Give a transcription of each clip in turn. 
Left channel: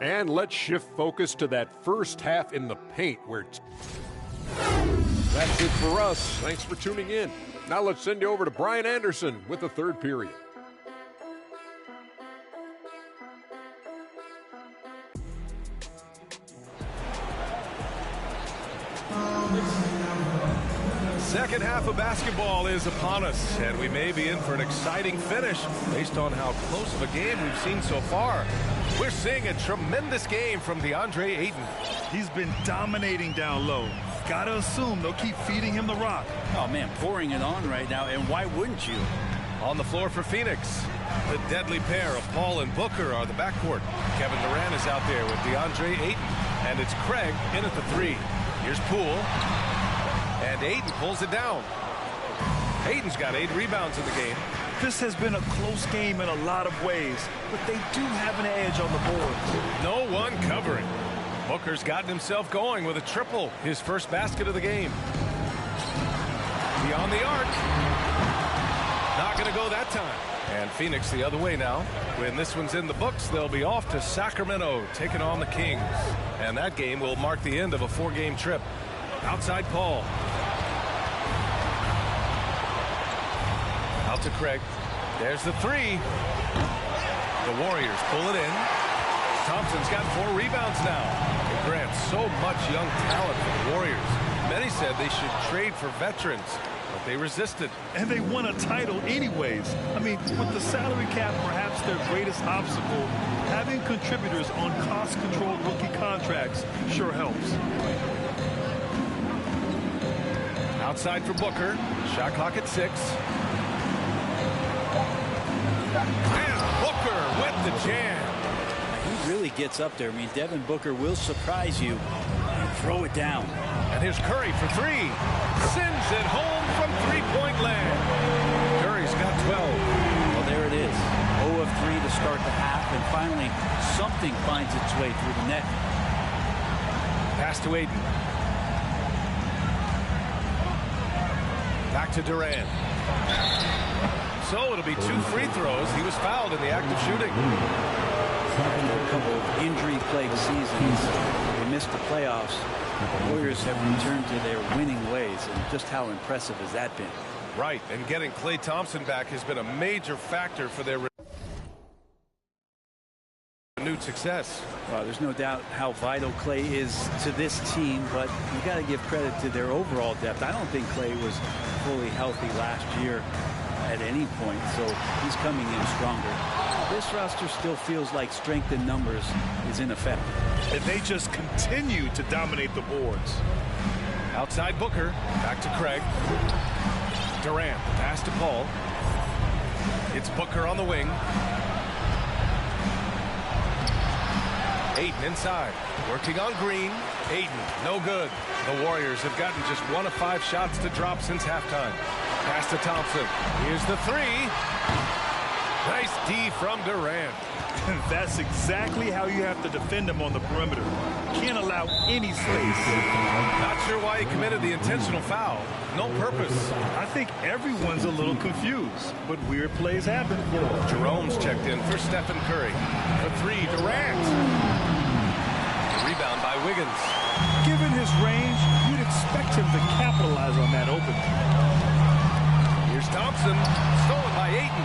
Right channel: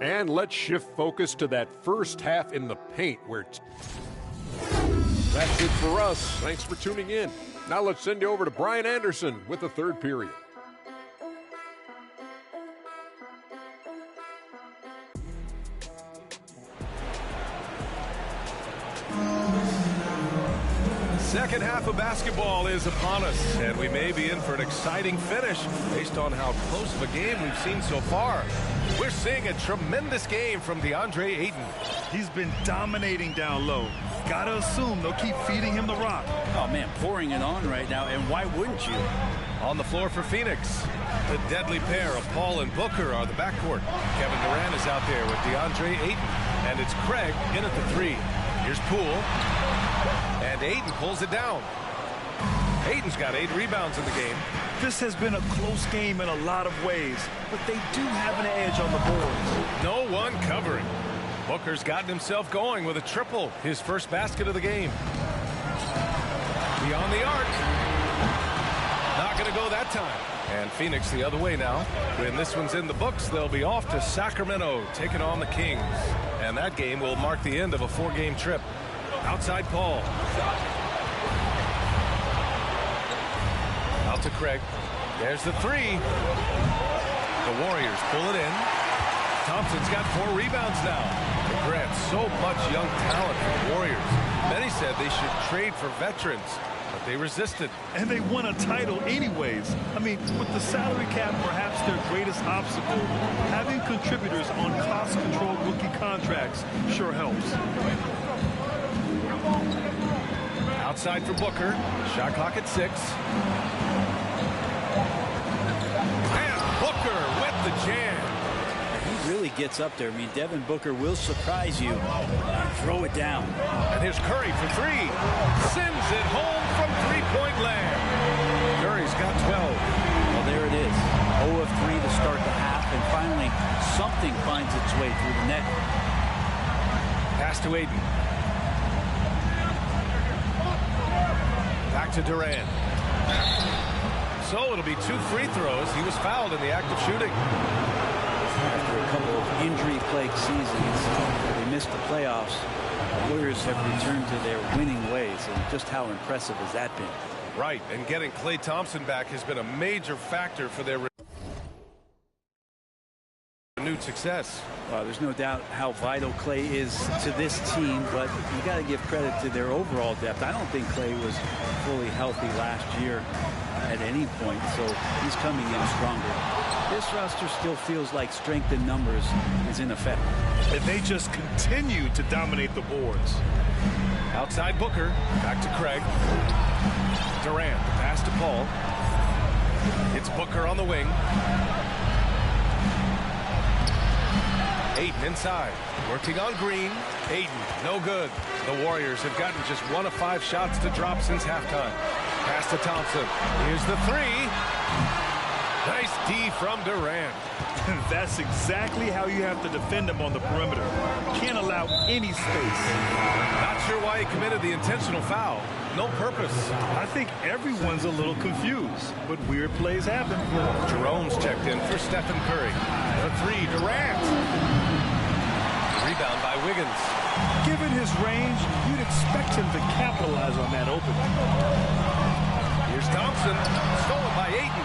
And let's shift focus to that first half in the paint where that's it for us. Thanks for tuning in. Now let's send you over to Brian Anderson with the third period. Second half of basketball is upon us, and we may be in for an exciting finish based on how close of a game we've seen so far. We're seeing a tremendous game from DeAndre Ayton. He's been dominating down low. Gotta assume they'll keep feeding him the rock. Oh, man, pouring it on right now, and why wouldn't you? On the floor for Phoenix, the deadly pair of Paul and Booker are the backcourt. Kevin Durant is out there with DeAndre Ayton, and it's Craig in at the three. Here's Poole. And Ayton pulls it down. Ayton's got 8 rebounds in the game. This has been a close game in a lot of ways, but they do have an edge on the boards. No one covering. Booker's gotten himself going with a triple, his first basket of the game. Beyond the arc. Not going to go that time. And Phoenix the other way now. When this one's in the books, they'll be off to Sacramento, taking on the Kings. And that game will mark the end of a 4-game trip. Outside Paul. Out to Craig. There's the three. The Warriors pull it in. Thompson's got 4 rebounds now. It grants so much young talent for the Warriors. Many said they should trade for veterans, but they resisted. And they won a title anyways. I mean, with the salary cap perhaps their greatest obstacle, having contributors on cost-controlled rookie contracts sure helps. Outside for Booker. Shot clock at 6. And Booker with the jam. He really gets up there. I mean, Devin Booker will surprise you and throw it down. And here's Curry for 3. Sends it home from three-point land. Curry's got 12. Well, there it is. 0 of 3 to start the half, and finally something finds its way through the net. Pass to Ayton. Back to Durant. So it'll be 2 free throws. He was fouled in the act of shooting. After a couple of injury-plagued seasons where they missed the playoffs, the Warriors have returned to their winning ways, and just how impressive has that been? Right, and getting Klay Thompson back has been a major factor for their renewed success. Well, there's no doubt how vital Klay is to this team, but you got to give credit to their overall depth. I don't think Klay was fully healthy last year at any point, so he's coming in stronger. This roster still feels like strength in numbers is in effect. And they just continue to dominate the boards. Outside Booker. Back to Craig. Durant. The pass to Paul. It's Booker on the wing. Ayton inside. Working on Green. Ayton. No good. The Warriors have gotten just 1 of 5 shots to drop since halftime. Pass to Thompson. Here's the 3. Nice D from Durant. That's exactly how you have to defend him on the perimeter. Can't allow any space. Not sure why he committed the intentional foul. No purpose. I think everyone's a little confused, but weird plays happen. Jerome's checked in for Stephen Curry. For 3, Durant. Rebound by Wiggins. Given his range, you'd expect him to capitalize on that opening. Here's Thompson. Stolen by Ayton.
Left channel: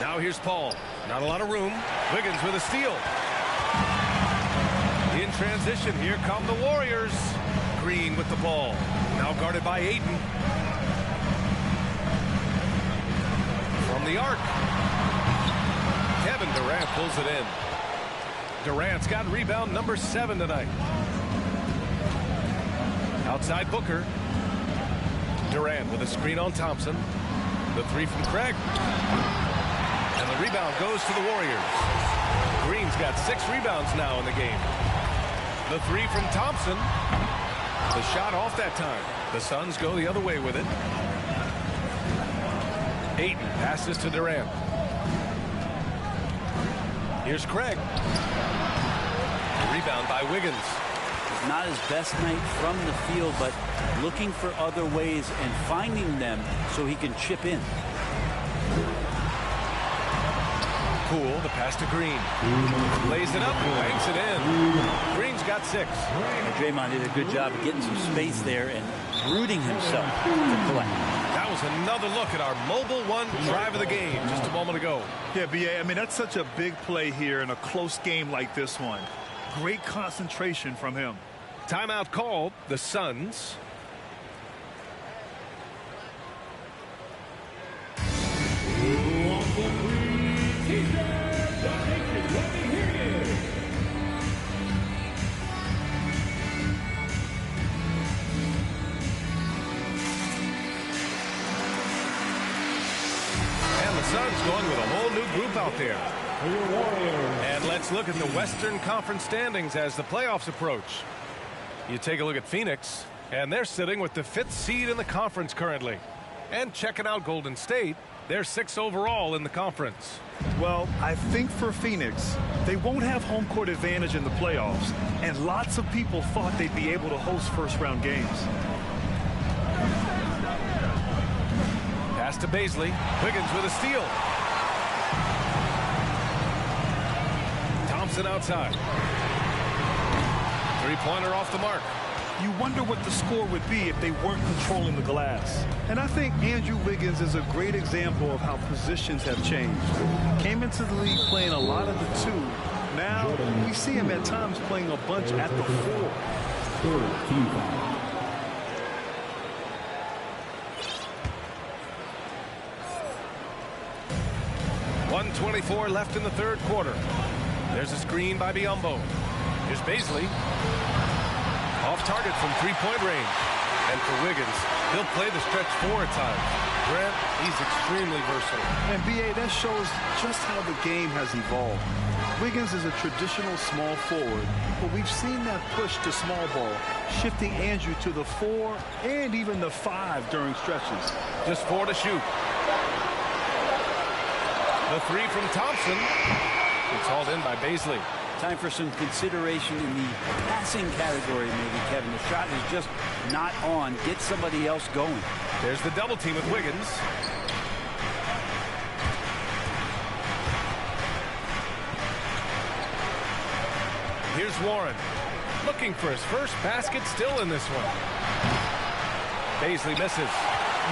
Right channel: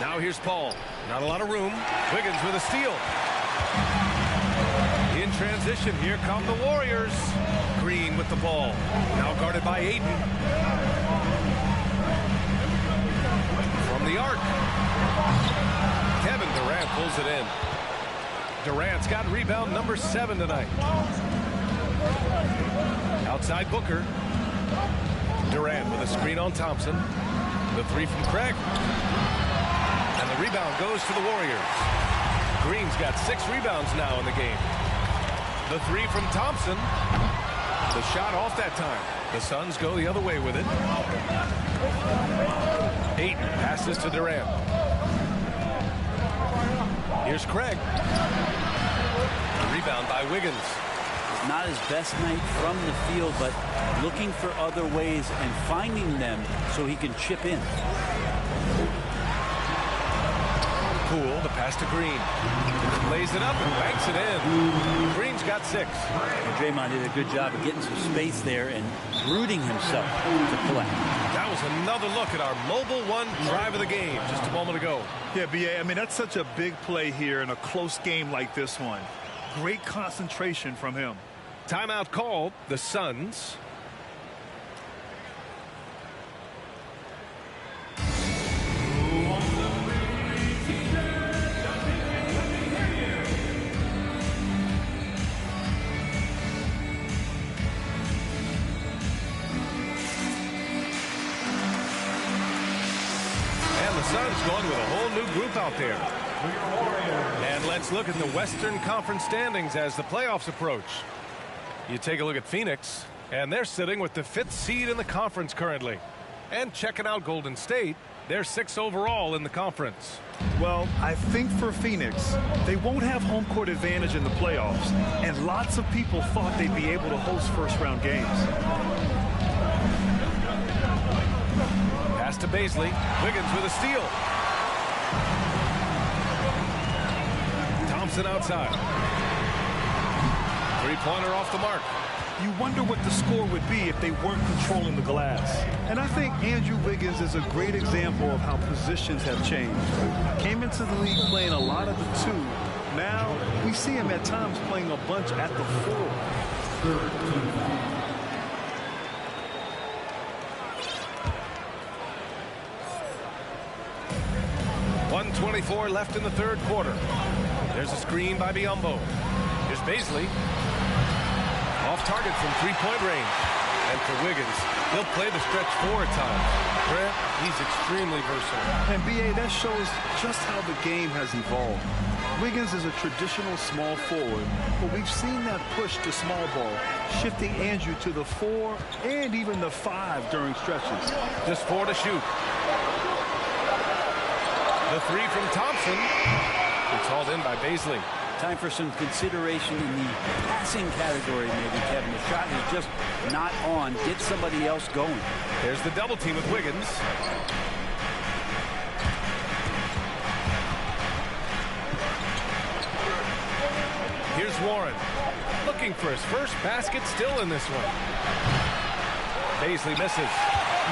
Now here's Paul. Not a lot of room. Wiggins with a steal. In transition, here come the Warriors. Green with the ball. Now guarded by Ayton. From the arc. Kevin Durant pulls it in. Durant's got rebound number 7 tonight. Outside Booker. Durant with a screen on Thompson. The 3 from Craig. And the rebound goes to the Warriors. Green's got 6 rebounds now in the game. The 3 from Thompson. The shot off that time. The Suns go the other way with it. Ayton passes to Durant. Here's Craig. The rebound by Wiggins. It's not his best night from the field, but looking for other ways and finding them so he can chip in. Poole, the pass to Green. Lays it up and banks it in. Green's got 6. And Draymond did a good job of getting some space there and rooting himself to collect. That was another look at our mobile one drive of the game just a moment ago. Yeah, B.A., I mean, that's such a big play here in a close game like this one. Great concentration from him. Timeout called, the Suns. And the Suns going with a whole new group out there. And let's look at the Western Conference standings as the playoffs approach. You take a look at Phoenix, and they're sitting with the 5th seed in the conference currently. And checking out Golden State, they're 6th overall in the conference. Well, I think for Phoenix, they won't have home court advantage in the playoffs, and lots of people thought they'd be able to host first-round games. Pass to Baisley. Wiggins with a steal. Thompson outside. Three-pointer off the mark. You wonder what the score would be if they weren't controlling the glass. And I think Andrew Wiggins is a great example of how positions have changed. Came into the league playing a lot of the 2. Now we see him at times playing a bunch at the 4. 1:24 left in the 3rd quarter. There's a screen by Biyombo. Here's Baisley. Off target from 3-point range. And for Wiggins, he'll play the stretch 4 at times. Grant, he's extremely versatile. And B.A., that shows just how the game has evolved. Wiggins is a traditional small forward, but we've seen that push to small ball, shifting Andrew to the 4 and even the 5 during stretches. Just 4 to shoot. The 3 from Thompson. It's hauled in by Baisley. Time for some consideration in the passing category, maybe, Kevin. The shot is just not on. Get somebody else going. There's the double team with Wiggins. Here's Warren. Looking for his first basket, still in this one. Baisley misses.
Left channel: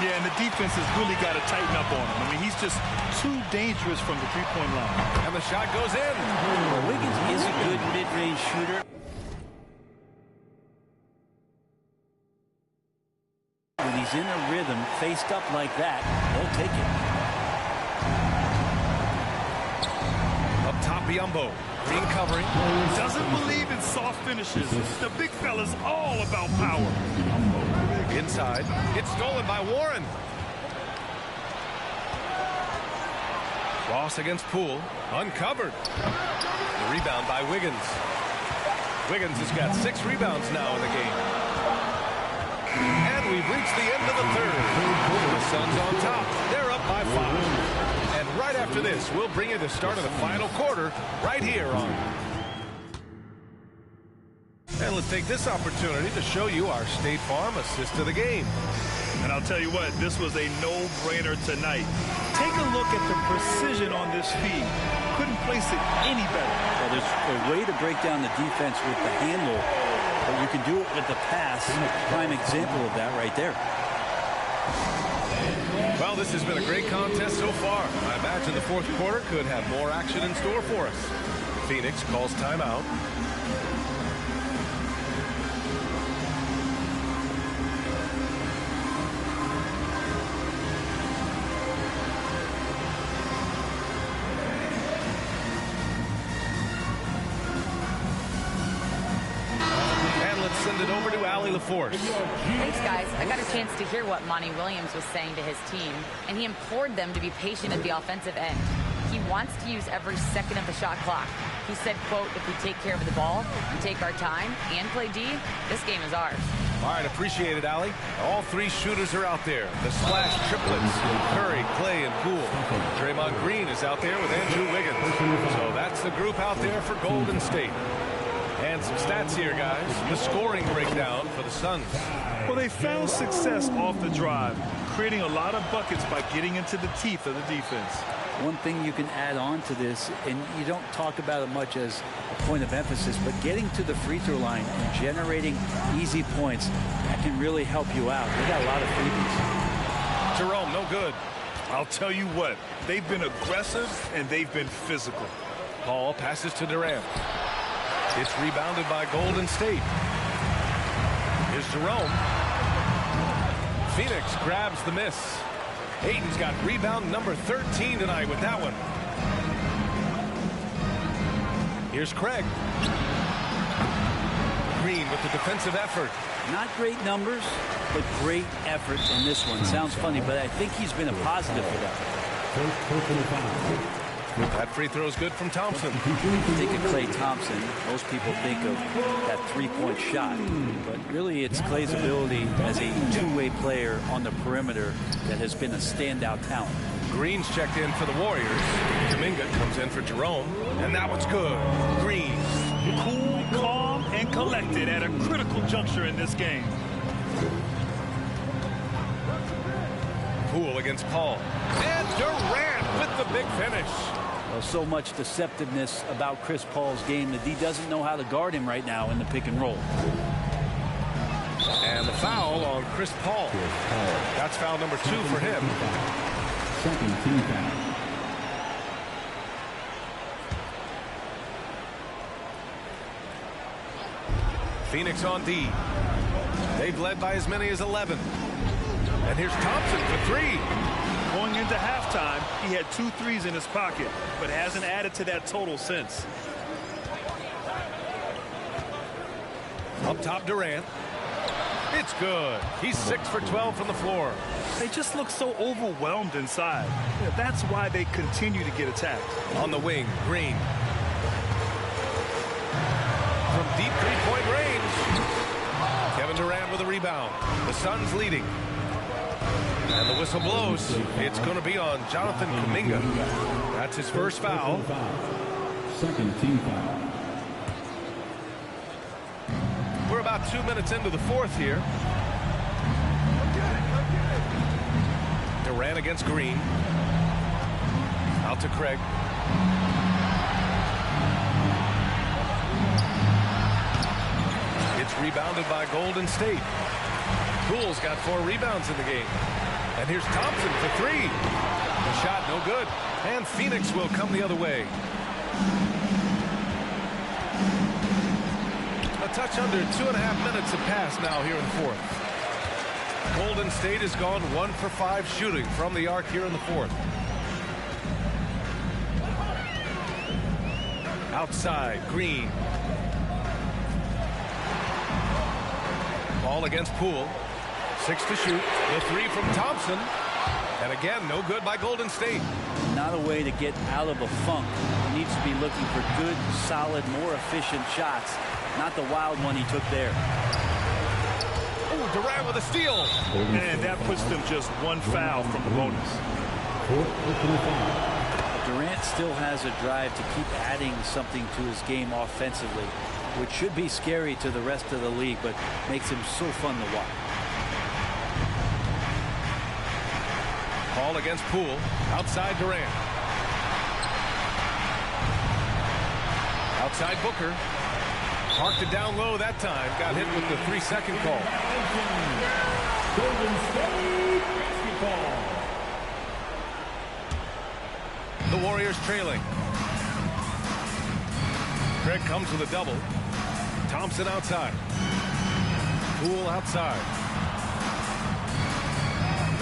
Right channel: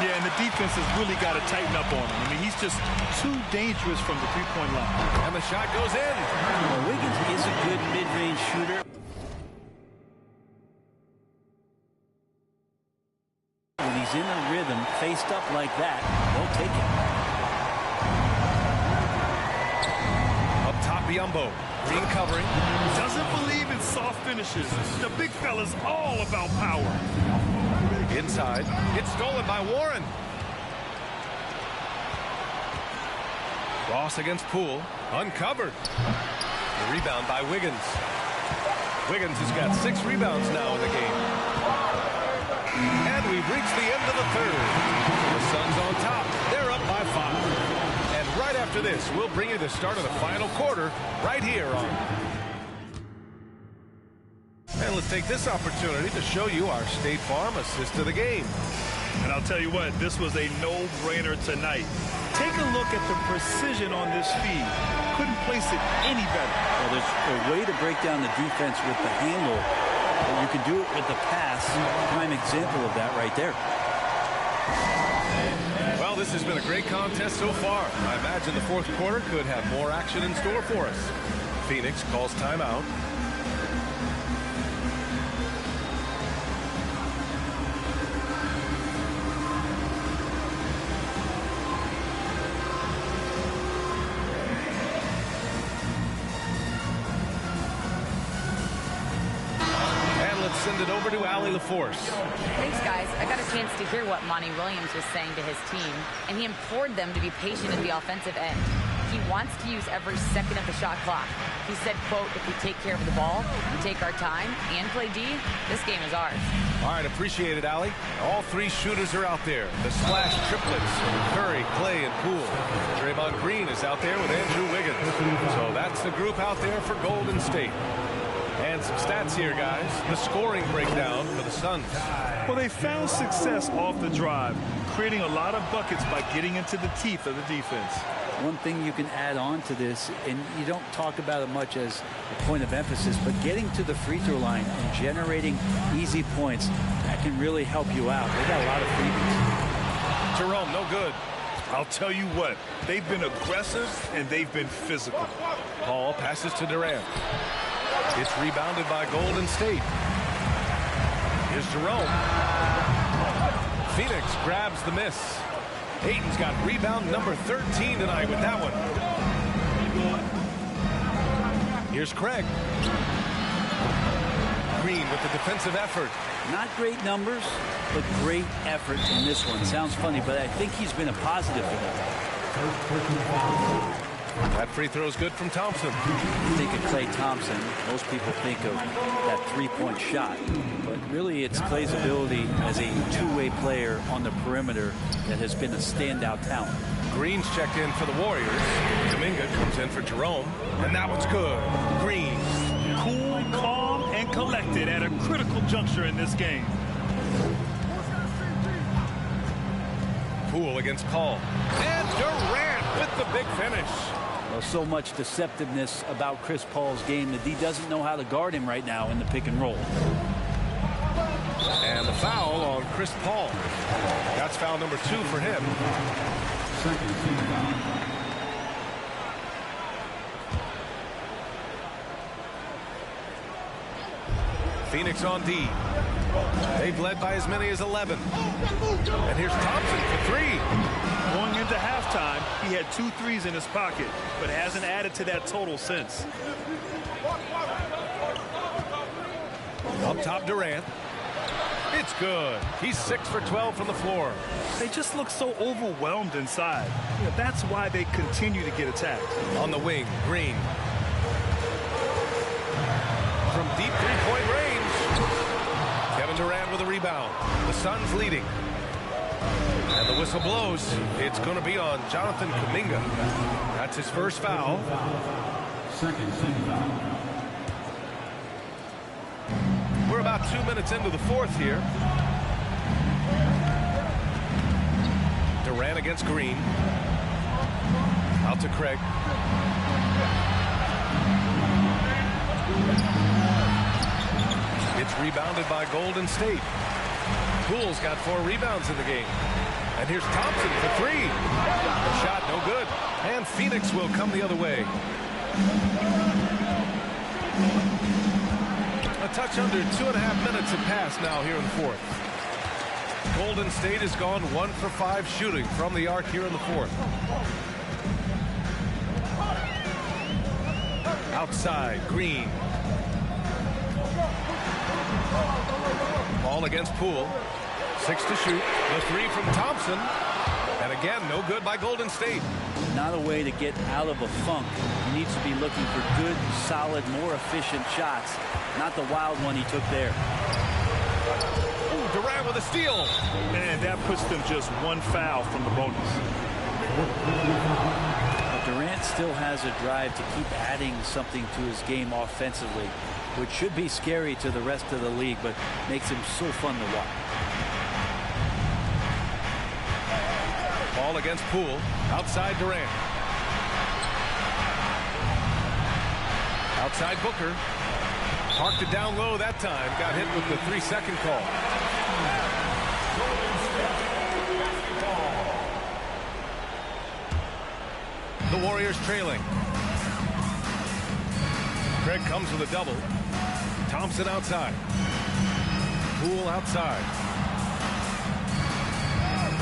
Yeah, and the defense has really got to tighten up on him. I mean, he's just too dangerous from the 3-point line. And the shot goes in. Well, Wiggins is a good mid-range shooter. When he's in a rhythm, faced up like that, they'll take it. Up top, Biyombo. Green covering. He doesn't believe in soft finishes. The big fella's all about power. Inside. It's stolen by Warren. Ross against Poole. Uncovered. The rebound by Wiggins. Wiggins has got 6 rebounds now in the game. And we've reached the end of the 3rd. The Suns on top. They're up by 5. And right after this, we'll bring you the start of the final quarter right here on. And let's take this opportunity to show you our State Farm assist of the game. And I'll tell you what, this was a no-brainer tonight. Take a look at the precision on this feed. Couldn't place it any better. Well, there's a way to break down the defense with the handle, but you can do it with the pass. Prime example of that right there. Well, this has been a great contest so far. I imagine the 4th quarter could have more action in store for us. Phoenix calls timeout. Send it over to Allie LaForce. Thanks, guys. I got a chance to hear what Monty Williams was saying to his team, and he implored them to be patient at the offensive end. He wants to use every second of the shot clock. He said, quote, if we take care of the ball, we take our time, and play D, this game is ours. All right, appreciate it, Allie. All 3 shooters are out there. The splash triplets, Curry, Clay, and Poole. Draymond Green is out there with Andrew Wiggins. So that's the group out there for Golden State. And some stats here, guys. The scoring breakdown for the Suns. Well, they found success off the drive, creating a lot of buckets by getting into the teeth of the defense. One thing you can add on to this, and you don't talk about it much as a point of emphasis, but getting to the free throw line and generating easy points, that can really help you out. They got a lot of freebies. Jerome, no good. I'll tell you what, they've been aggressive and they've been physical. Paul passes to Durant. It's rebounded by Golden State. Here's Jerome. Phoenix grabs the miss. Ayton's got rebound number 13 tonight with that one. Here's Craig. Green with the defensive effort. Not great numbers, but great effort in this one. Sounds funny, but I think he's been a positive for them. That free throw is good from Thompson. You think of Klay Thompson, most people think of that three-point shot. But really, it's Klay's ability as a two-way player on the perimeter that has been a standout talent. Green's checked in for the Warriors. Kuminga comes in for Jerome, and that one's good. Green. Cool, calm, and collected at a critical juncture in this game. Poole against Paul. And Durant with the big finish. Well, so much deceptiveness about Chris Paul's game that he doesn't know how to guard him right now in the pick and roll. And the foul on Chris Paul. That's foul number 2 for him. Second team foul. Phoenix on D. They've led by as many as 11. And here's Thompson for 3. Going into halftime, he had 2 threes in his pocket, but hasn't added to that total since. Up top, Durant. It's good. He's 6 for 12 from the floor. They just look so overwhelmed inside. That's why they continue to get attacked. On the wing, Green. From deep three-point range. Kevin Durant with a rebound. The Suns leading. And the whistle blows. It's going to be on Jonathan Kuminga. That's his first foul. Second team foul. We're about 2 minutes into the fourth here. Durant against Green. Out to Craig. It's rebounded by Golden State. Poole's got 4 rebounds in the game. And here's Thompson for 3. The shot no good. And Phoenix will come the other way. A touch under 2.5 minutes have passed now here in the fourth. Golden State has gone 1 for 5 shooting from the arc here in the fourth. Outside, Green. Ball against Poole. 6 to shoot. The 3 from Thompson. And again, no good by Golden State. Not a way to get out of a funk. He needs to be looking for good, solid, more efficient shots. Not the wild one he took there. Ooh, Durant with a steal. And that puts them just 1 foul from the bonus. Durant still has a drive to keep adding something to his game offensively, which should be scary to the rest of the league, but makes him so fun to watch. Ball against Poole. Outside Durant. Outside Booker. Parked it down low that time. Got hit with the 3-second call. The Warriors trailing. Craig comes with a double. Thompson outside. Poole outside.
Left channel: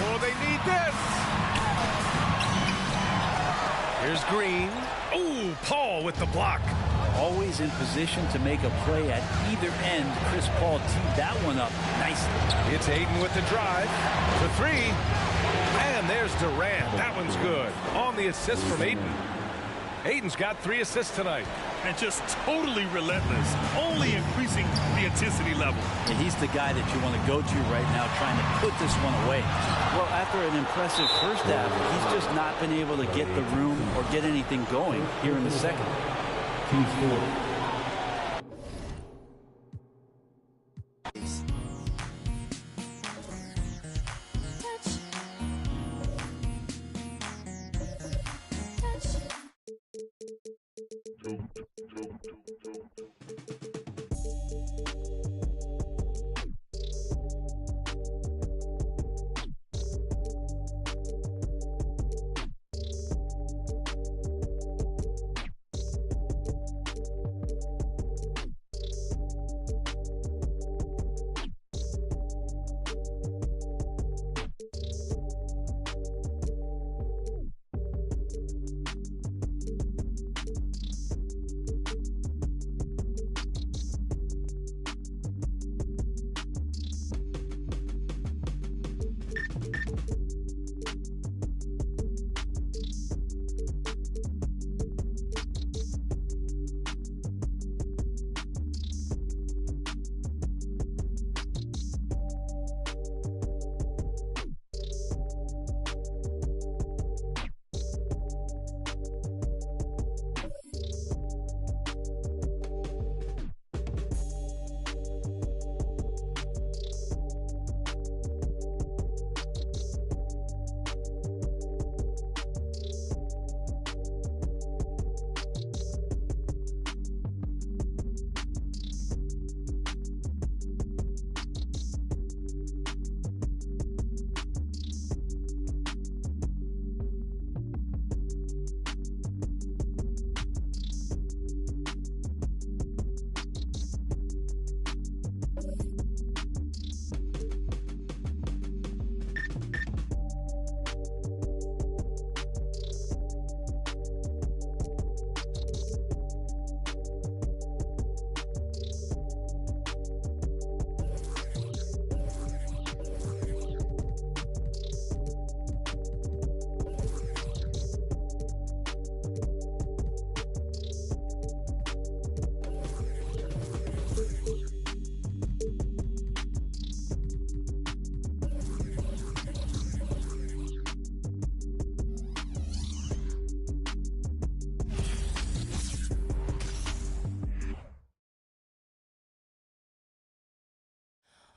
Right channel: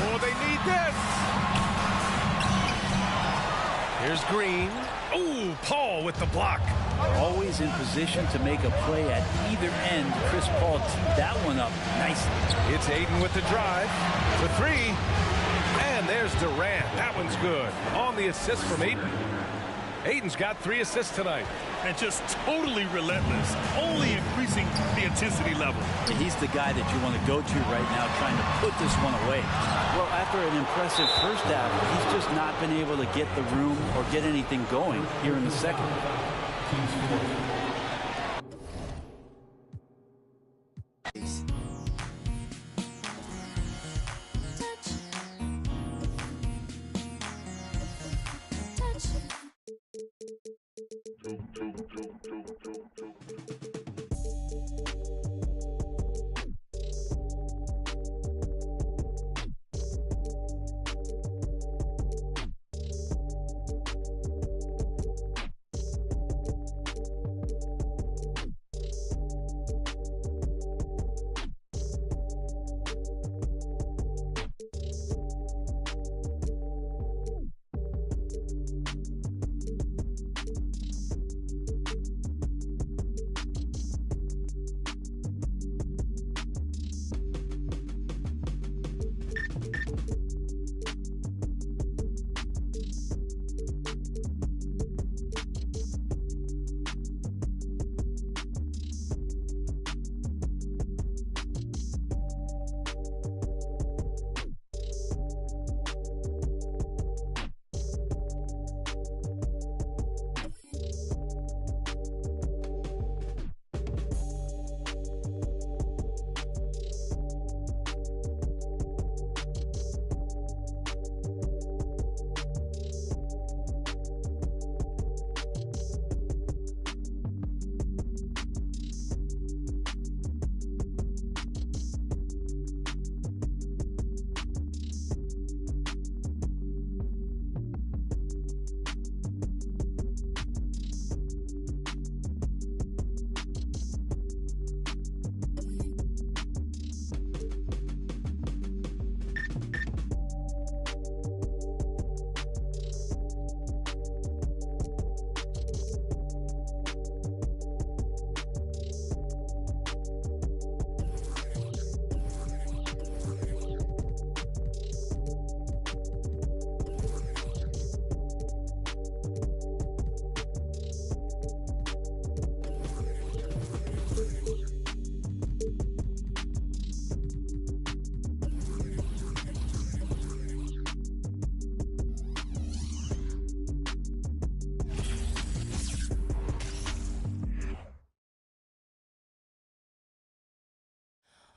Oh, they need this. Here's Green. Oh, Paul with the block. Always in position to make a play at either end. Chris Paul teed that one up nicely. It's Ayton with the drive for 3. And there's Durant. That one's good. On the assist from Ayton. Ayton's got 3 assists tonight. And just totally relentless, only increasing the intensity level. And he's the guy that you want to go to right now, trying to put this one away. Well, after an impressive first half, he's just not been able to get the room or get anything going here in the second. Team score.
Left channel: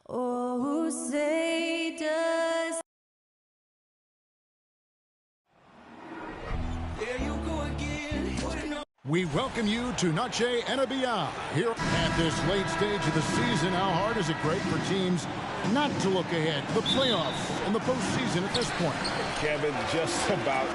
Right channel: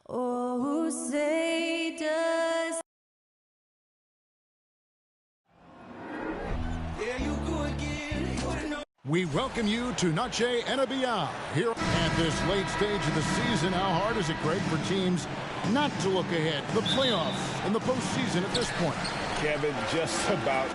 Oh, say does. There you go again. We welcome you to Noche NBA here at this late stage of the season. How hard is it, Greg, for teams not to look ahead to the playoffs and the postseason at this point? Kevin, just about.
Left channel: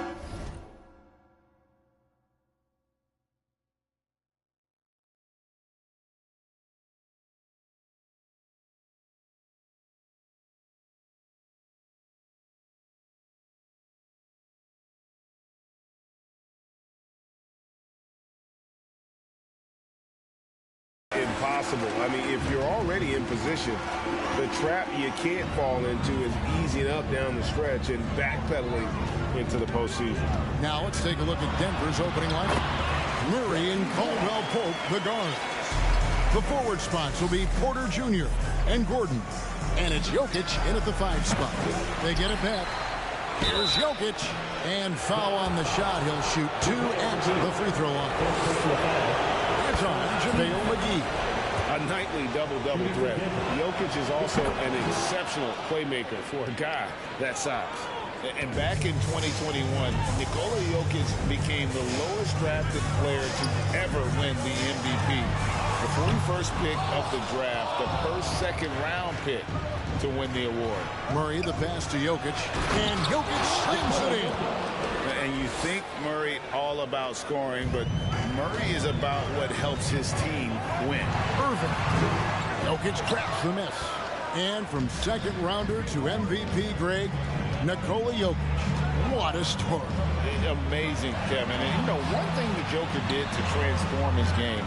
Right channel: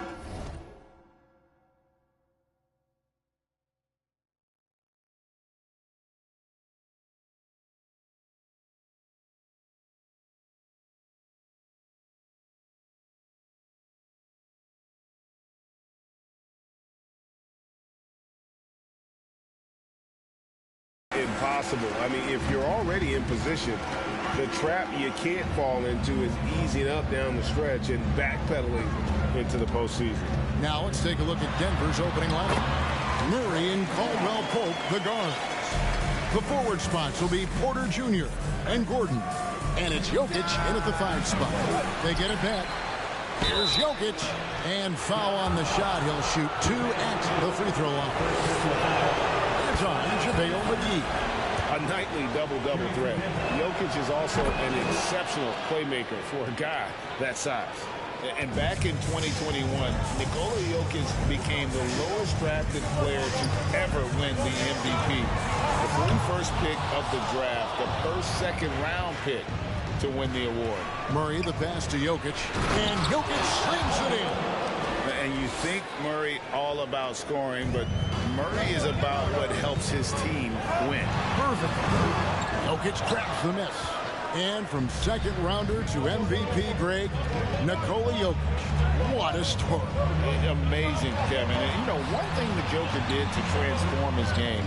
Impossible. I mean, if you're already in position, the trap you can't fall into is easing up down the stretch and backpedaling into the postseason. Now let's take a look at Denver's opening lineup. Murray and Caldwell Pope, the guards. The forward spots will be Porter Jr. and Gordon. And it's Jokic in at the 5 spot. They get it back. Here's Jokic. And foul on the shot. He'll shoot 2 at the free throw line. It's on JaVale McGee. A nightly double-double threat. Jokic is also an exceptional playmaker for a guy that size. And back in 2021, Nikola Jokic became the lowest drafted player to ever win the MVP. The 41st pick of the draft, the first second-round pick to win the award. Murray, the pass to Jokic, and Jokic slams it in. And you think Murray all about scoring, but Murray is about what helps his team win. Perfect. Jokic grabs the miss. And from second rounder to MVP, Greg, Nikola Jokic. What a story. Amazing, Kevin. And, you know, one thing the Joker did to transform his game,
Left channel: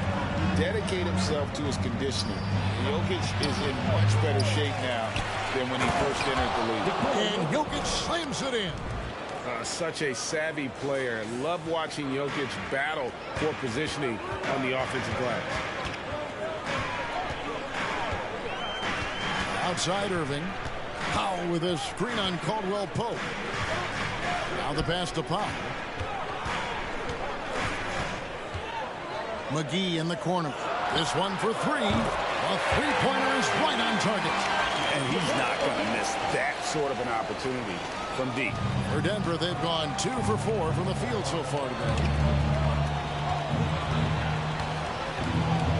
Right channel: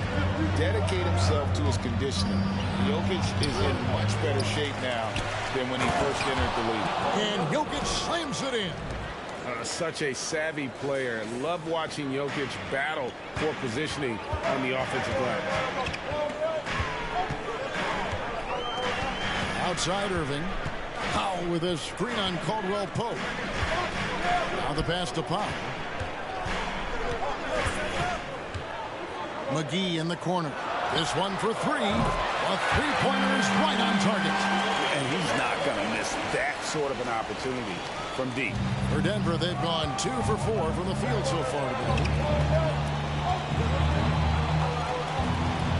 dedicate himself to his conditioning. Jokic is in much better shape now than when he first entered the league. And Jokic slams it in. Such a savvy player. Love watching Jokic battle for positioning on the offensive glass. Outside Irving. Powell with a screen on Caldwell Pope. Now the pass to Powell. McGee in the corner. This one for 3. A three-pointer's right on target. And he's not going to miss that sort of an opportunity from deep. For Denver, they've gone 2 for 4 from the field so far today.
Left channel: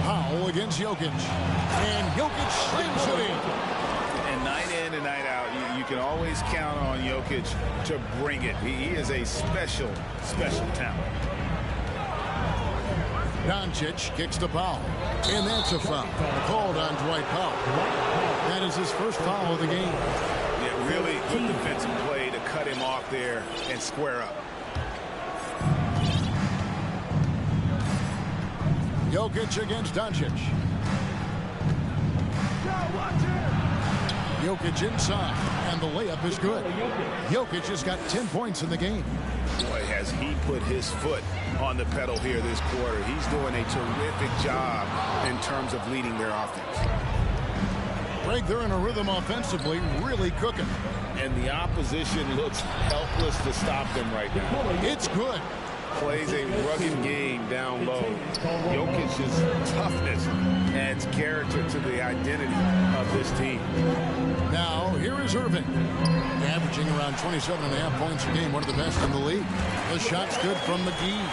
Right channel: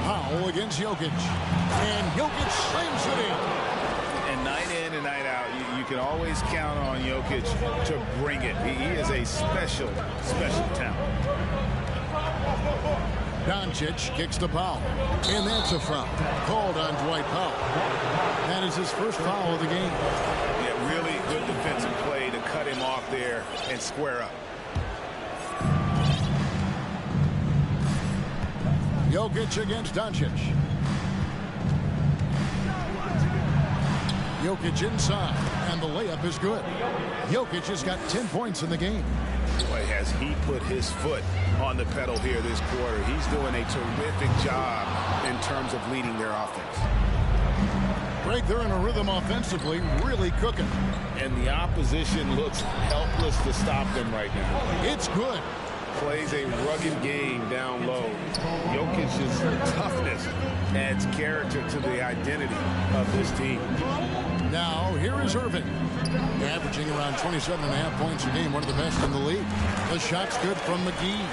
Powell against Jokic. And Jokic slams it in. And night in and night out, you can always count on Jokic to bring it. He is a special, special talent. Doncic kicks to Powell. And that's a foul. Called on Dwight Powell. That is his first foul of the game. Yeah, really good defensive play to cut him off there and square up. Jokic against Doncic. Jokic inside, and the layup is good. Jokic has got 10 points in the game. Boy, has he put his foot on the pedal here this quarter. He's doing a terrific job in terms of leading their offense. Greg, they're in a rhythm offensively, really cooking. And the opposition looks helpless to stop them right now. It's good. Plays a rugged game down low. Jokic's toughness adds character to the identity of this team. Now, here is Irving. Averaging around 27.5 points a game, one of the best in the league. The shot's good from McGee.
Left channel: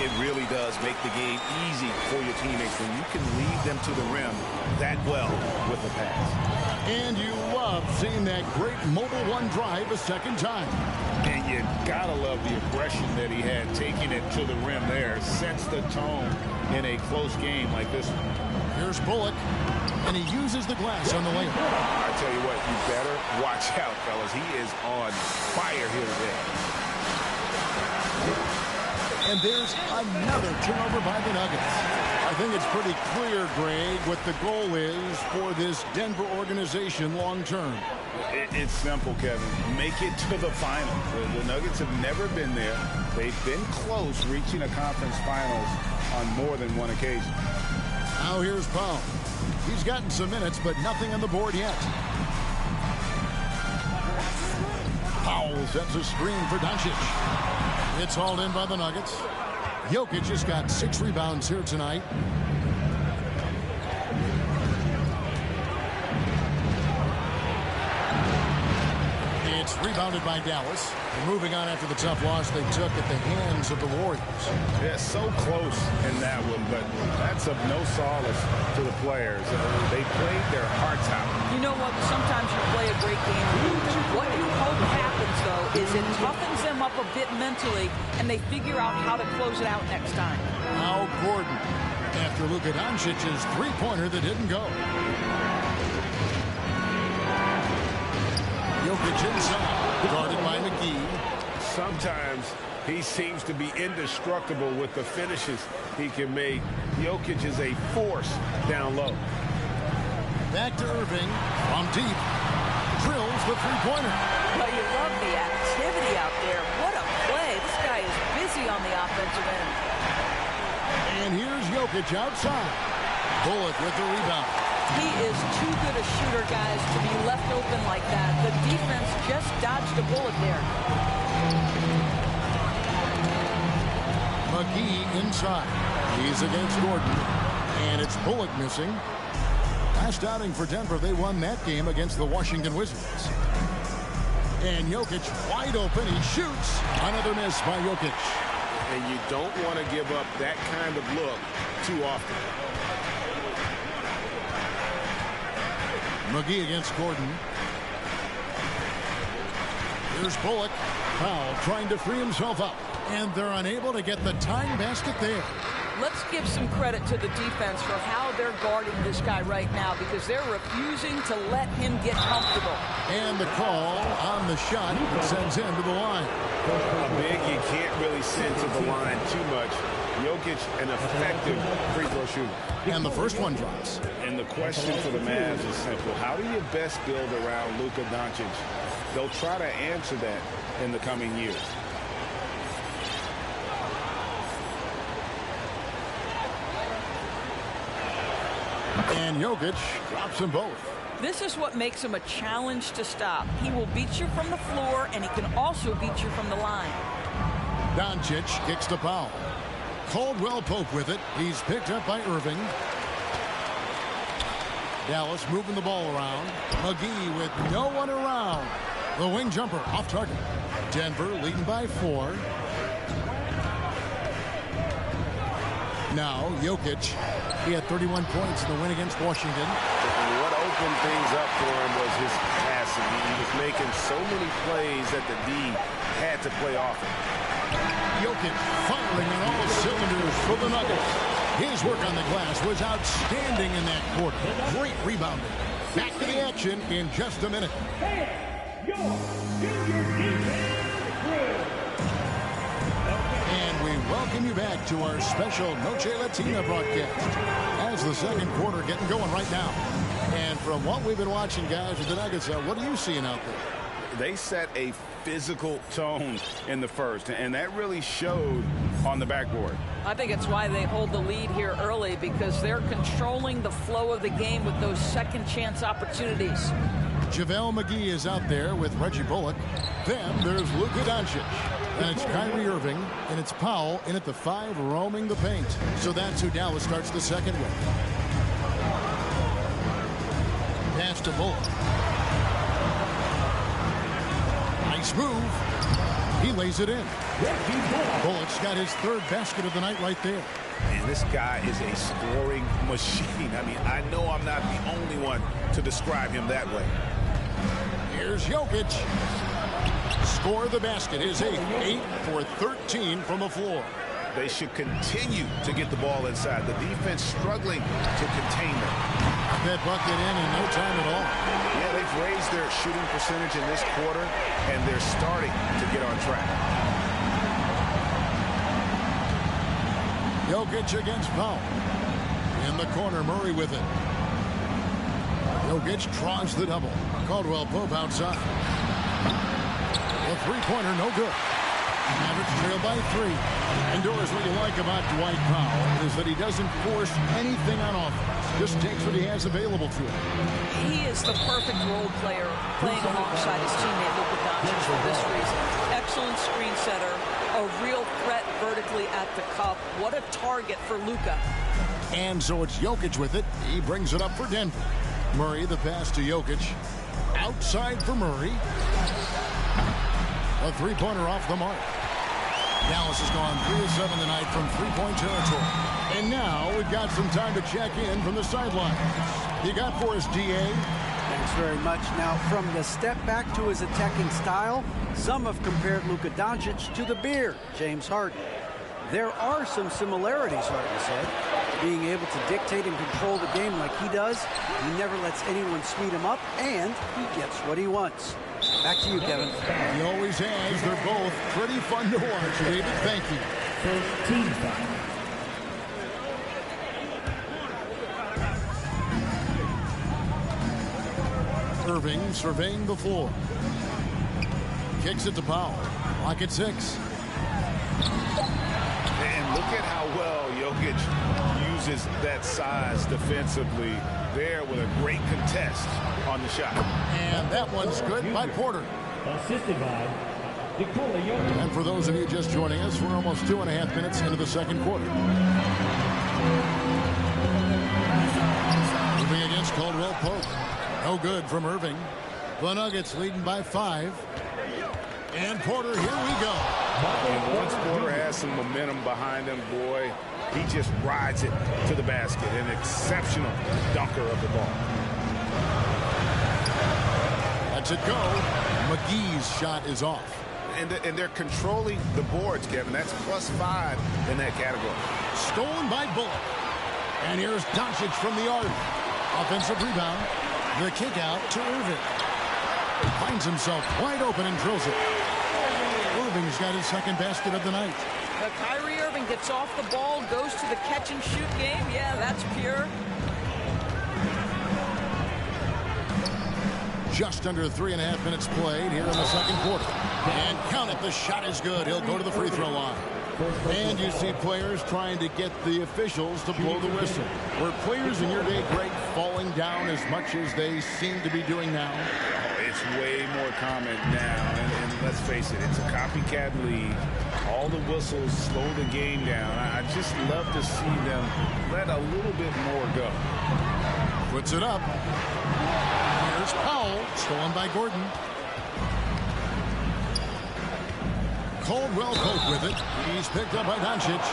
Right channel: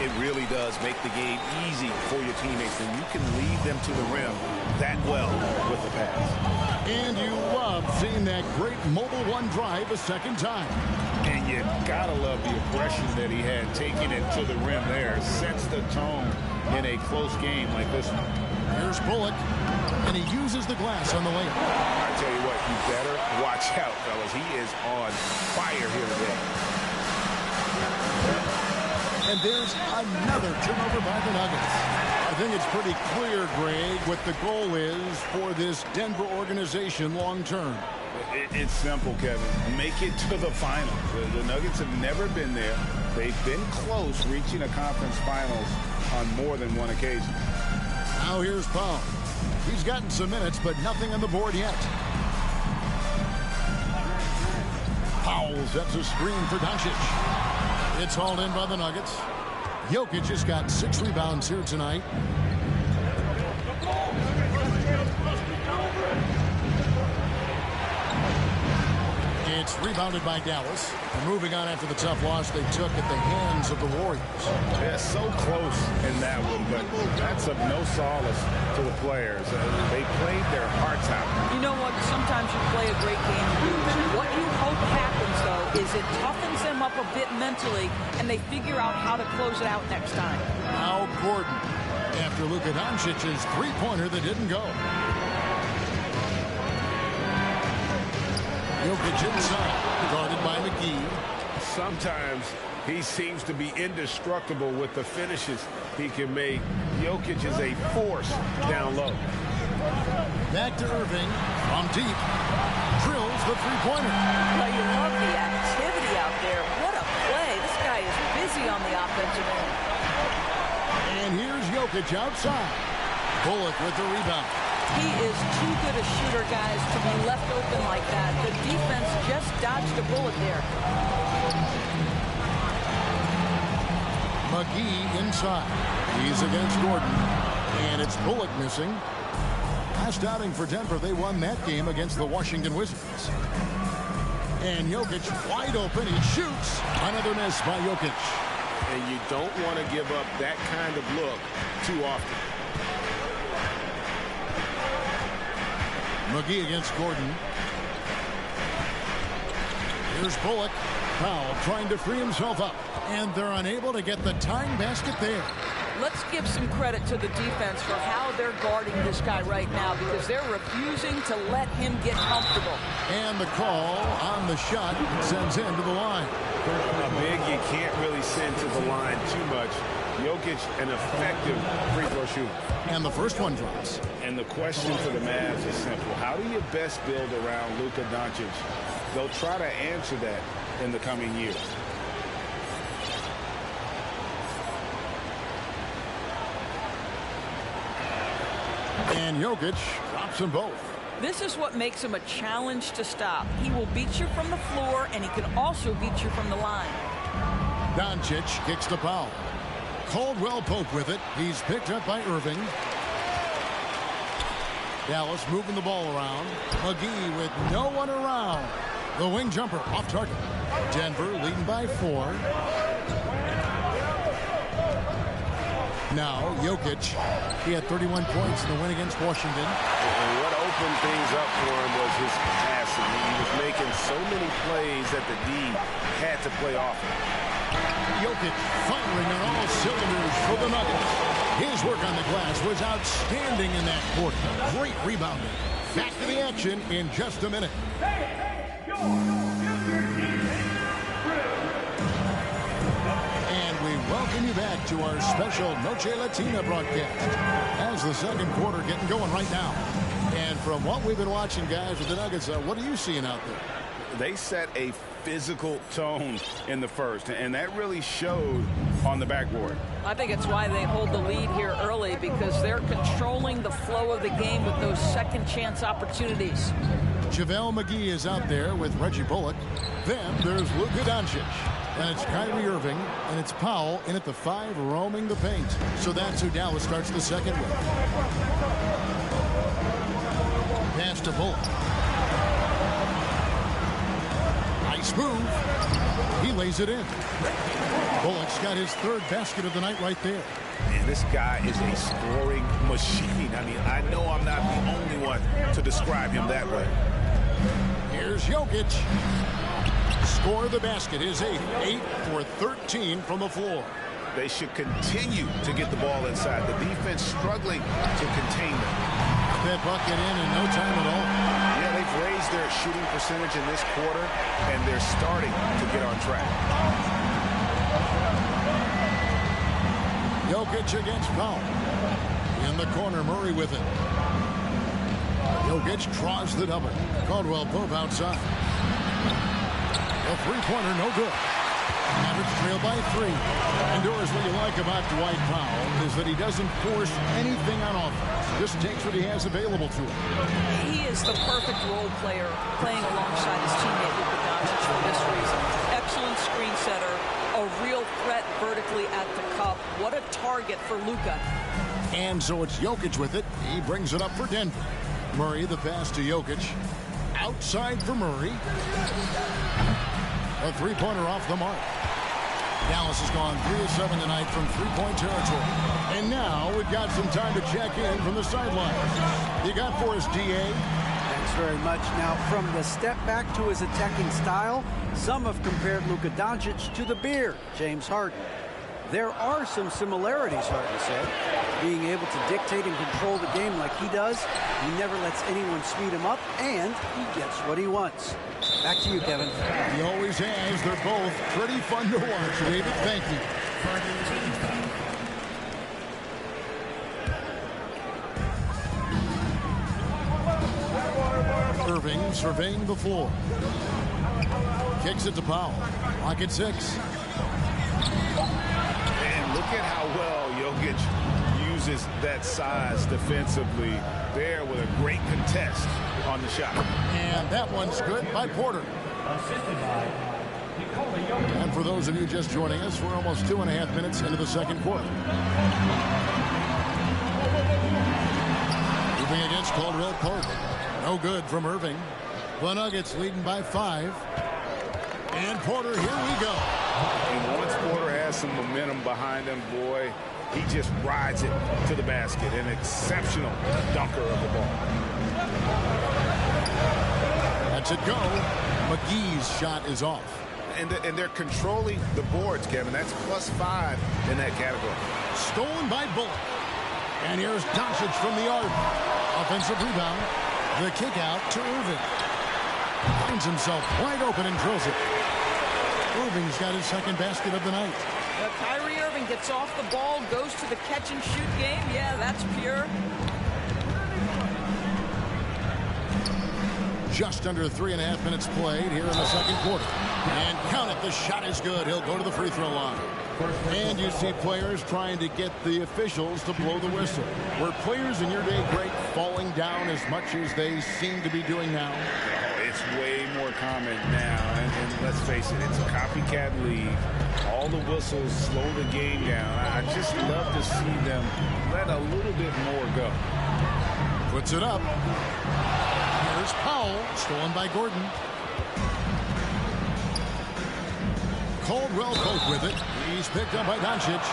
It really does make the game easy for your teammates when you can lead them to the rim that well with the pass. And you love seeing that great mobile one drive a second time. And you gotta love the aggression that he had taking it to the rim there. Sets the tone in a close game like this one. Here's Bullock, and he uses the glass on the layup. I tell you what, you better watch out, fellas. He is on fire here today. And there's another turnover by the Nuggets. I think it's pretty clear, Greg, what the goal is for this Denver organization long term. It's simple, Kevin. Make it to the finals. The Nuggets have never been there. They've been close reaching a conference finals on more than one occasion. Now here's Powell. He's gotten some minutes, but nothing on the board yet. Powell sets a screen for Doncic. It's hauled in by the Nuggets. Jokic has got 6 rebounds here tonight. It's rebounded by Dallas. And moving on after the tough loss they took at the hands of the Warriors. Yeah, so close in that one, but that's of no solace to the players. They played their hearts out. You know what? Sometimes you play a great game and lose. What you hope happens, though, is it toughens them up a bit mentally, and they figure out how to close it out next time. Now Gordon, after Luka Doncic's three-pointer that didn't go. Jokic inside, guarded by McGee. Sometimes he seems to be indestructible with the finishes he can make. Jokic is a force down low. Back to Irving from deep. Drills the three-pointer. Well, you love the activity out there. What a play. This guy is busy on the offensive end. And here's Jokic outside. Bullock with the rebound. He is too good a shooter, guys, to be left open like that. The defense just dodged a bullet there. McGee inside. He's against Gordon. And it's Bullock missing. Last outing for Denver, they won that game against the Washington Wizards. And Jokic wide open. He shoots. Another miss by Jokic. And you don't want to give up that kind of look too often. McGee against Gordon. Here's Bullock. Powell trying to free himself up. And they're unable to get the tying basket there. Let's give some credit to the defense for how they're guarding this guy right now, because they're refusing to let him get comfortable. And the call on the shot that sends him to the line. A big you can't really send to the line too much. Jokic, an effective free throw shooter. And the first one drops. And the question for the Mavs is simple. How do you best build around Luka Doncic? They'll try to answer that in the coming years. And Jokic drops them both. This is what makes him a challenge to stop. He will beat you from the floor, and he can also beat you from the line. Doncic kicks to Powell. Caldwell Pope with it. He's picked up by Irving. Dallas moving the ball around. McGee with no one around. The wing jumper off target. Denver leading by 4. Now, Jokic, he had 31 points in the win against Washington. And what opened things up for him was his passing. He was making so many plays that the D had to play off him. Jokic firing on all cylinders for the Nuggets. His work on the glass was outstanding in that quarter. Great rebounding. Back to the action in just a minute. And we welcome you back to our special Noche Latina broadcast as the second quarter getting going right now. And from what we've been watching, guys, with the Nuggets, what are you seeing out there? They set a physical tone in the first, and that really showed on the backboard. I think it's why they hold the lead here early, because they're controlling the flow of the game with those second chance opportunities. JaVale McGee is out there with Reggie Bullock. Then there's Luka Doncic. And it's Kyrie Irving, and it's Powell in at the 5 roaming the paint. So that's who Dallas starts the second with. Pass to Bullock. Nice move. He lays it in. Bullock's got his third basket of the night right there. And this guy is a scoring machine. I mean, I know I'm not the only one to describe him that way. Here's Jokic. Score the basket, his 8th. 8 for 13 from the floor. They should continue to get the ball inside. The defense struggling to contain them. That bucket in no time at all. Yeah, they've raised their shooting percentage in this quarter, and they're starting to get on track. Jokic against Powell. In the corner, Murray with it. Jokic draws the double. Caldwell Pope outside. The three-pointer, no good. Mavericks trail by 3. And Doris, what you like about Dwight Powell is that he doesn't force anything on offense. Just takes what he has available to him. He is the perfect role player, playing alongside his teammate Luka Doncic for this reason. Excellent screen setter, a real threat vertically at the cup. What a target for Luka. And so it's Jokic with it. He brings it up for Denver. Murray, the pass to Jokic. Outside for Murray. A three-pointer off the mark. Dallas has gone 3 of 7 tonight from three-point territory. And now we've got some time to check in from the sidelines. You got for us, D.A.? Thanks very much. Now, from the step back to his attacking style, some have compared Luka Doncic to the Beard, James Harden. There are some similarities, Harden said. Being able to dictate and control the game like he does, he never lets anyone speed him up, and he gets what he wants. Back to you, Kevin. He always has. They're both pretty fun to watch, David. Thank you. First team foul. Irving surveying the floor. Kicks it to Powell. Lock at 6. And look at how well Jokic uses that size defensively there with a great contest on the shot. And that one's good by Porter. Assisted by Nikola Jokic. And for those of you just joining us, we're almost 2.5 minutes into the second quarter. Moving against Caldwell Pope. No good from Irving. The Nuggets leading by 5. And Porter, here we go. And once Porter has some momentum behind him, boy, he just rides it to the basket. An exceptional dunker of the ball. Lets it go. McGee's shot is off. And they're controlling the boards, Kevin. That's +5 in that category. Stolen by Bullock. And here's Doncic from the arc. Offensive rebound. The kick out to Irving. Finds himself wide open and drills it. Irving's got his second basket of the night. Kyrie Irving gets off the ball, goes to the catch-and-shoot game. Yeah, that's pure. Just under 3.5 minutes played here in the second quarter. And count it, the shot is good. He'll go to the free throw line. And you see players trying to get the officials to blow the whistle. Were players in your day great falling down as much as they seem to be doing now? Oh, it's way more common now. And let's face it, it's a copycat league. All the whistles slow the game down. I just love to see them let a little bit more go. Puts it up. Here's Powell, stolen by Gordon. Caldwell Pope with it. He's picked up by Doncic.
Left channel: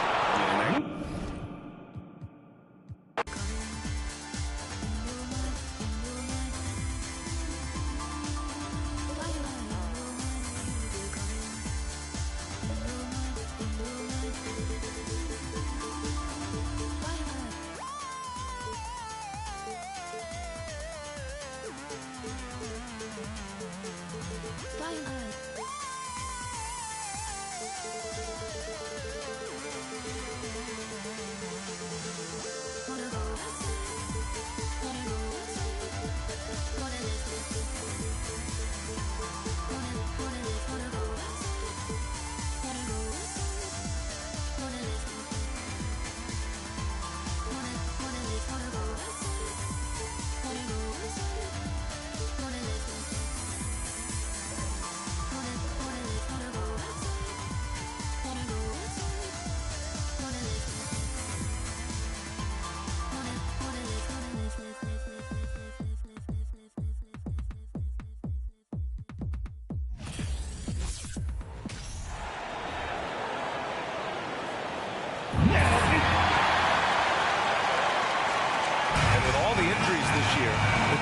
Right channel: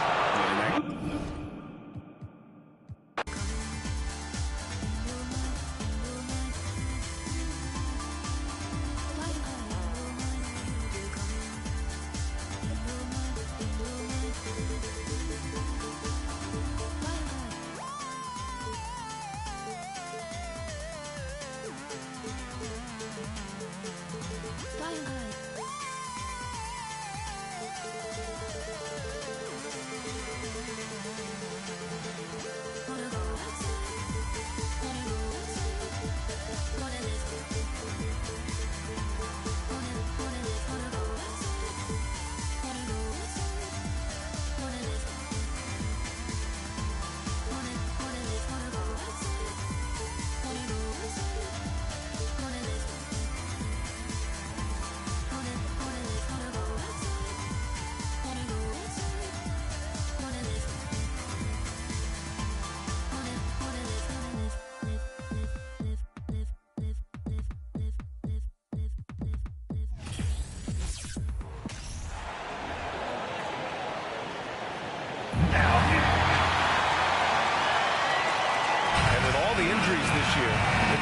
And with all the injuries this year, the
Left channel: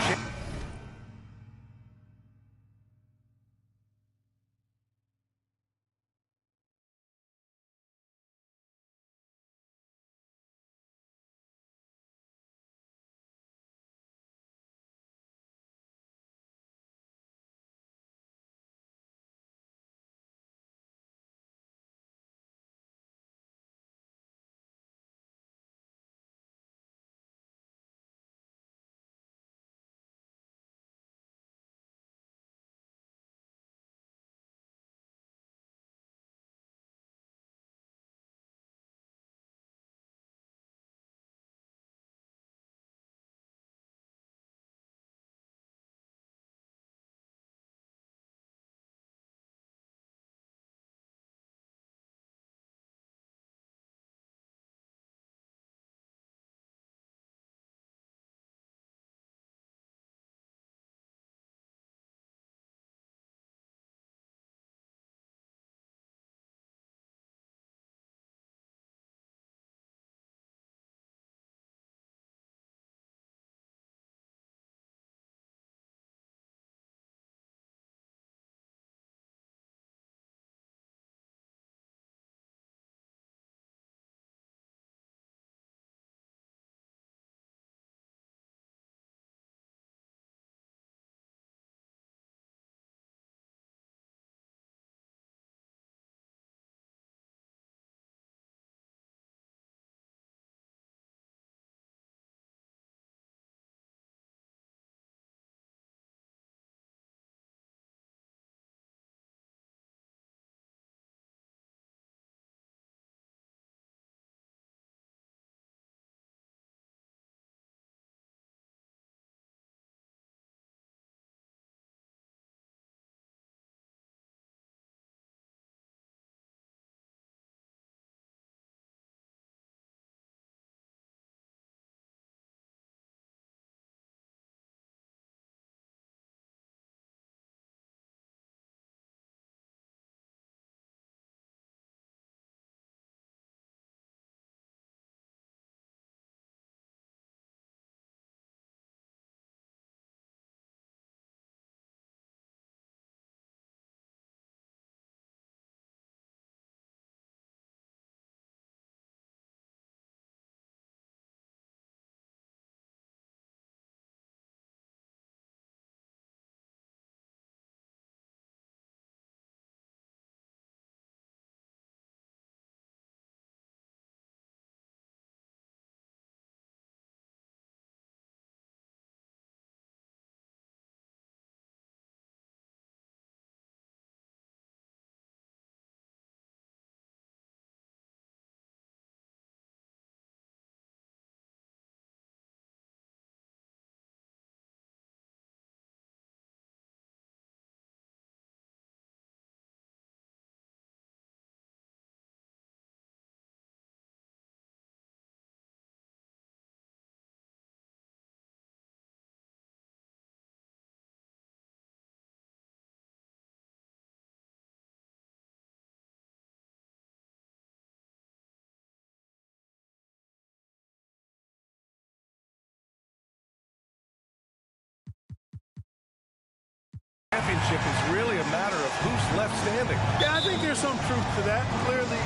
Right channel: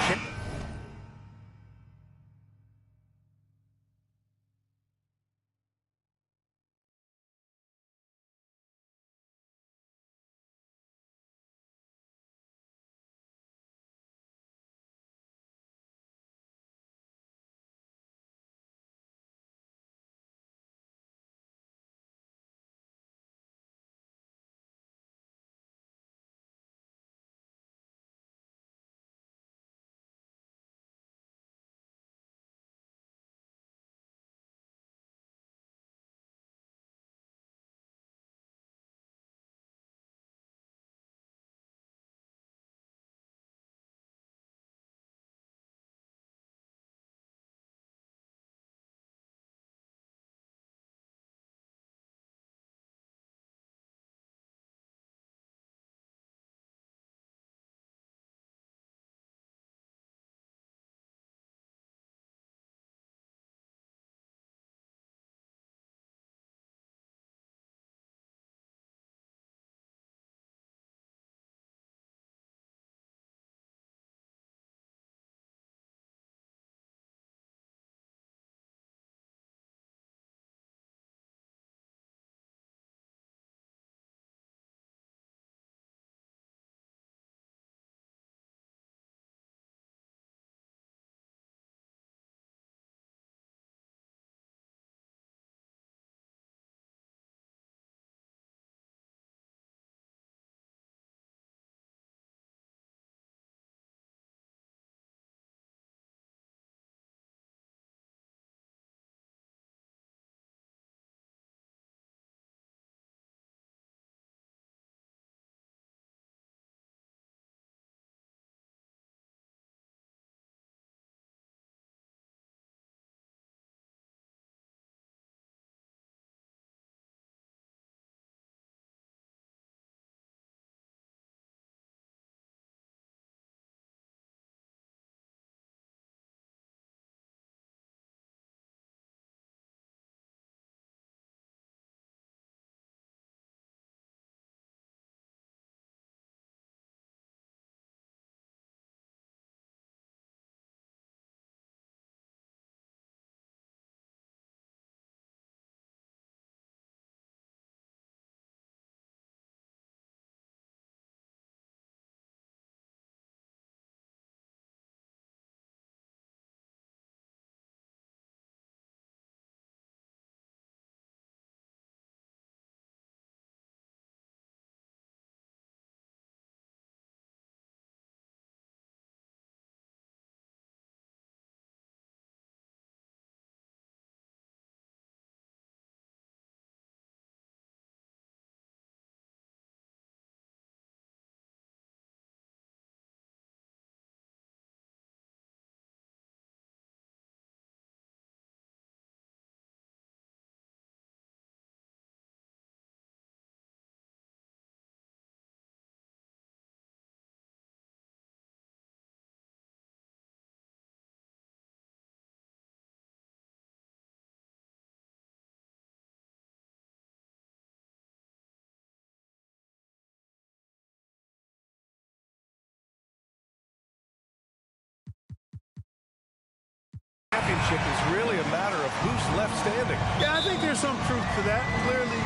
championship is really a matter of who's left standing. Yeah, I think there's some truth to that. Clearly,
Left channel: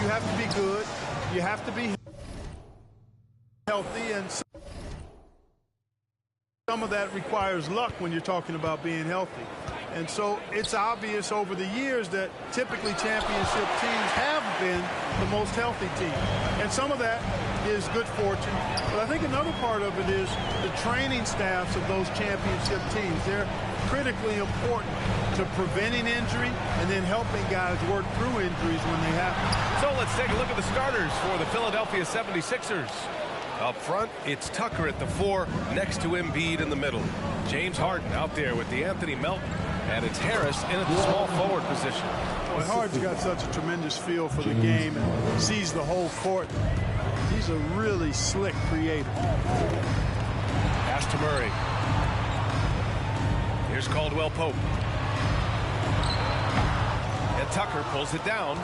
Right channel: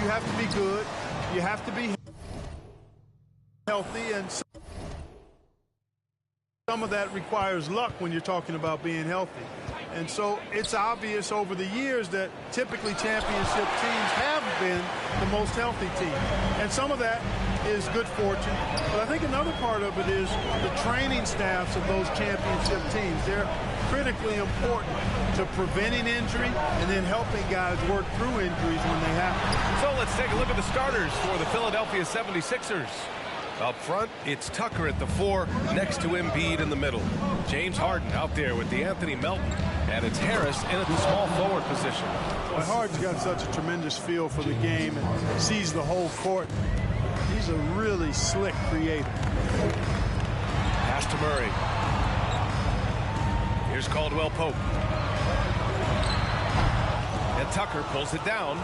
you have to be good. You have to be healthy, and some of that requires luck when you're talking about being healthy. And so it's obvious over the years that typically championship teams have been the most healthy team. And some of that is good fortune. But I think another part of it is the training staffs of those championship teams. They're critically important to preventing injury and then helping guys work through injuries when they happen. So let's take a look at the starters for the Philadelphia 76ers. Up front, it's Tucker at the 4, next to Embiid in the middle. James Harden out there with DeAnthony Melton, and it's Harris in at the small forward position. Boy, Harden's got such a tremendous feel for the game and sees the whole court. He's a really slick creator. Pass to Murray. Here's Caldwell Pope. And Tucker pulls it down.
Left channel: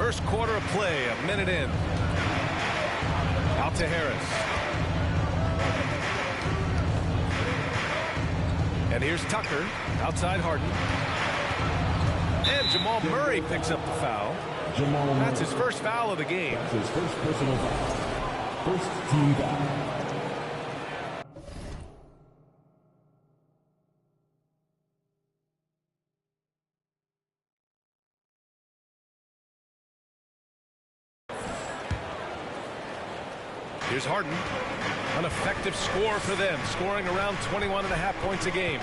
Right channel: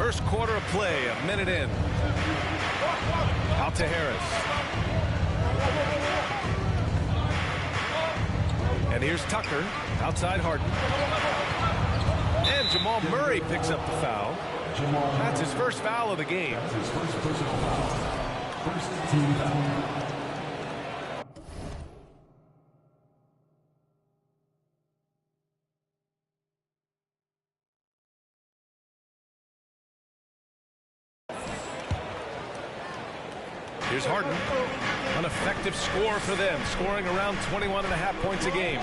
First quarter of play, a minute in. Out to Harris. And here's Tucker. Outside Harden. And Jamal Murray picks up the foul. That's his first foul of the game. His first personal foul. First team foul. Here's Harden. An effective score for them, scoring around 21.5 points a game.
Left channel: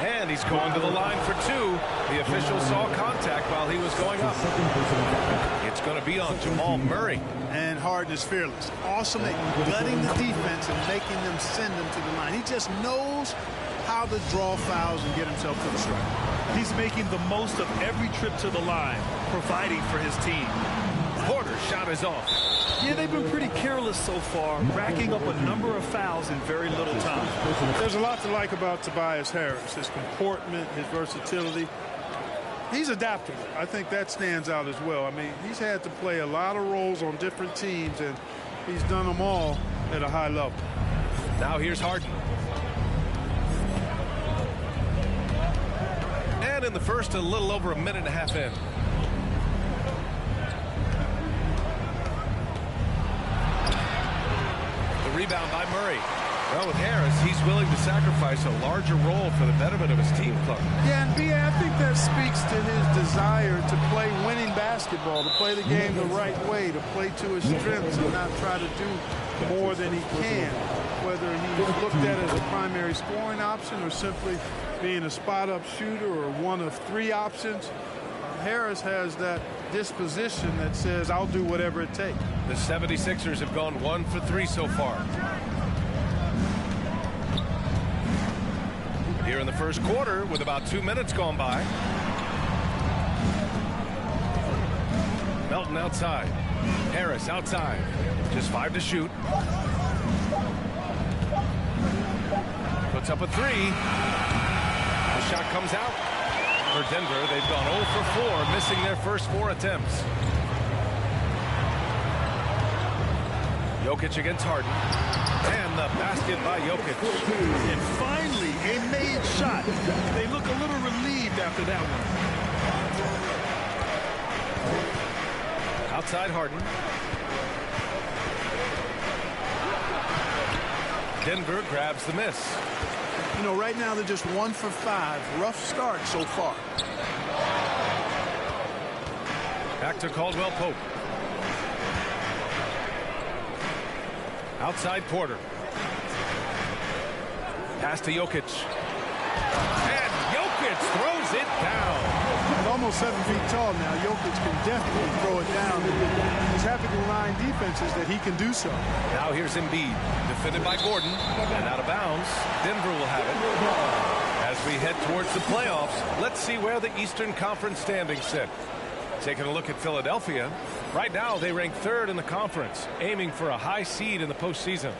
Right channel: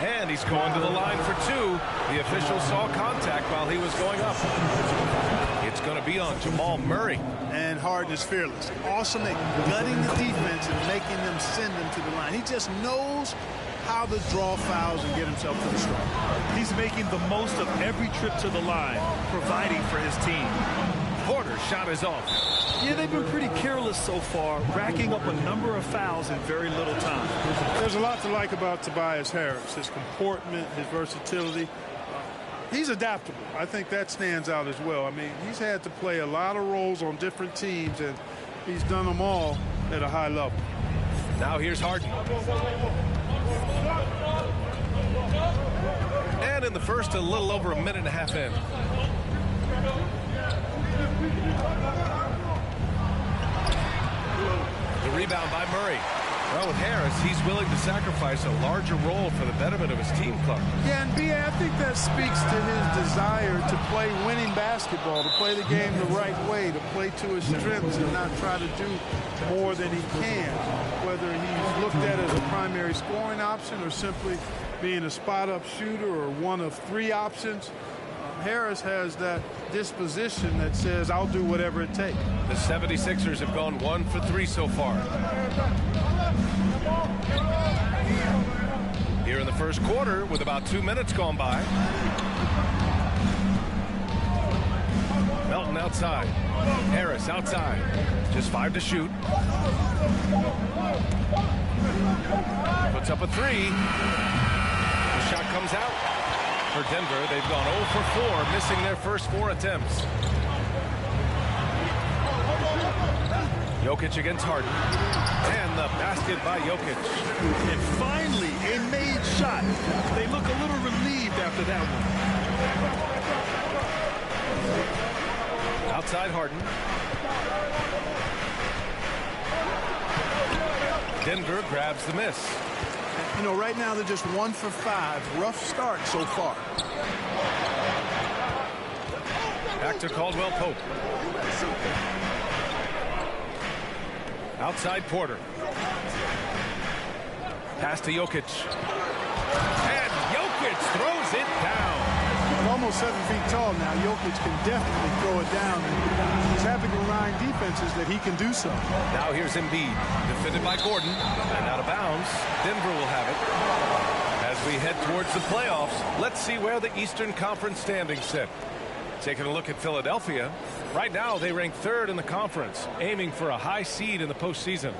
And he's going to the line for two. The official saw contact while he was going up. It's going to be on Jamal Murray. And Harden is fearless. Awesome at gutting the defense and making them send them to the line. He just knows how to draw fouls and get himself to the stripe. He's making the most of every trip to the line, providing for his team. Porter's shot is off. Yeah, they've been pretty careless so far, racking up a number of fouls in very little time. There's a lot to like about Tobias Harris, his comportment, his versatility. He's adaptable. I think that stands out as well. I mean, he's had to play a lot of roles on different teams, and he's done them all at a high level. Now here's Harden. And in the first, a little over a minute and a half in. The rebound by Murray. Well, with Harris, he's willing to sacrifice a larger role for the betterment of his team, Clark. Yeah, and B.A., I think that speaks to his desire to play winning basketball, to play the game the right way, to play to his strengths and not try to do more than he can, whether he's looked at as a primary scoring option or simply being a spot-up shooter or one of three options. Harris has that disposition that says, I'll do whatever it takes. The 76ers have gone 1 for 3 so far. Here in the first quarter with about 2 minutes gone by. Melton outside. Harris outside. Just 5 to shoot. Puts up a 3. The shot comes out. For Denver, they've gone 0 for 4, missing their first 4 attempts. Jokic against Harden. And the basket by Jokic. And finally, a made shot. They look a little relieved after that one. Outside Harden. Denver grabs the miss. You know, right now they're just 1 for 5. Rough start so far. Back to Caldwell Pope. Outside Porter. Pass to Jokic. And Jokic throws it down. At almost 7 feet tall now, Jokic can definitely throw it down. And he's having to remind defenses that he can do so. Now here's Embiid, defended by Gordon, and out of bounds. Denver will have it. As we head towards the playoffs, let's see where the Eastern Conference standings sit. Taking a look at Philadelphia. Right now, they rank 3rd in the conference, aiming for a high seed in the postseason.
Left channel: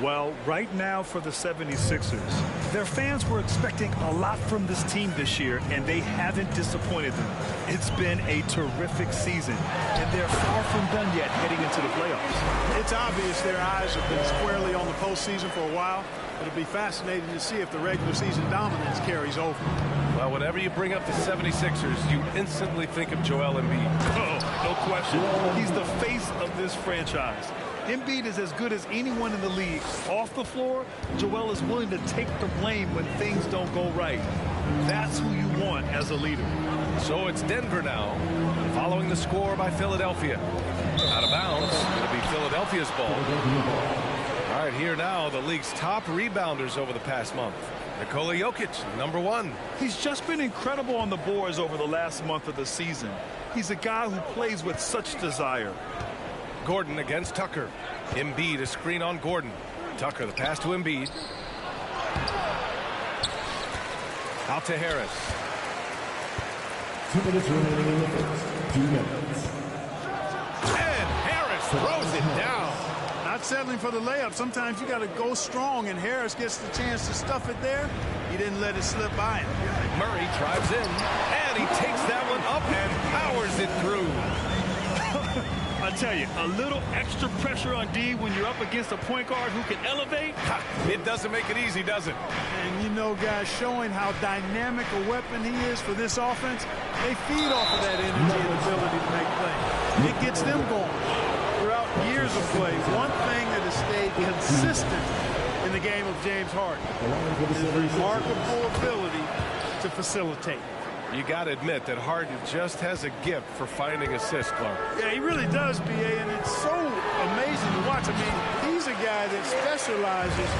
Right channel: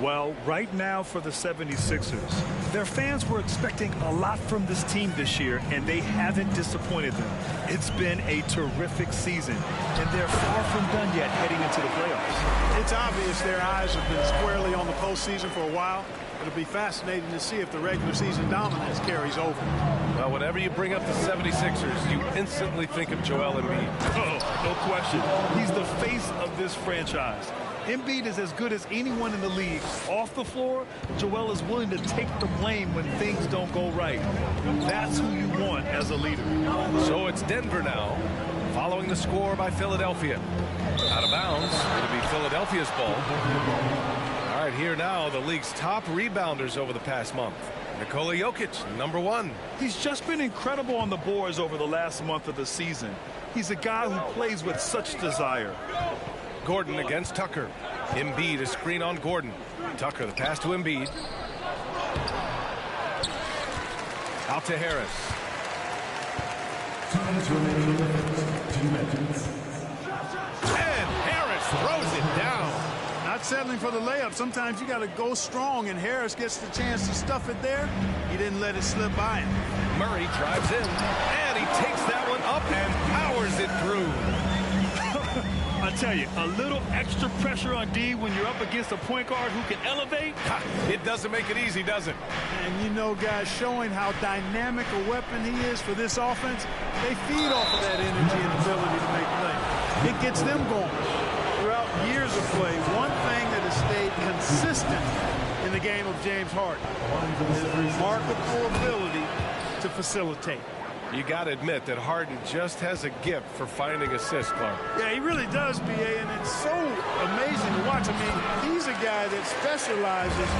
Well, right now for the 76ers, their fans were expecting a lot from this team this year, and they haven't disappointed them. It's been a terrific season, and they're far from done yet heading into the playoffs. It's obvious their eyes have been squarely on the postseason for a while. It'll be fascinating to see if the regular season dominance carries over. Well, whenever you bring up the 76ers, you instantly think of Joel Embiid. Oh, no question. He's the face of this franchise. Embiid is as good as anyone in the league. Off the floor, Joel is willing to take the blame when things don't go right. That's who you want as a leader. So it's Denver now, following the score by Philadelphia. Out of bounds. It'll be Philadelphia's ball. All right, here now, the league's top rebounders over the past month. Nikola Jokic, number 1. He's just been incredible on the boards over the last month of the season. He's a guy who plays with such desire. Gordon against Tucker. Embiid, a screen on Gordon. Tucker, the pass to Embiid. Out to Harris. 2 minutes remaining in the first. 2 minutes. And Harris throws it down. Not settling for the layup. Sometimes you got to go strong, and Harris gets the chance to stuff it there. He didn't let it slip by him. Murray drives in, and he takes that one up and powers it through. I tell you, a little extra pressure on D when you're up against a point guard who can elevate. It doesn't make it easy, does it? And you know, guys, showing how dynamic a weapon he is for this offense, they feed off of that energy and ability to make plays. It gets them going. Throughout years of play, one thing that has stayed consistent in the game of James Harden is remarkable ability to facilitate. You got to admit that Harden just has a gift for finding assists, Clark. Yeah, he really does, B.A., and it's so amazing to watch. I mean, he's a guy that specializes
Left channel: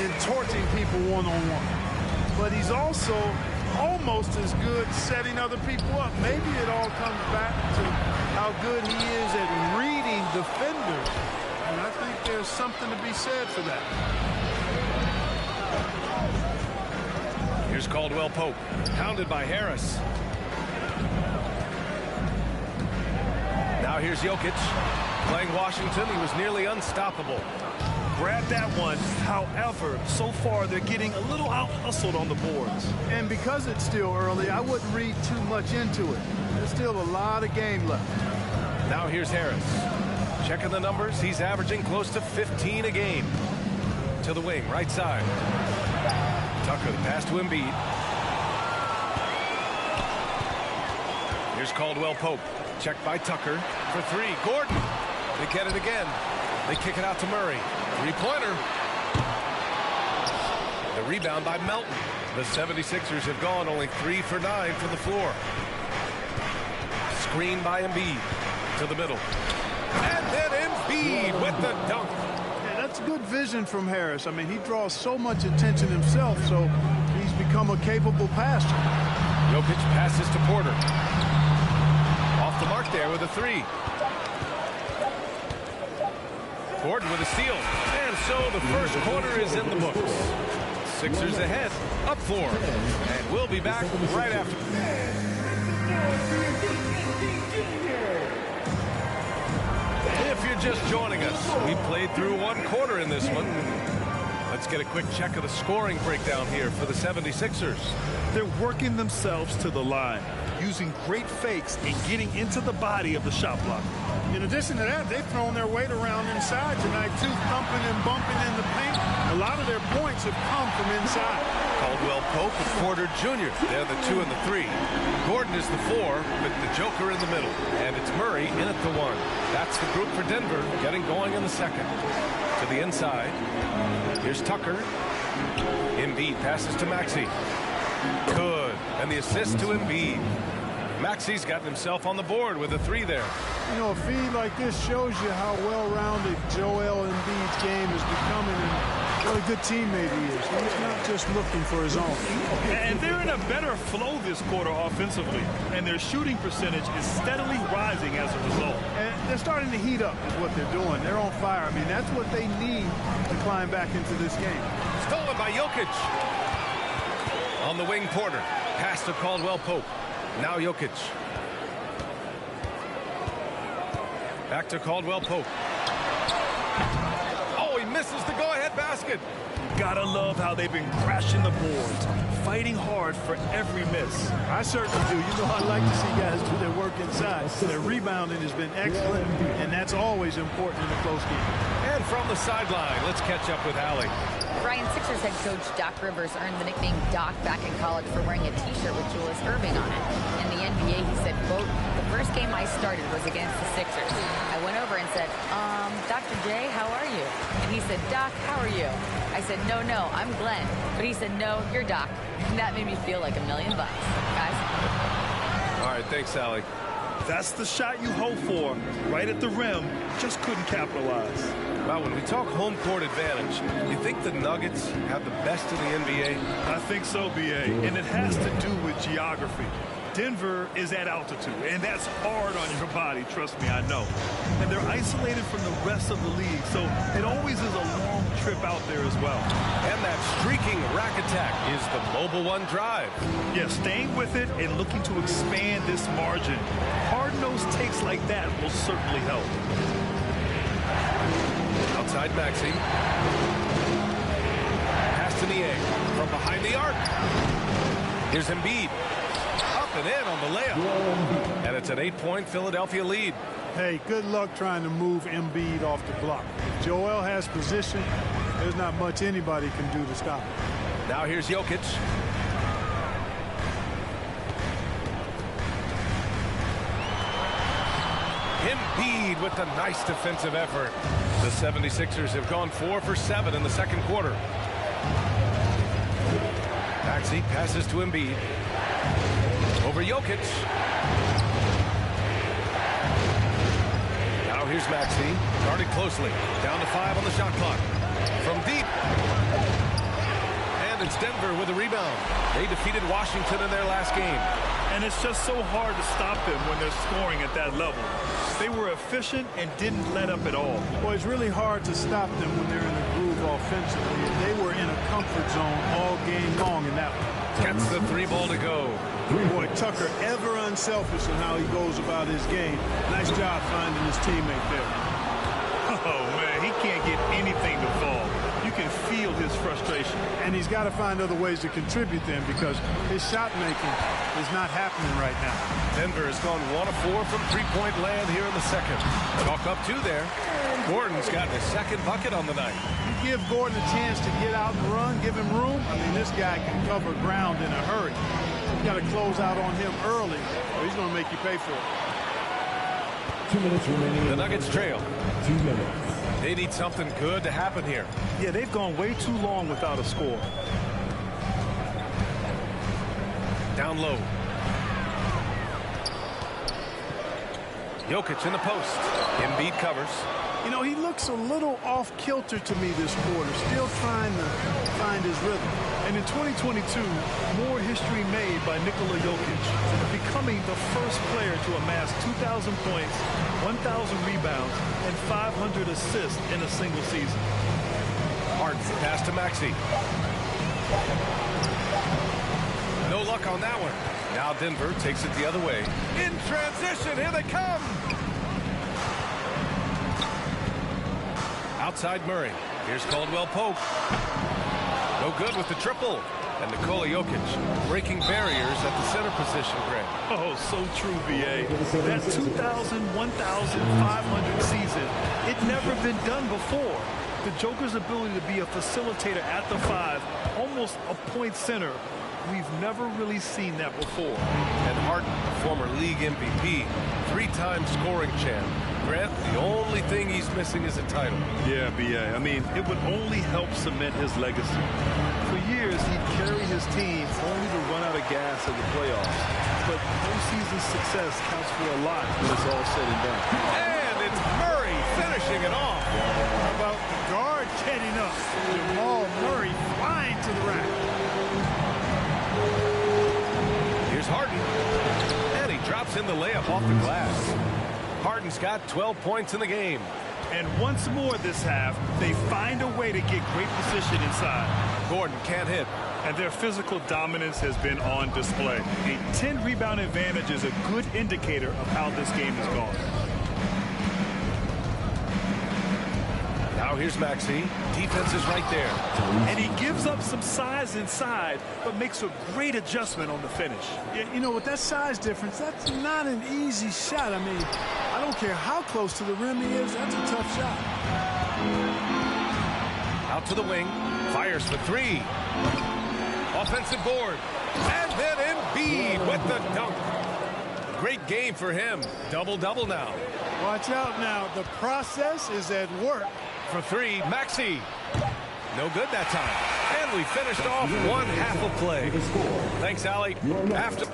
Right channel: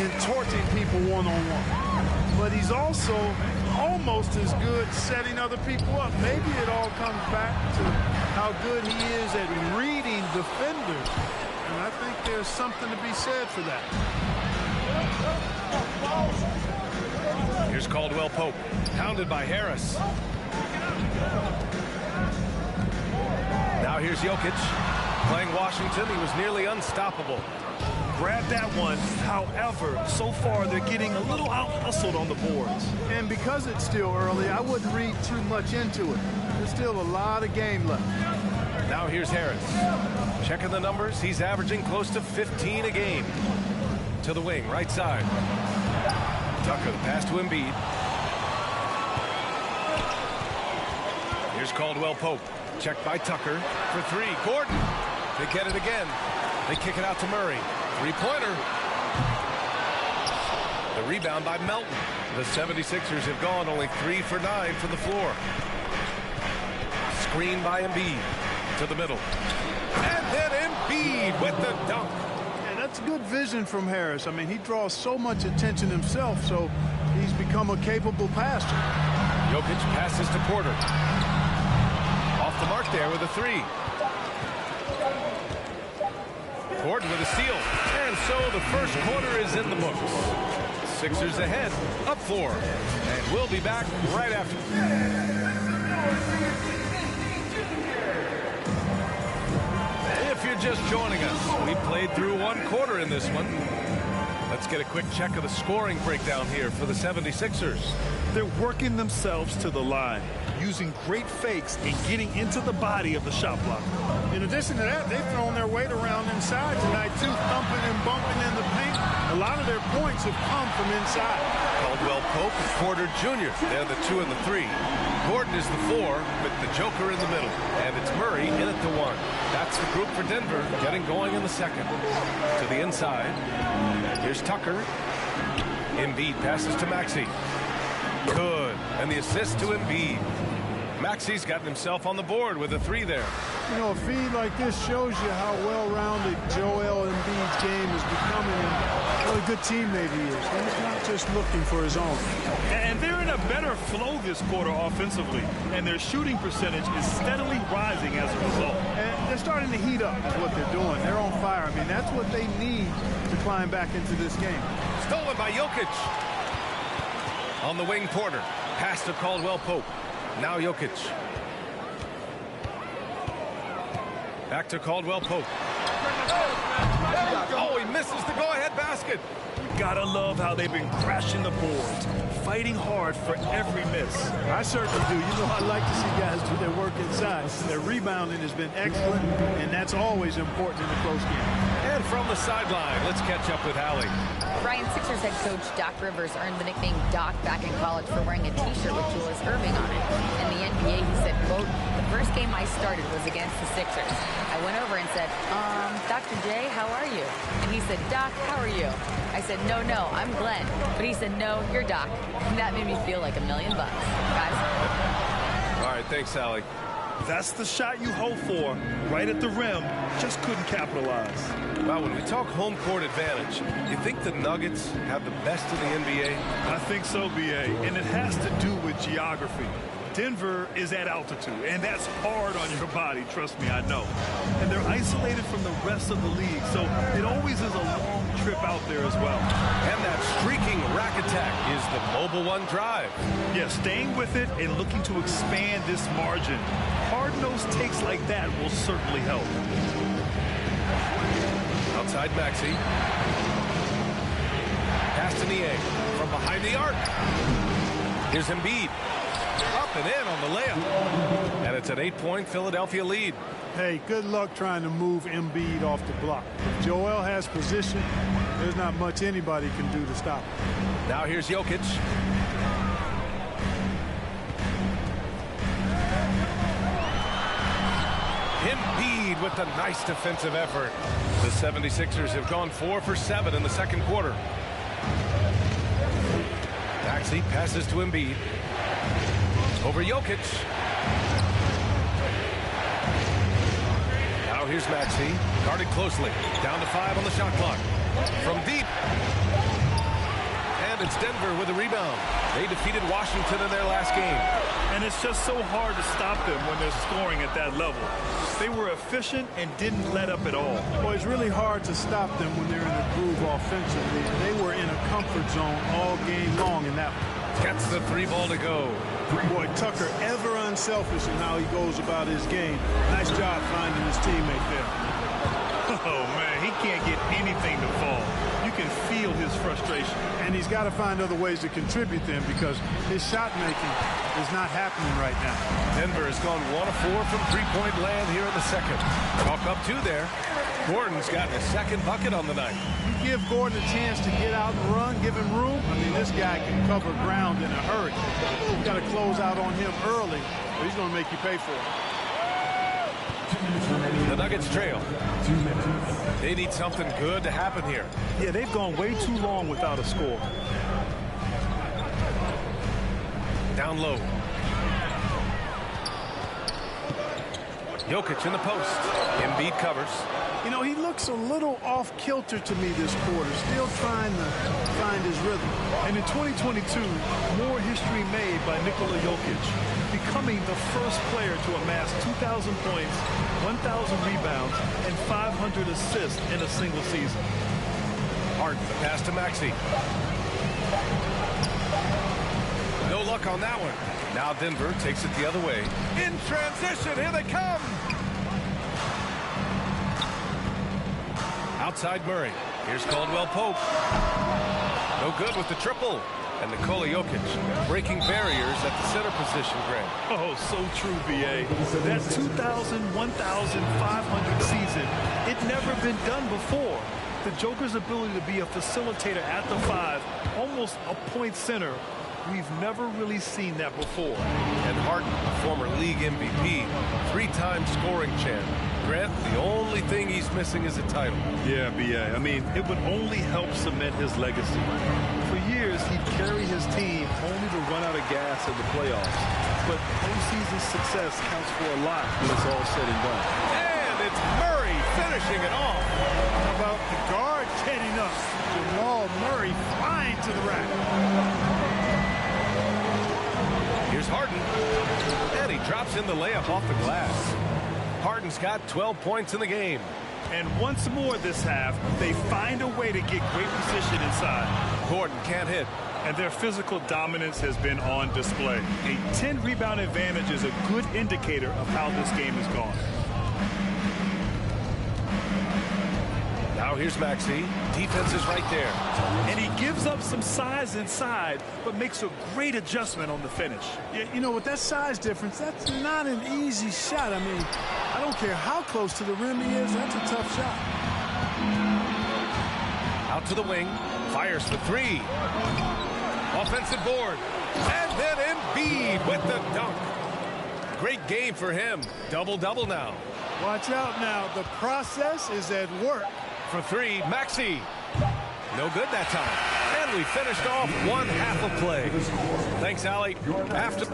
in torching people one-on-one. But he's also almost as good setting other people up. Maybe it all comes back to how good he is at reading defenders. And I think there's something to be said for that. Here's Caldwell Pope, pounded by Harris. Now here's Jokic, playing Washington. He was nearly unstoppable. Grab that one. However, so far they're getting a little out-hustled on the boards. And because it's still early, I wouldn't read too much into it. There's still a lot of game left. Now here's Harris. Checking the numbers, he's averaging close to 15 a game. To the wing, right side. Tucker, the pass to Embiid. Here's Caldwell Pope. Checked by Tucker for three. Gordon. They get it again. They kick it out to Murray. Three-pointer. The rebound by Melton. The 76ers have gone only 3 for 9 from the floor. Screen by Embiid. To the middle. And then Embiid with the dunk. That's good vision from Harris. I mean, he draws so much attention himself, so he's become a capable passer. Jokic passes to Porter. Off the mark there with a three. Gordon with a steal. And so the first quarter is in the books. Sixers ahead, up 4. And we'll be back right after. If you're just joining us, we played through 1 quarter in this one. Let's get a quick check of the scoring breakdown here for the 76ers. They're working themselves to the line, using great fakes and getting into the body of the shot blocker. In addition to that, they've thrown their weight around inside tonight, too, thumping and bumping in the paint. A lot of their points have come from inside. Caldwell Pope and Porter Jr. They're the 2 and the 3. Gordon is the 4 with the Joker in the middle. And it's Murray in at the 1. That's the group for Denver getting going in the second. To the inside. Here's Tucker. Embiid passes to Maxey. Good. And the assist to Embiid. Maxey's gotten himself on the board with a 3 there. You know, a feed like this shows you how well-rounded Joel Embiid's game is becoming and what a good teammate he is. He's not just looking for his own. And they're in a better flow this quarter offensively, and their shooting percentage is steadily rising as a result. And they're starting to heat up is what they're doing. They're on fire. I mean, that's what they need to climb back into this game. Stolen by Jokic. On the wing, Porter. Pass to Caldwell Pope. Now Jokic. Back to Caldwell Pope. Oh, he misses the go-ahead basket. You gotta love how they've been crashing the boards, fighting hard for every miss. I certainly do. You know, I like to see guys do their work inside. Their rebounding has been excellent, and that's always important in a close game. And from the sideline, let's catch up with Allie. Brian, Sixers head coach Doc Rivers earned the nickname Doc back in college for wearing a T-shirt with Julius Erving on it. In the NBA, he said, quote, "The first game I started was against the Sixers. I went over and said, Dr. J, how are you?" And he said, "Doc, how are you?" I said, no, I'm Glenn. But he said, "No, you're Doc." And that made me feel like $1 million, guys. All right, thanks, Allie. That's the shot you hope for, right at the rim, just couldn't capitalize. Wow, when we talk home court advantage, you think the Nuggets have the best in the NBA? I think so, B.A., and it has to do with geography. Denver is at altitude, and that's hard on your body, trust me, I know. And they're isolated from the rest of the league, so it always is a long trip out there as well. And that streaking rack attack is the Mobile One drive. Yeah, staying with it and looking to expand this margin. Hard-nosed takes like that will certainly help. Outside Maxey. Pass to Niang from behind the arc. Here's Embiid. Up and in on the layup. And it's an 8-point Philadelphia lead. Hey, good luck trying to move Embiid off the block. If Joel has position, there's not much anybody can do to stop him. Now here's Jokic. Embiid with the nice defensive effort. The 76ers have gone 4 for 7 in the second quarter. Maxey passes to Embiid. Over Jokic. Now here's Maxey, guarded closely. Down to 5 on the shot clock. From deep. And it's Denver with a rebound. They defeated Washington in their last game. And it's just so hard to stop them when they're scoring at that level. They were efficient and didn't let up at all. Well, it's really hard to stop them when they're in the groove offensively, and they were in a comfort zone all game long in that one. Gets the 3 ball to go. Boy, Tucker ever unselfish in how he goes about his game. Nice job finding his teammate there. Oh, man, he can't get anything to fall. You can feel his frustration. And he's got to find other ways to contribute them because his shot making is not happening right now. Denver has gone 1 of 4 from three-point land here in the second. Chalk up 2 there. Gordon's gotten his second bucket on the night. You give Gordon a chance to get out and run, give him room. I mean, this guy can cover ground in a hurry. You got to close out on him early, or he's going to make you pay for it. 2 minutes remaining. The Nuggets trail. 2 minutes. They need something good to happen here. Yeah, they've gone way too long without a score. Down low. Jokic in the post. Embiid covers. You know, he looks a little off kilter to me this quarter, still trying to find his rhythm. And in 2022, more history made by Nikola Jokic, becoming the first player to amass 2,000 points, 1,000 rebounds, and 500 assists in a single season. Harden, the pass to Maxey. No luck on that one. Now Denver takes it the other way. In transition, here they come. Outside Murray. Here's Caldwell Pope. No good with the triple. And Nikola Jokic breaking barriers at the center position, Grant. Oh, so true, B.A. That 2,000, 1,500 season, it never been done before. The Joker's ability to be a facilitator at the 5, almost a point center, we've never really seen that before. And Harden, a former league MVP, 3-time scoring champ. Grant, the only thing he's missing is a title. Yeah, B.A. I mean, it would only help cement his legacy. For years, he'd carry his team only to run out of gas in the playoffs. But postseason success counts for a lot when it's all said and done. And it's Murray finishing it off. How about the guard getting up? Jamal Murray flying to the rack. Here's Harden. And he drops in the layup off the glass. Harden's got 12 points in the game. And once more this half, they find a way to get great position inside. Gordon can't hit. And their physical dominance has been on display. A 10-rebound advantage is a good indicator of how this game has gone. Now here's Maxey. Defense is right there. And he gives up some size inside, but makes a great adjustment on the finish. Yeah, you know, with that size difference, that's not an easy shot. I mean, I don't care how close to the rim he is, that's a tough shot. Out to the wing. Fires for 3. Offensive board. And then Embiid with the dunk. Great game for him. Double-double now. Watch out now. The process is at work. For 3, Maxey. No good that time. And we finished off one half of play. Thanks, Allie. After...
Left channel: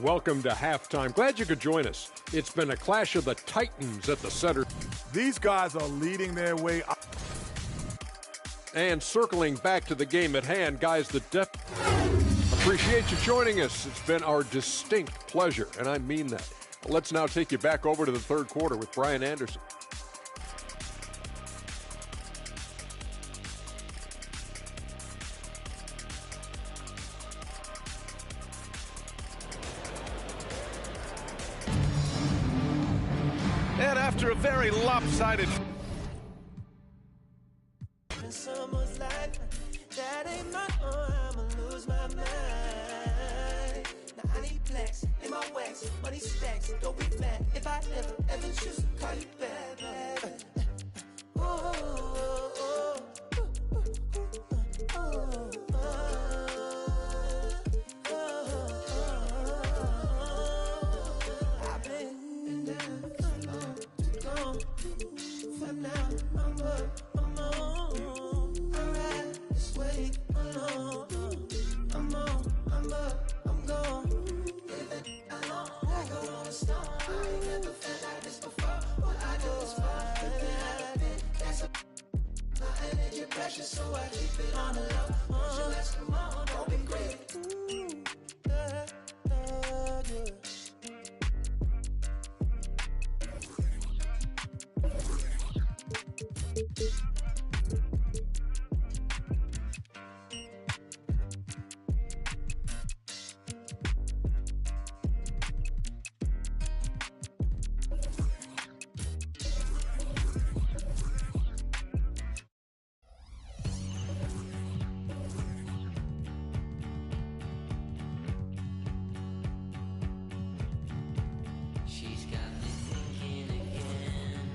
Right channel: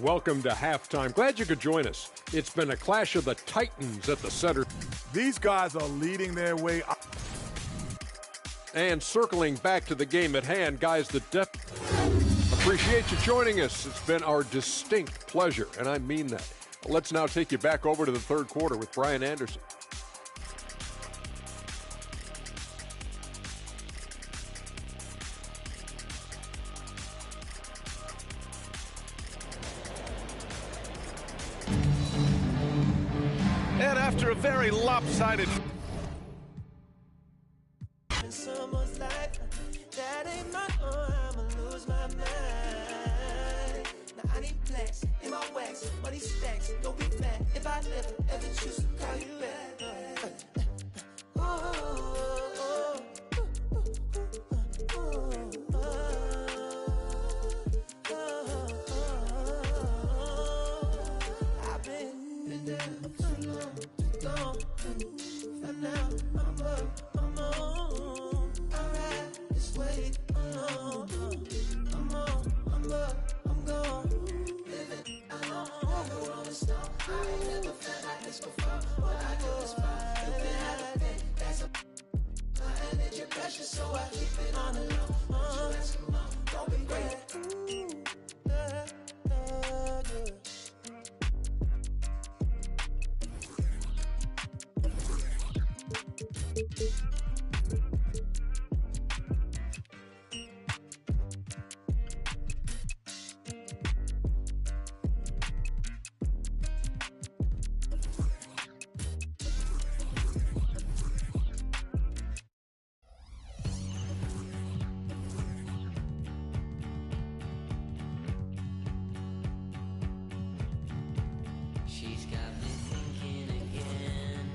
Welcome to halftime. Glad you could join us. It's been a clash of the Titans at the center. These guys are leading their way. And circling back to the game at hand, guys, appreciate you joining us. It's been our distinct pleasure, and I mean that. Let's now take you back over to the third quarter with Brian Anderson. And after a very lopsided... ever choose to call you back. I've been down too long, too long. For now, I'm up, I'm on. I ride this way alone. I'm on, I'm up, I'm gone. Living alone, I go on the stone. I ain't never felt like this before. What I do is fun. That's a energy pressure, so I keep it on the low. Come on, don't be great. She's got me thinking again.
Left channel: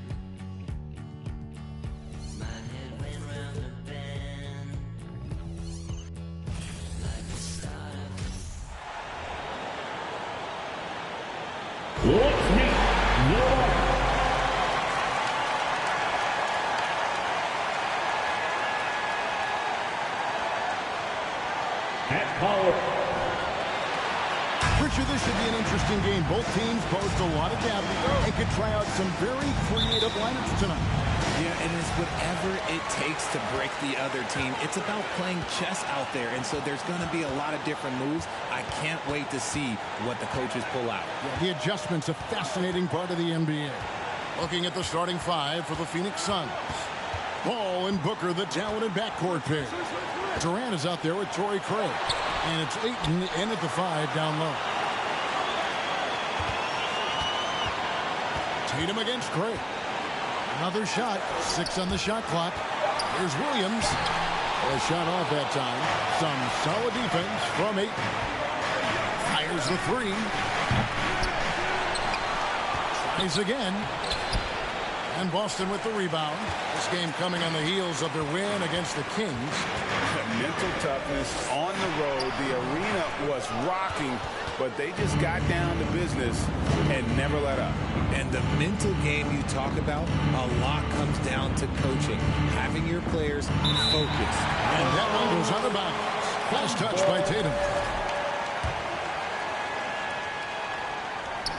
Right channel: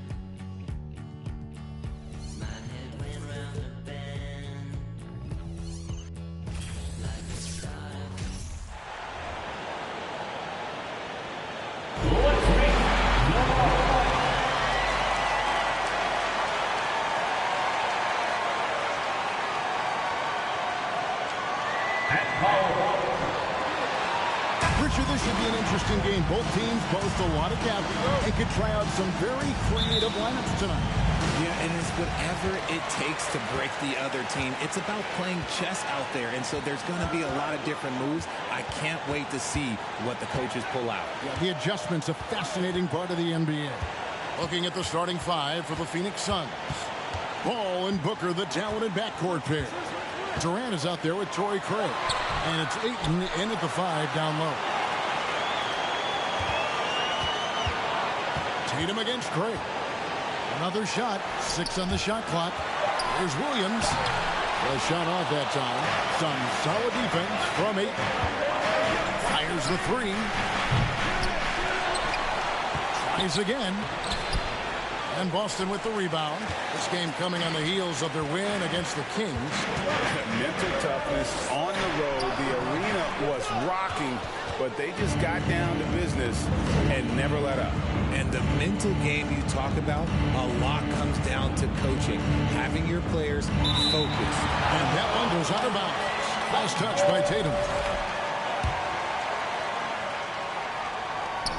My head went round the bend like the start of Let's meet Noah. At Powell. Richard, this should be an interesting game. Both teams boast a lot of depth and could try out some very creative lineups tonight. Yeah, and it's whatever it takes to break the other team. It's about playing chess out there, and so there's going to be a lot of different moves. I can't wait to see what the coaches pull out. Yeah, the adjustment's a fascinating part of the NBA. Looking at the starting five for the Phoenix Suns. Ball and Booker, the talented backcourt pair. Durant is out there with Torrey Craig. And it's Ayton in at the 5 down low. Tatum against Craig. Another shot. 6 on the shot clock. Here's Williams. A shot off that time. Some solid defense from Ayton. Fires the 3. Tries again. And Boston with the rebound. This game coming on the heels of their win against the Kings. Mental toughness on the road. The arena was rocking, but they just got down to business and never let up. And the mental game you talk about, a lot comes down to coaching, having your players focused. And that one goes out of bounds. Fast touch by Tatum.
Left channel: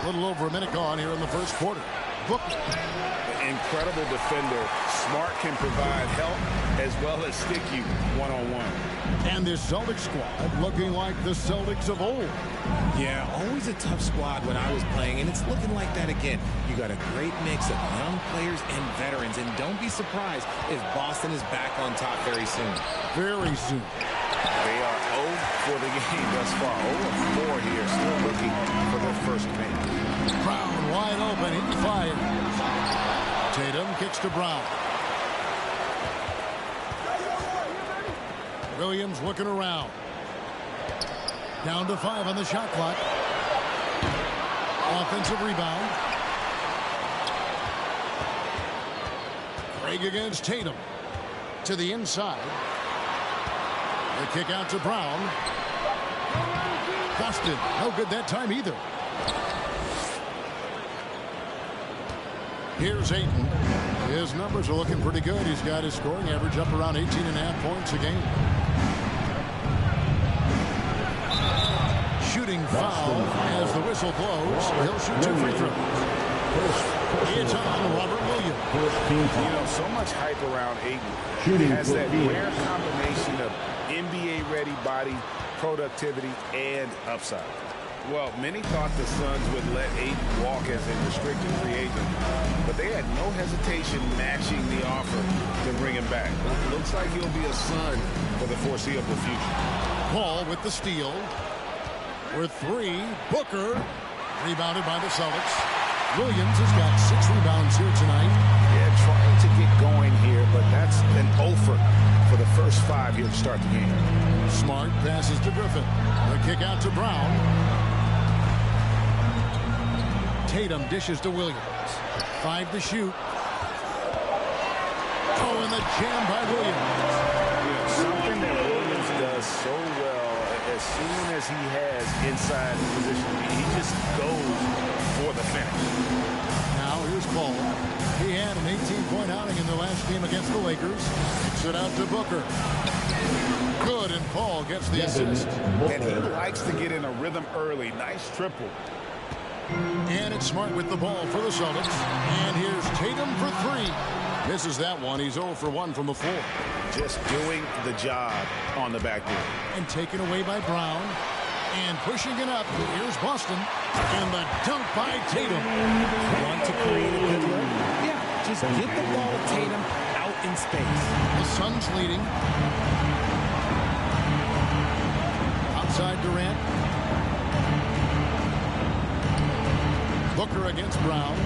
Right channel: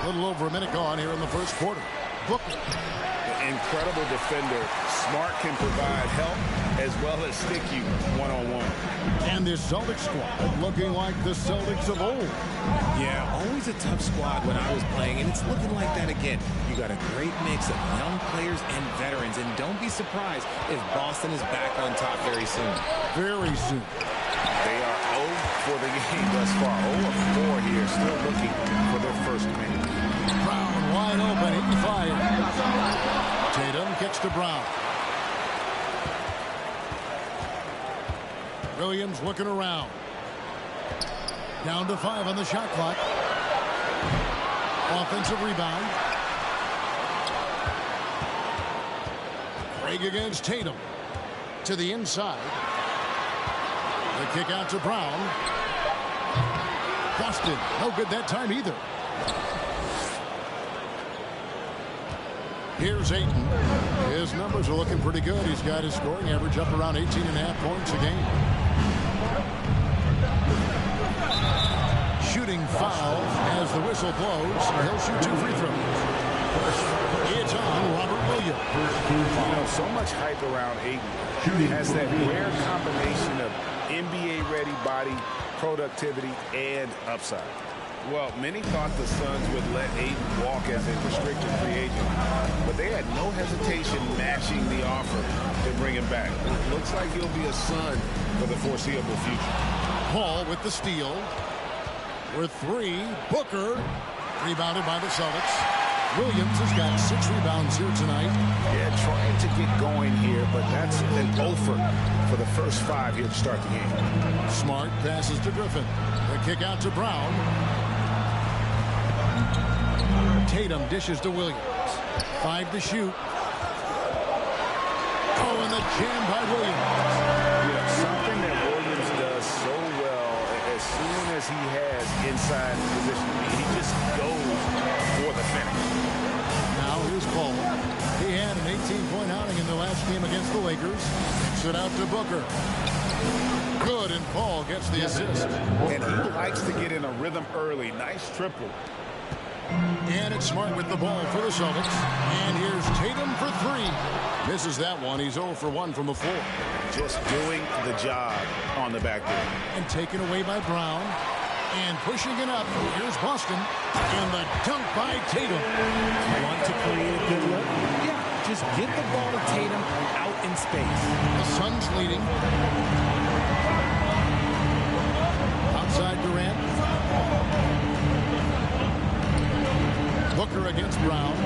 A little over a minute gone here in the first quarter. Booker. Incredible defender. Smart can provide help as well as stick you one-on-one. And this Celtics squad looking like the Celtics of old. Yeah, always a tough squad when I was playing, and it's looking like that again. You got a great mix of young players and veterans, and don't be surprised if Boston is back on top very soon. Very soon. They are 0 for the game thus far. 0 of 4 here, still looking for their first make. Brown wide open. He fires. Tatum kicks to Brown. Williams looking around. Down to 5 on the shot clock. Offensive rebound. Craig against Tatum. To the inside. The kick out to Brown. Busted. No good that time either. Here's Ayton. His numbers are looking pretty good. He's got his scoring average up around 18.5 points a game. Shooting foul as the whistle blows. He'll shoot 2 free throws. It's on Robert Williams. You know, so much hype around Ayton. He has that rare combination of NBA-ready body, productivity, and upside. Well, many thought the Suns would let Ayton walk as a restricted free agent, but they had no hesitation matching the offer to bring him back. It looks like he'll be a Sun for the foreseeable future. Paul with the steal. With 3, Booker. Rebounded by the Celtics. Williams has got 6 rebounds here tonight. Yeah, trying to get going here, but that's an offer for the first 5 here to start the game. Smart passes to Griffin. The kick out to Brown. Tatum dishes to Williams. 5 to shoot. Oh, and the jam by Williams. You know, something that Williams does so well, as soon as he has inside position, he just goes for the finish. Now here's Paul. He had an 18-point outing in the last game against the Lakers. Kicks it out to Booker. Good, and Paul gets the assist. And he likes to get in a rhythm early. Nice triple. And it's Smart with the ball for the Celtics. And here's Tatum for 3. Misses that one. He's 0 for 1 from the floor. Just doing the job on the backboard. And taken away by Brown. And pushing it up. Here's Boston. And the dunk by Tatum. Want to create a good look? Yeah, just get the ball to Tatum out in space. The Suns leading. Outside Durant. Booker against Brown.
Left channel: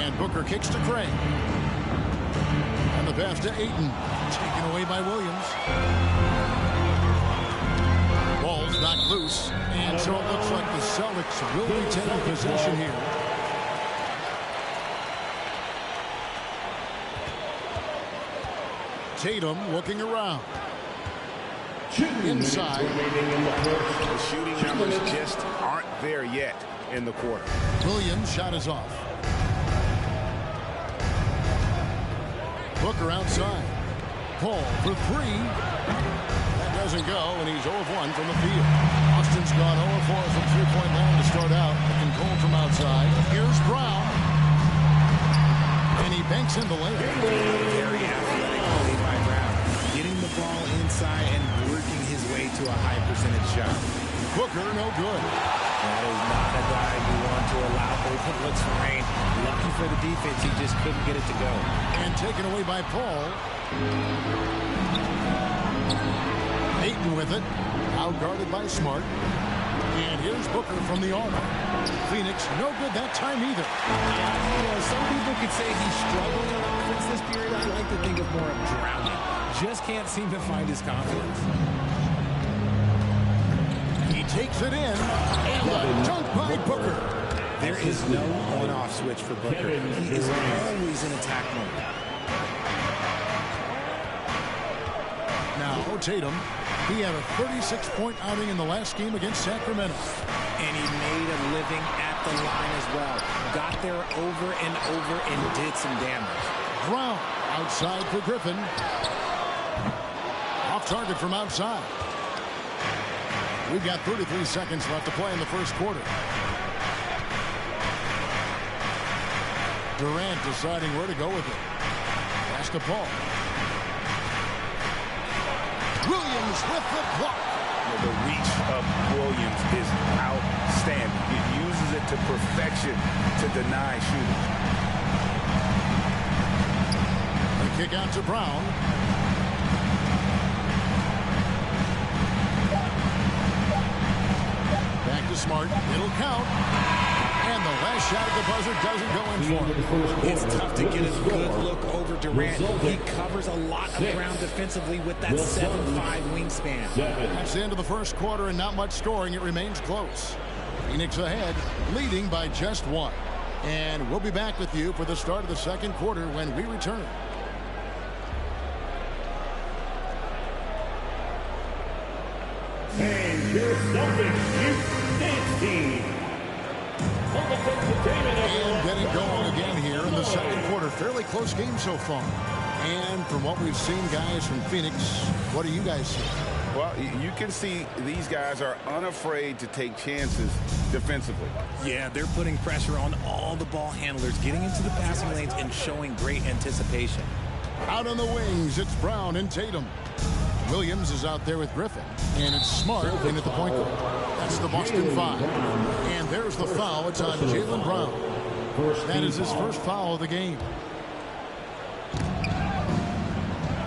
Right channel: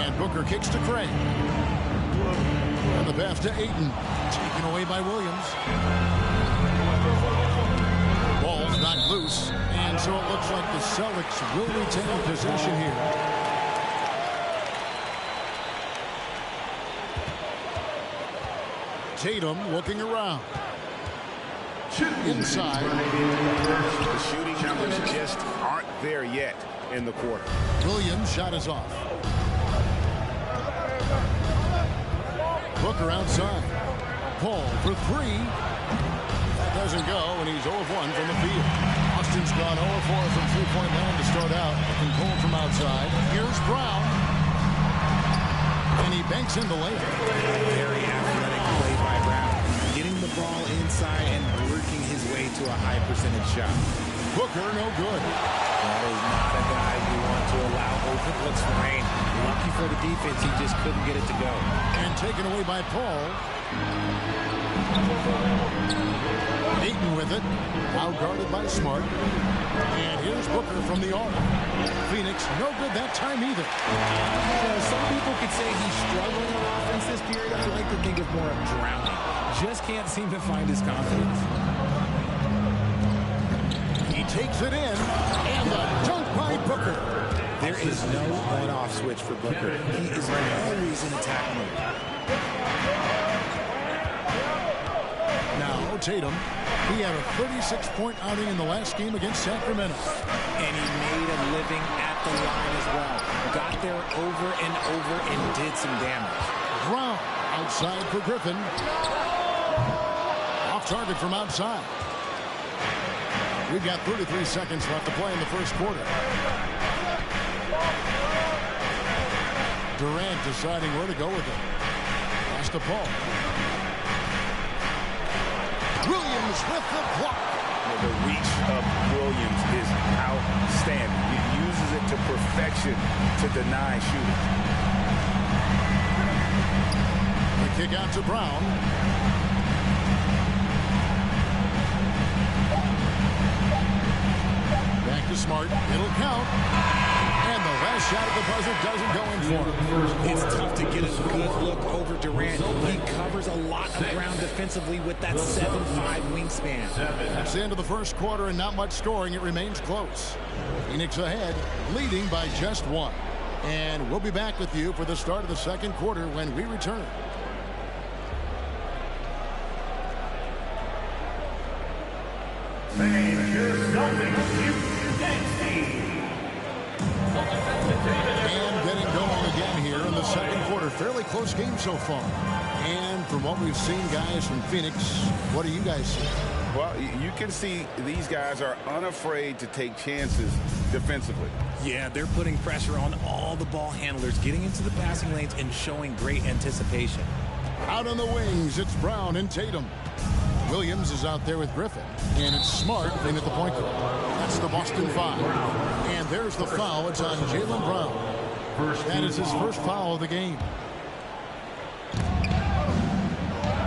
And Booker kicks to Craig. And the pass to Ayton. Taken away by Williams. Ball's knocked loose. And so it looks like the Celtics will retain possession here. Tatum looking around. Inside. The shooting numbers just aren't there yet in the quarter. Williams' shot is off. Booker outside. Paul for 3. That doesn't go, and he's 0 of 1 from the field. Austin's gone 0 of 4 from three-point land to start out. Looking cold from outside. Here's Brown. And he banks in the layup. Very athletic play by Brown. Getting the ball inside and working his way to a high percentage shot. Booker, no good. That is not a guy you want to allow open looks for rain. Lucky for the defense, he just couldn't get it to go. And taken away by Paul. Ayton with it. Out guarded by Smart. And here's Booker from the arc. Phoenix, no good that time either. Some people could say he's struggling on offense this period. I like to think of more of drowning. Just can't seem to find his confidence. He takes it in, and the dunk by Booker. There is no on-off switch for Booker. He is always in attack mode. Now Tatum. He had a 36-point outing in the last game against Sacramento. And he made a living at the line as well. Got there over and over and did some damage. Brown outside for Griffin. Off target from outside. We've got 33 seconds left to play in the first quarter. Durant deciding where to go with it. Pass to Paul. Williams with the block. The reach of Williams is outstanding. He uses it to perfection to deny shooters. The kick out to Brown. Back to Smart. It'll count. And the last shot at the buzzer doesn't go in for him. It's tough to get a good look over Durant. He covers a lot of ground defensively with that 7'5" wingspan. That's the end of the first quarter and not much scoring. It remains close. Phoenix ahead, leading by just 1. And we'll be back with you for the start of the second quarter when we return. And getting going again here in the second quarter. Fairly close game so far. And from what we've seen, guys, from Phoenix, what do you guys see? Well, you can see these guys are unafraid to take chances defensively. Yeah, they're putting pressure on all the ball handlers, getting into the passing lanes and showing great anticipation. Out on the wings, it's Brown and Tatum. Williams is out there with Griffin. And it's Smart in at the point guard. That's the Boston 5. And there's the foul. It's on Jaylen Brown. That is his first foul of the game.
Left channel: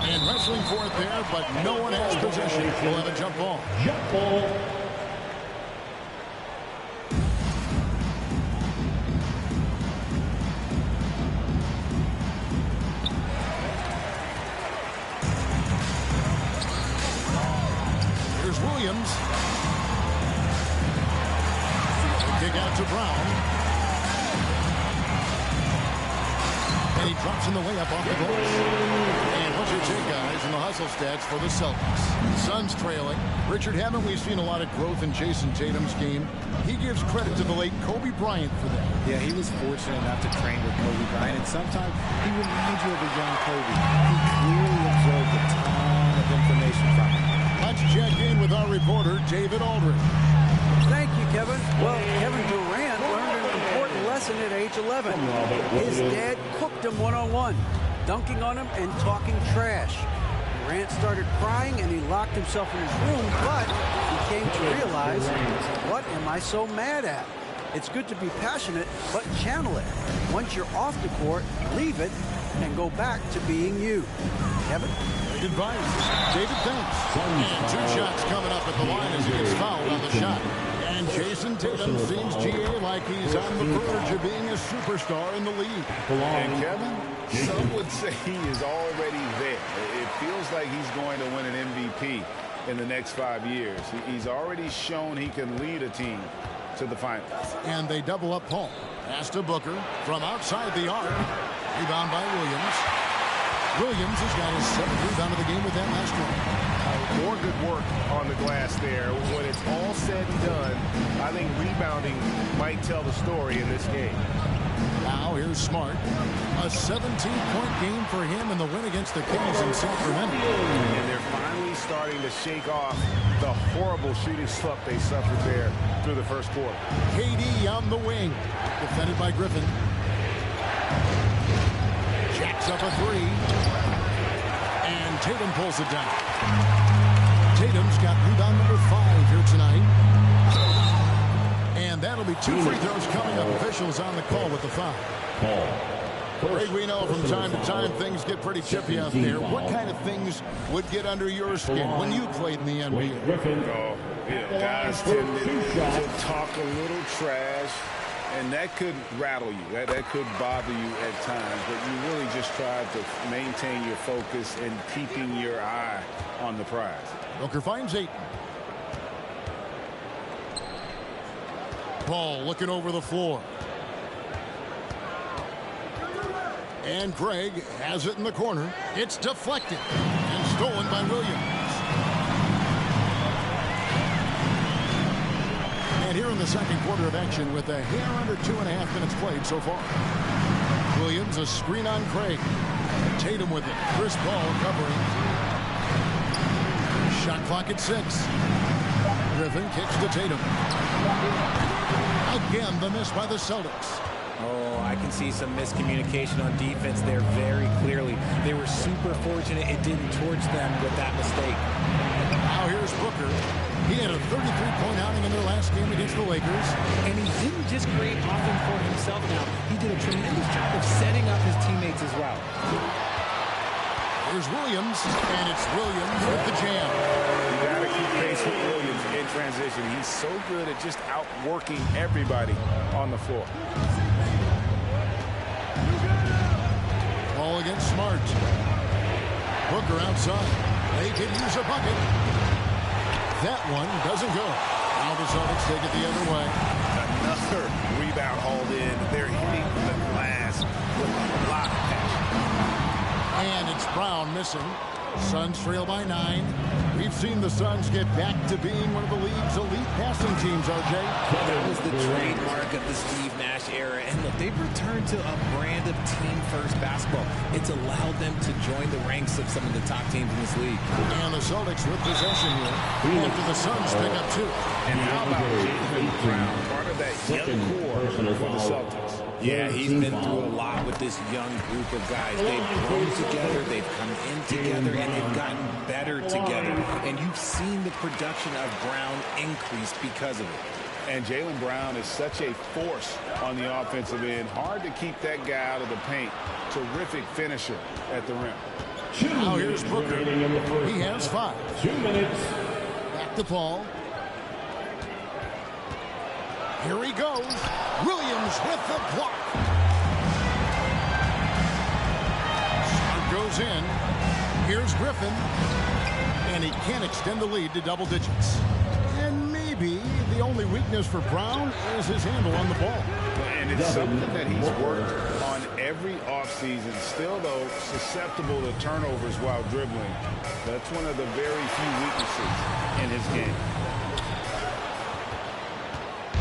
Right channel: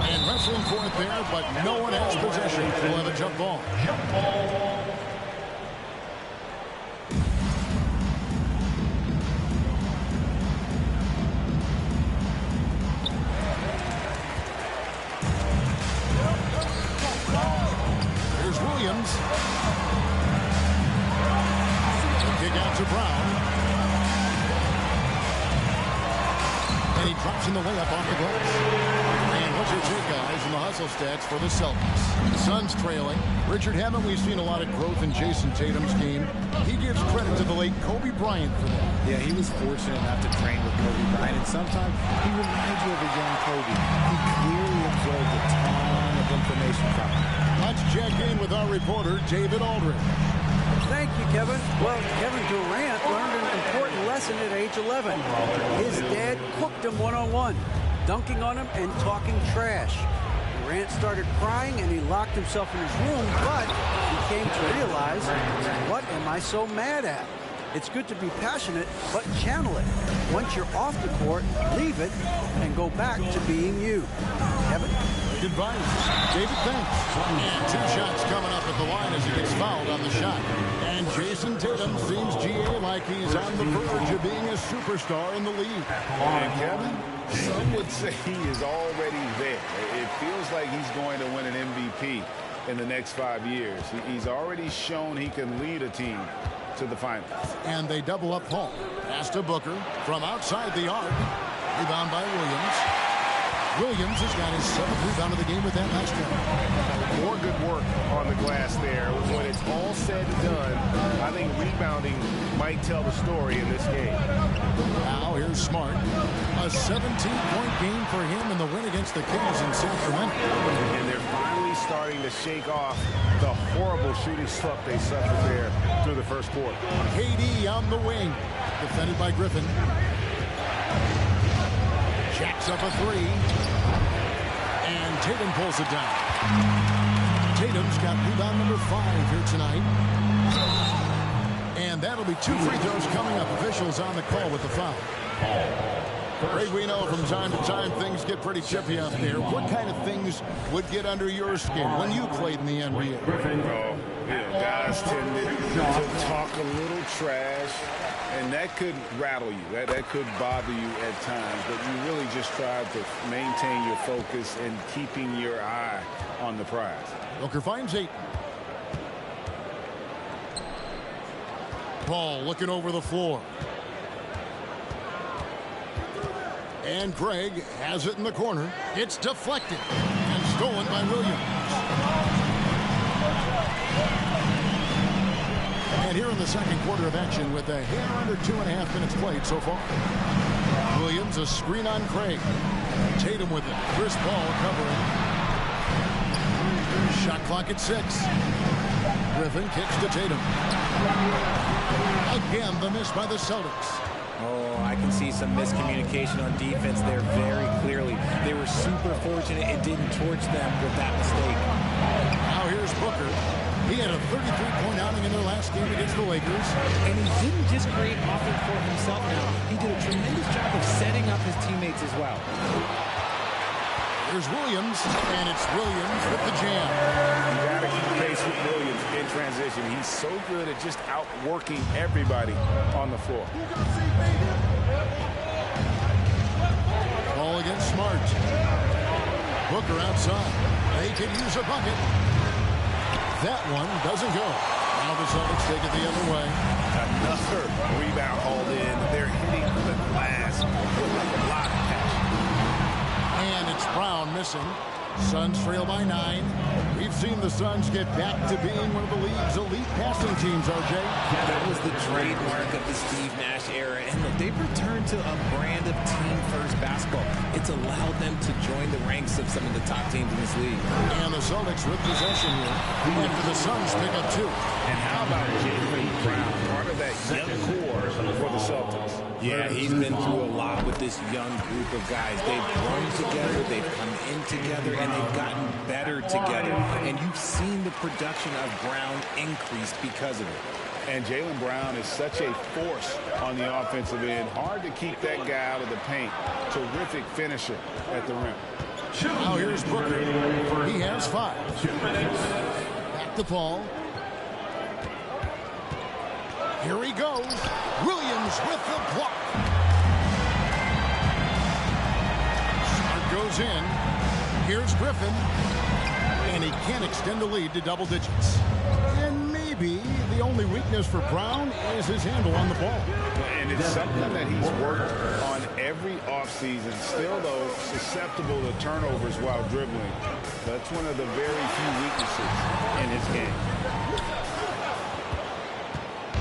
And wrestling for it there, but no one has possession. We'll have a jump ball. Jump ball. Here's Williams. The kick out to Brown. And he drops in the layup off the glass. And what's your take, guys, in the hustle stats for the Celtics? Suns trailing. Richard, haven't we seen a lot of growth in Jason Tatum's game? He gives credit to the late Kobe Bryant for that. Yeah, he was fortunate enough to train with Kobe Bryant, and sometimes he reminds you of a young Kobe. He clearly absorbed a ton of information from him. Let's check in with our reporter, David Aldridge. Thank you, Kevin. Well, Kevin Durant learned an important lesson at age 11. His dad cooked him one-on-one, dunking on him and talking trash. Durant started crying and he locked himself in his room, but he came to realize, what am I so mad at? It's good to be passionate, but channel it. Once you're off the court, leave it and go back to being you. Kevin? Good advice. David, thanks. And 2 shots coming up at the line as he gets fouled on the shot. And Jason Tatum seems, GA, like he's on the verge of being a superstar in the league. And Kevin, some would say he is already there. It feels like he's going to win an MVP in the next 5 years. He's already shown he can lead a team to the finals. And they double up Paul. Pass to Booker from outside the arc. Rebound by Williams. Williams has got his 7th rebound of the game with that last one. More good work on the glass there. When it's all said and done, I think rebounding might tell the story in this game. Now here's Smart. A 17-point game for him in the win against the Kings in Sacramento. And they're finally starting to shake off the horrible shooting slump they suffered there through the first quarter. KD on the wing. Defended by Griffin. Jacks up a 3. And Tatum pulls it down. Tatum's got rebound number 5 here tonight. And that'll be 2 free throws coming up. Officials on the call with the foul. Greg, we know from time to time things get pretty chippy out there. What kind of things would get under your skin when you played in the NBA? Oh, guys tended to talk a little trash. And that could rattle you. That could bother you at times. But you really just try to maintain your focus and keeping your eye on the prize. Booker finds 8. Paul looking over the floor. And Craig has it in the corner. It's deflected and stolen by Williams. And here in the second quarter of action with a hair under 2.5 minutes played so far. Williams, a screen on Craig. Tatum with it. Chris Paul covering. Shot clock at 6. Griffin kicks to Tatum. Again, the miss by the Celtics. Oh, I can see some miscommunication on defense there very clearly. They were super fortunate it didn't torch them with that mistake. Now here's Booker. He had a 33-point outing in their last game against the Lakers. And he didn't just create offense for himself now. He did a tremendous job of setting up his teammates as well. Here's Williams, and it's Williams with the jam. You got to keep pace with Williams in transition. He's so good at just outworking everybody on the floor. Ball against Smart. Booker outside. They could use a bucket. That one doesn't go. Now the Celtics take it the other way. Another rebound hauled in. They're hitting the glass with a lot of passion. And it's Brown missing. Suns trail by 9. We've seen the Suns get back to being one of the league's elite passing teams, RJ. That was the trademark of the Steve Nash era. And look, they've returned to a brand of team-first basketball. It's allowed them to join the ranks of some of the top teams in this league. And the Celtics with possession here after the Suns pick up 2. And how about Jaylen Brown, part of that young core for the Celtics? Yeah, he's been through a lot with this young group of guys. They've grown together, they've come in together, and they've gotten better together. And you've seen the production of Brown increase because of it. And Jaylen Brown is such a force on the offensive end. Hard to keep that guy out of the paint. Terrific finisher at the rim. Now here's Booker. He has 5. 2 minutes. Back to Paul. Here he goes. Williams with the block. Smart goes in. Here's Griffin. And he can't extend the lead to double digits. And maybe be the only weakness for Brown is his handle on the ball. And it's something that he's worked on every offseason. Still, though, susceptible to turnovers while dribbling. That's one of the very few weaknesses in his game.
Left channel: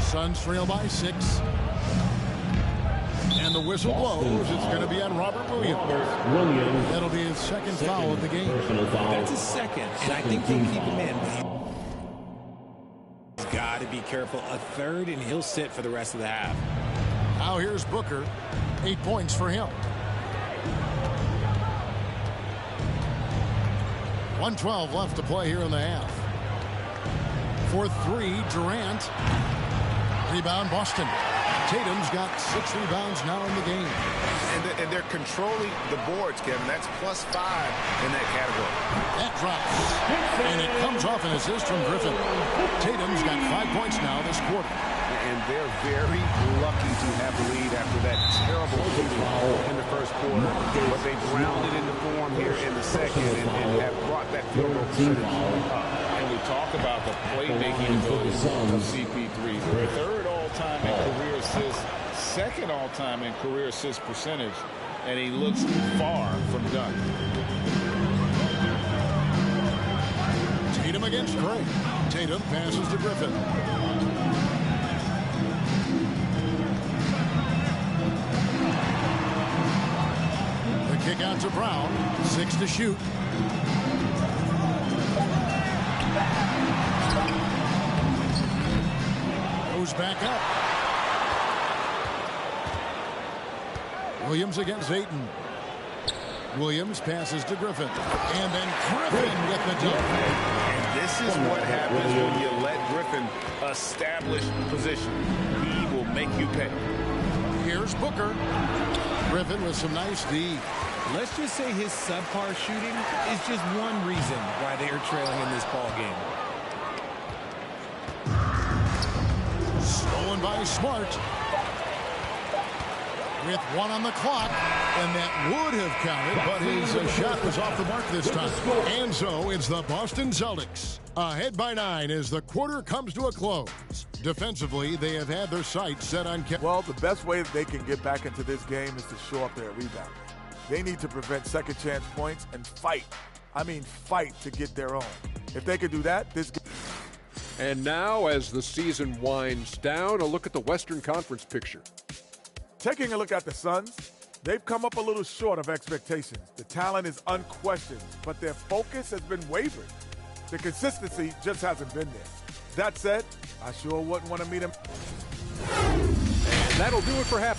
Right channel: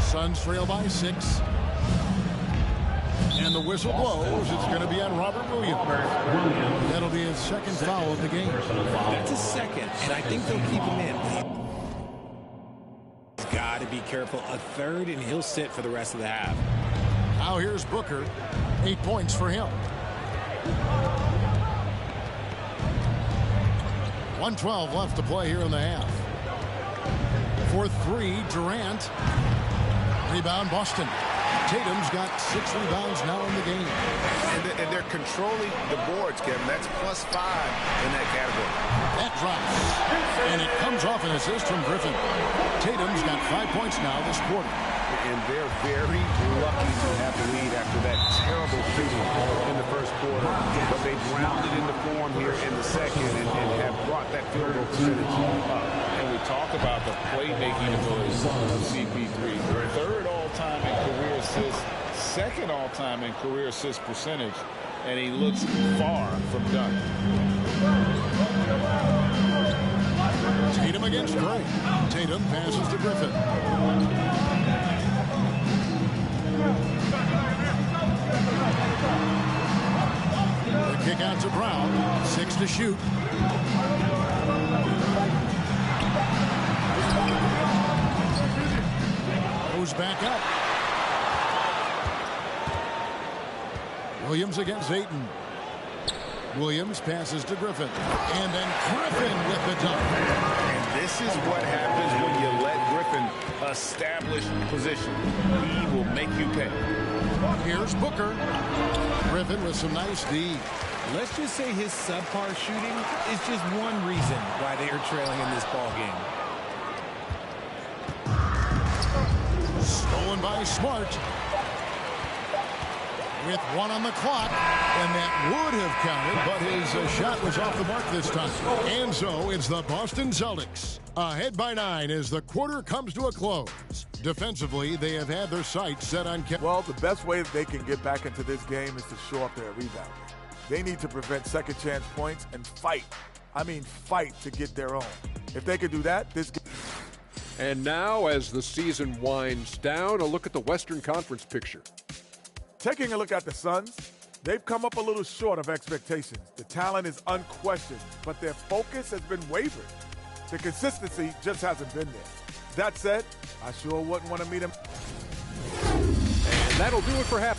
Suns trail by 6. And the whistle blows. It's going to be on Robert Williams. That'll be his second foul of the game. That's his second, and I think they'll keep him in. He's got to be careful. A third, and he'll sit for the rest of the half. Now here's Booker. 8 points for him. 1:12 left to play here in the half. For 3, Durant. Rebound, Boston. Tatum's got 6 rebounds now in the game. And they're controlling the boards, Kevin. That's +5 in that category. That drops. And it comes off an assist from Griffin. Tatum's got 5 points now this quarter. And they're very lucky to have the lead after that terrible shooting in the first quarter. But they've rounded into form here in the second and have brought that field goal percentage up. And we talk about the playmaking abilities of CP3. Third all-time in career assists, second all-time in career assist percentage, and he looks far from done. Tatum against Gray. Tatum passes to Griffin. The kick out to Brown. 6 to shoot. Goes back up. Williams against Ayton. Williams passes to Griffin. And then Griffin with the dunk. And this is what happens when you let Griffin establish position. He will make you pay. Here's Booker. Griffin with some nice D. Let's just say his subpar shooting is just one reason why they are trailing in this ball game. Stolen by Smart. With 1 on the clock, and that would have counted, but his shot was off the mark this time. And so it's the Boston Celtics ahead by 9 as the quarter comes to a close. Defensively, they have had their sights set on. Well, the best way that they can get back into this game is to show up their rebounding. They need to prevent second chance points and fight. I mean, fight to get their own. If they could do that, this game. And now, as the season winds down, a look at the Western Conference picture. Taking a look at the Suns, they've come up a little short of expectations. The talent is unquestioned, but their focus has been wavering. The consistency just hasn't been there. That said, I sure wouldn't want to meet him. And that'll do it for half.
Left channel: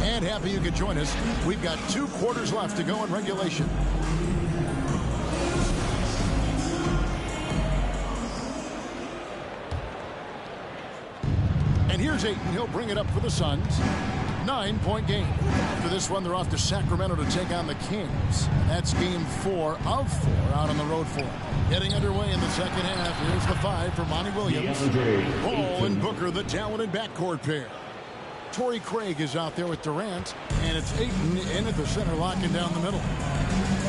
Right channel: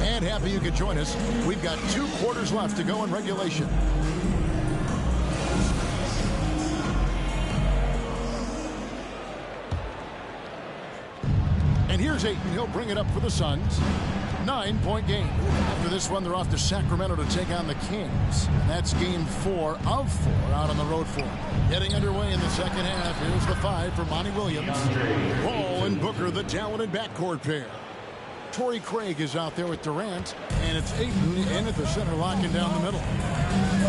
And happy you could join us. We've got 2 quarters left to go in regulation. And here's Ayton. He'll bring it up for the Suns. 9-point game. After this one, they're off to Sacramento to take on the Kings. That's game 4 of 4 out on the road for them. Getting underway in the second half. Here's the 5 for Monty Williams. Ball and Booker, the talented backcourt pair. Torrey Craig is out there with Durant, and it's Ayton in at the center, locking down the middle.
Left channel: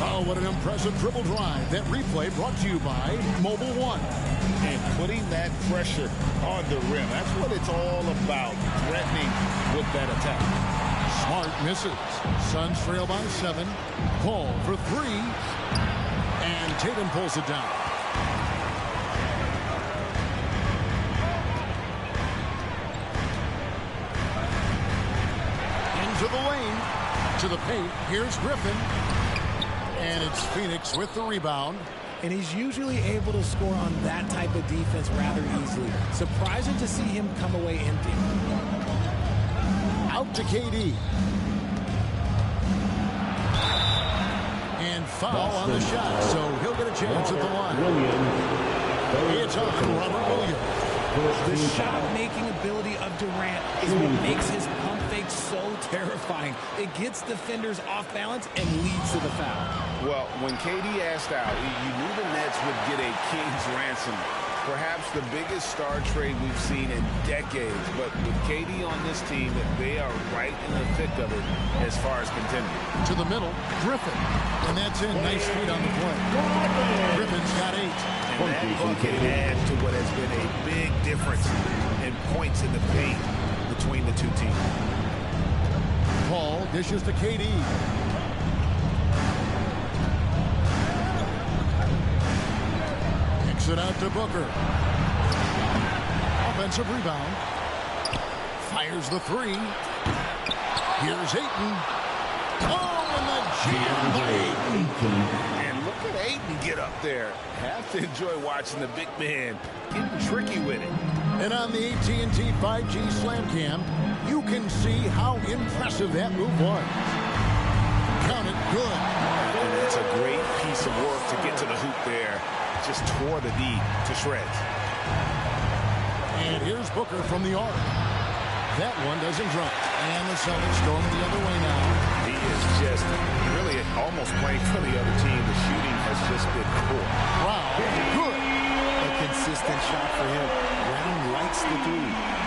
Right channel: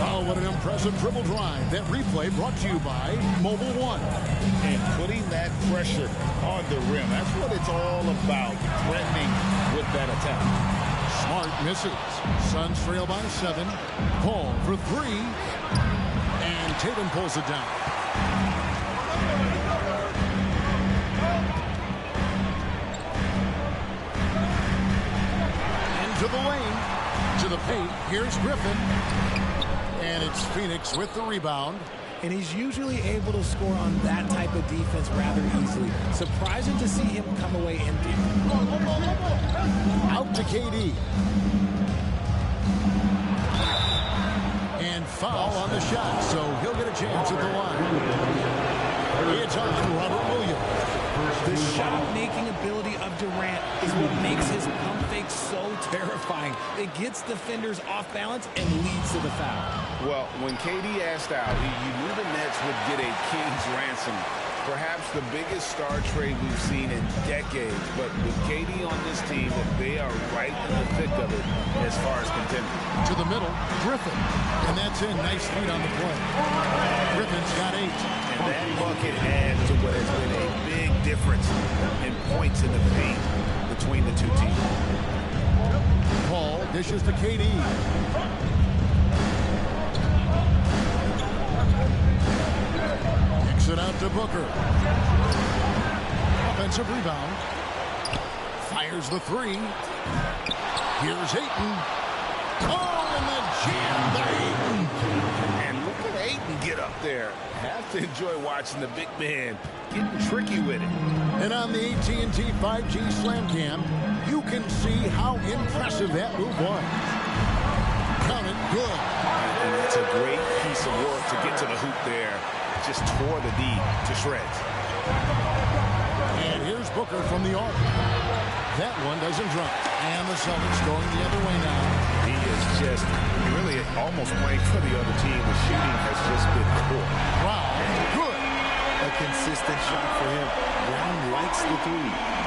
Oh, what an impressive dribble drive. That replay brought to you by Mobile One. And putting that pressure on the rim. That's what it's all about, threatening with that attack. Smart misses. Suns trail by 7. Paul for 3. And Tatum pulls it down. Into the lane. To the paint. Here's Griffin. And it's Phoenix with the rebound. And he's usually able to score on that type of defense rather easily. Surprising to see him come away empty. Out to KD. And foul on the shot, so he'll get a chance at the line. It's on Robert Williams. The shot-making ability of Durant is what makes his pump fake so terrifying. It gets defenders off balance and leads to the foul. Well, when KD asked out, you knew the Nets would get a king's ransom Perhaps the biggest star trade we've seen in decades, but with KD on this team, they are right in the thick of it as far as contending. To the middle, Griffin. And that's in. Nice feet on the play. Griffin's got 8. And that bucket adds to what has been a big difference in points in the paint between the two teams. Paul dishes to KD. Kicks it out to Booker. Offensive rebound. Fires the 3. Here's Ayton. Oh, and the jam by Ayton. And look at Ayton get up there. Have to enjoy watching the big man getting tricky with it. And on the AT&T 5G Slam Cam, you can see how impressive that move was. Count it, good. And it's a great piece of work to get to the hoop there. Just tore the D to shreds. And here's Booker from the arc. That one doesn't drop. And the Celtics going the other way now. He is just really almost playing for the other team. The shooting has just been poor. Brown, good. A consistent shot for him. Brown likes the 3.